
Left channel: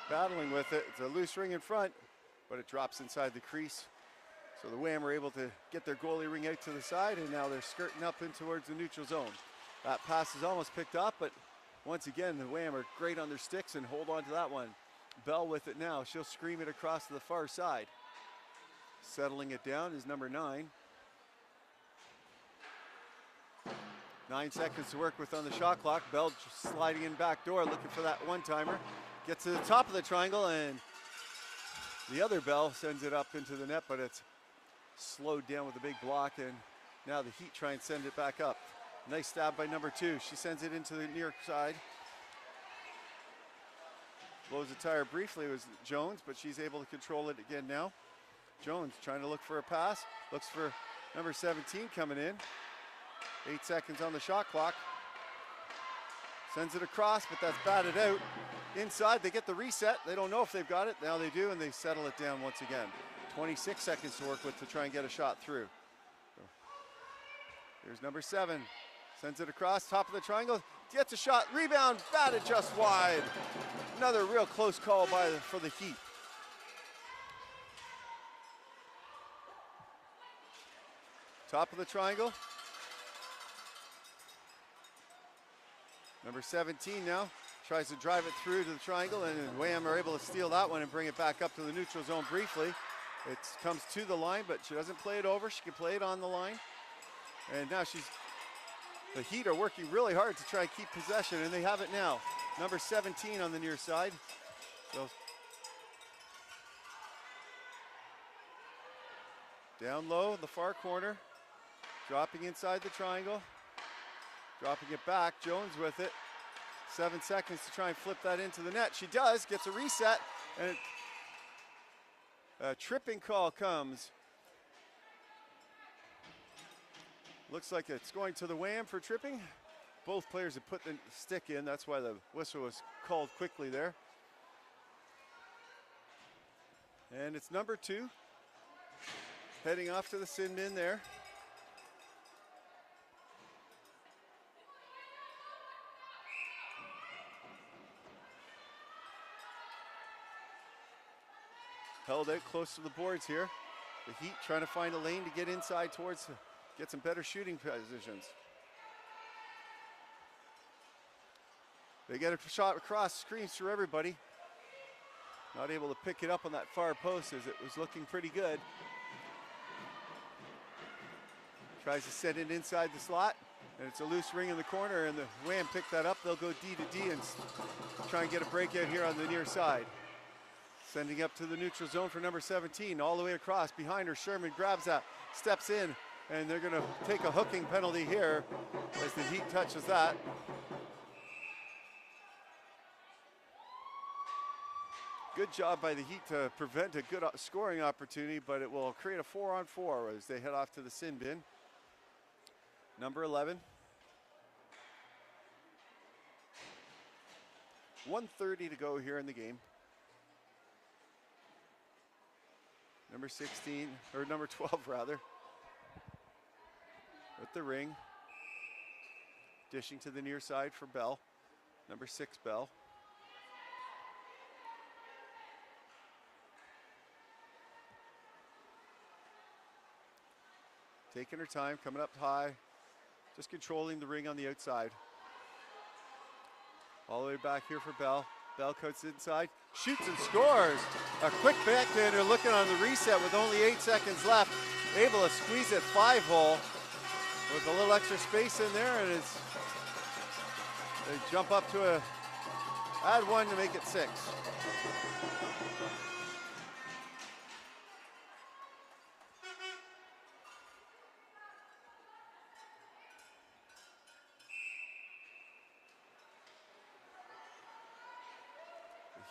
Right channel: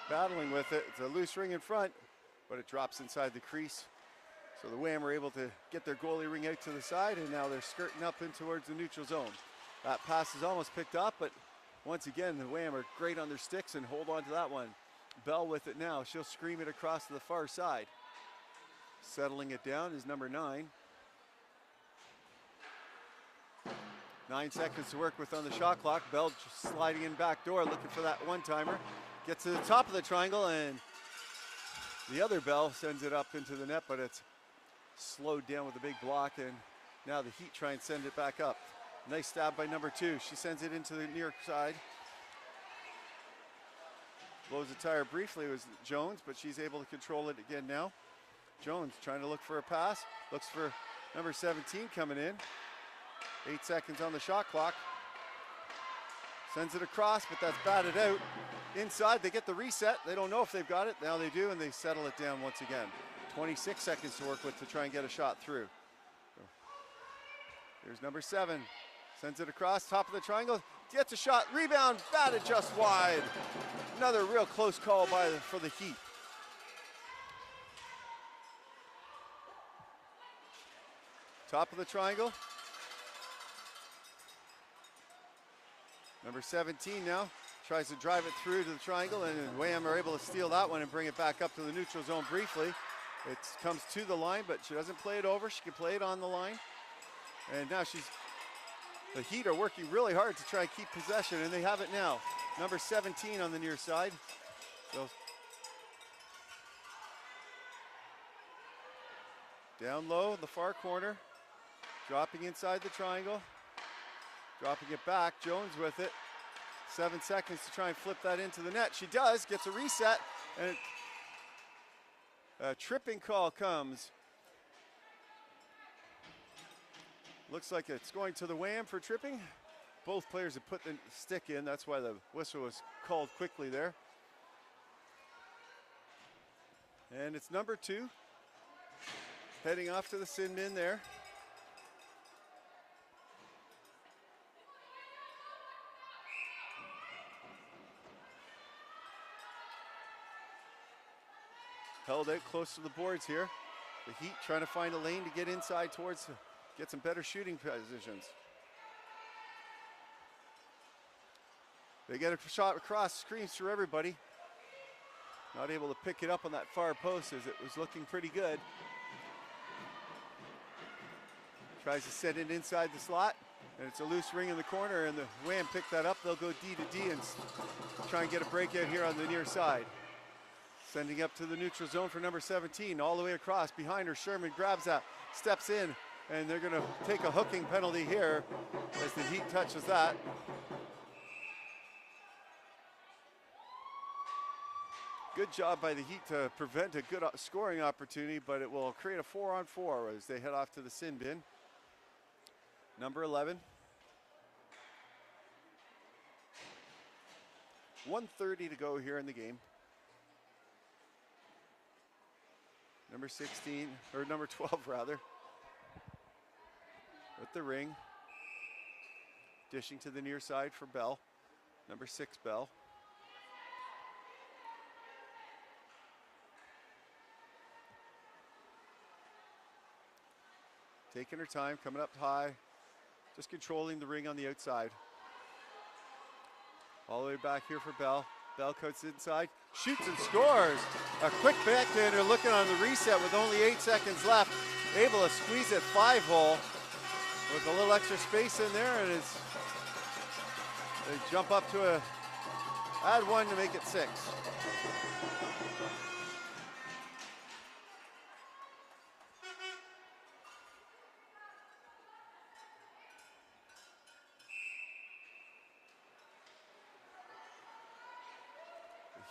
Battling with it. It's a loose ring in front, but it drops inside the crease. So the WAM are able to get their goalie ring out to the side, and now they're skirting up in towards the neutral zone. That pass is almost picked up, but once again, the WAM are great on their sticks and hold on to that one. Bell with it now. She'll scream it across to the far side. Settling it down is number 9. 9 seconds to work with on the shot clock. Bell sliding in back door, looking for that one-timer. Gets to the top of the triangle, and the other Bell sends it up into the net, but it's slowed down with a big block, and now the Heat try and send it back up. Nice stab by number 2. She sends it into the near side. Blows the tire briefly. It was Jones, but she's able to control it again now. Jones trying to look for a pass. Looks for number 17 coming in. 8 seconds on the shot clock. Sends it across, but that's batted out. Inside, they get the reset. They don't know if they've got it. Now they do, and they settle it down once again. 26 seconds to work with to try and get a shot through. Here's number 7. Sends it across, top of the triangle. Gets a shot, rebound, batted just wide. Another real close call for the Heat. Top of the triangle. Number 17 now. Tries to drive it through to the triangle, and WAM are able to steal that one and bring it back up to the neutral zone briefly. It comes to the line, but she doesn't play it over. She can play it on the line. And now the Heat are working really hard to try and keep possession, and they have it now. Number 17 on the near side. So down low in the far corner. Dropping inside the triangle. Dropping it back. Jones with it. 7 seconds to try and flip that into the net. She does, gets a reset, and a tripping call comes. Looks like it's going to the WAM for tripping. Both players have put the stick in. That's why the whistle was called quickly there. And it's number 2. Heading off to the sin bin there. Held out close to the boards here. The Heat trying to find a lane to get inside towards, get some better shooting positions. They get a shot across, screams through everybody. Not able to pick it up on that far post as it was looking pretty good. Tries to set it inside the slot, and it's a loose ring in the corner, and the WAM pick that up. They'll go D to D and try and get a breakout here on the near side. Sending up to the neutral zone for number 17, all the way across. Behind her, Sherman grabs that, steps in, and they're going to take a hooking penalty here as the Heat touches that. Good job by the Heat to prevent a good scoring opportunity, but it will create a 4-on-4 as they head off to the sin bin. Number 11. 1:30 to go here in the game. Number 16, or number 12 rather, with the ring. Dishing to the near side for Bell. Number 6, Bell. Taking her time, coming up high, just controlling the ring on the outside. All the way back here for Bell. Bell cuts inside, shoots and scores. A quick backhander looking on the reset with only 8 seconds left. Able to squeeze it 5-hole with a little extra space in there, and it's they jump up to add 1 to make it 6.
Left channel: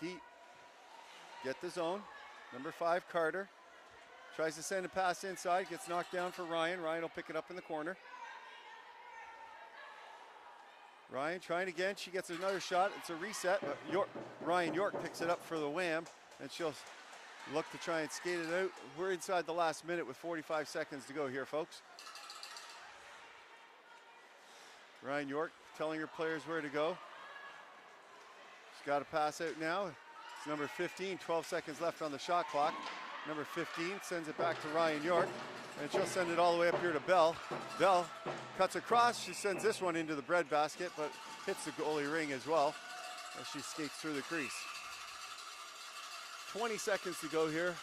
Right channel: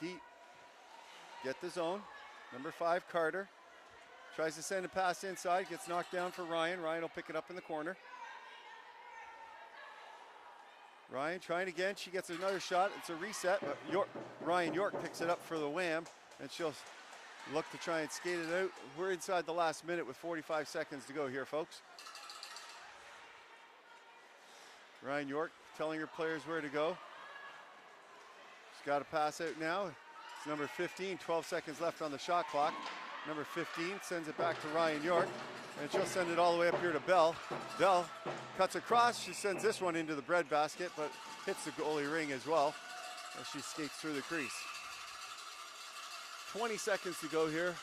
Heat get the zone. Number 5, Carter. Tries to send a pass inside. Gets knocked down for Ryan. Ryan will pick it up in the corner. Ryan trying again. She gets another shot. It's a reset. But Ryan York picks it up for the WAM. And she'll look to try and skate it out. We're inside the last minute with 45 seconds to go here, folks. Ryan York telling her players where to go. She's got a pass out now. It's number 15, 12 seconds left on the shot clock. Number 15 sends it back to Ryan York, and she'll send it all the way up here to Bell. Bell cuts across. She sends this one into the breadbasket, but hits the goalie ring as well as she skates through the crease. 20 seconds to go here.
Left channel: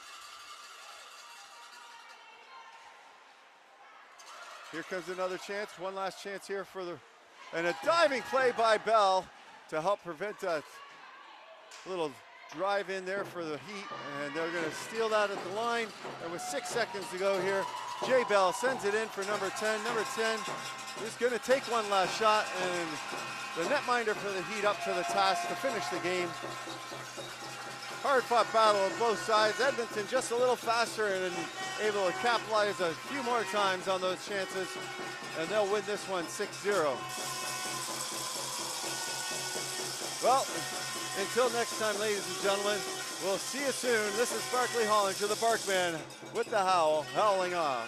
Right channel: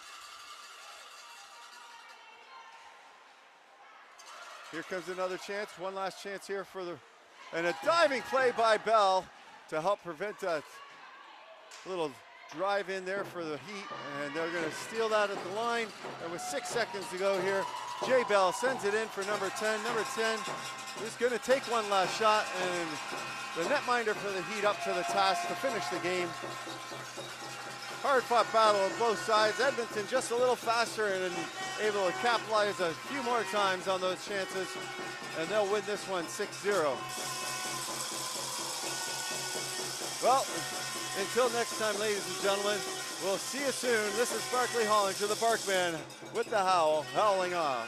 Here comes another chance. One last chance here for the... And a diving play by Bell to help prevent that little drive in there for the Heat, and they're going to steal that at the line. And with 6 seconds to go here, Jay Bell sends it in for number 10. Number 10 is going to take one last shot, and the netminder for the Heat up to the task to finish the game. Hard-fought battle on both sides. Edmonton just a little faster and able to capitalize a few more times on those chances, and they'll win this one 6-0. Well, until next time, ladies and gentlemen, we'll see you soon. This is Barkley Hollinger, the Barkman, with the howl, howling off.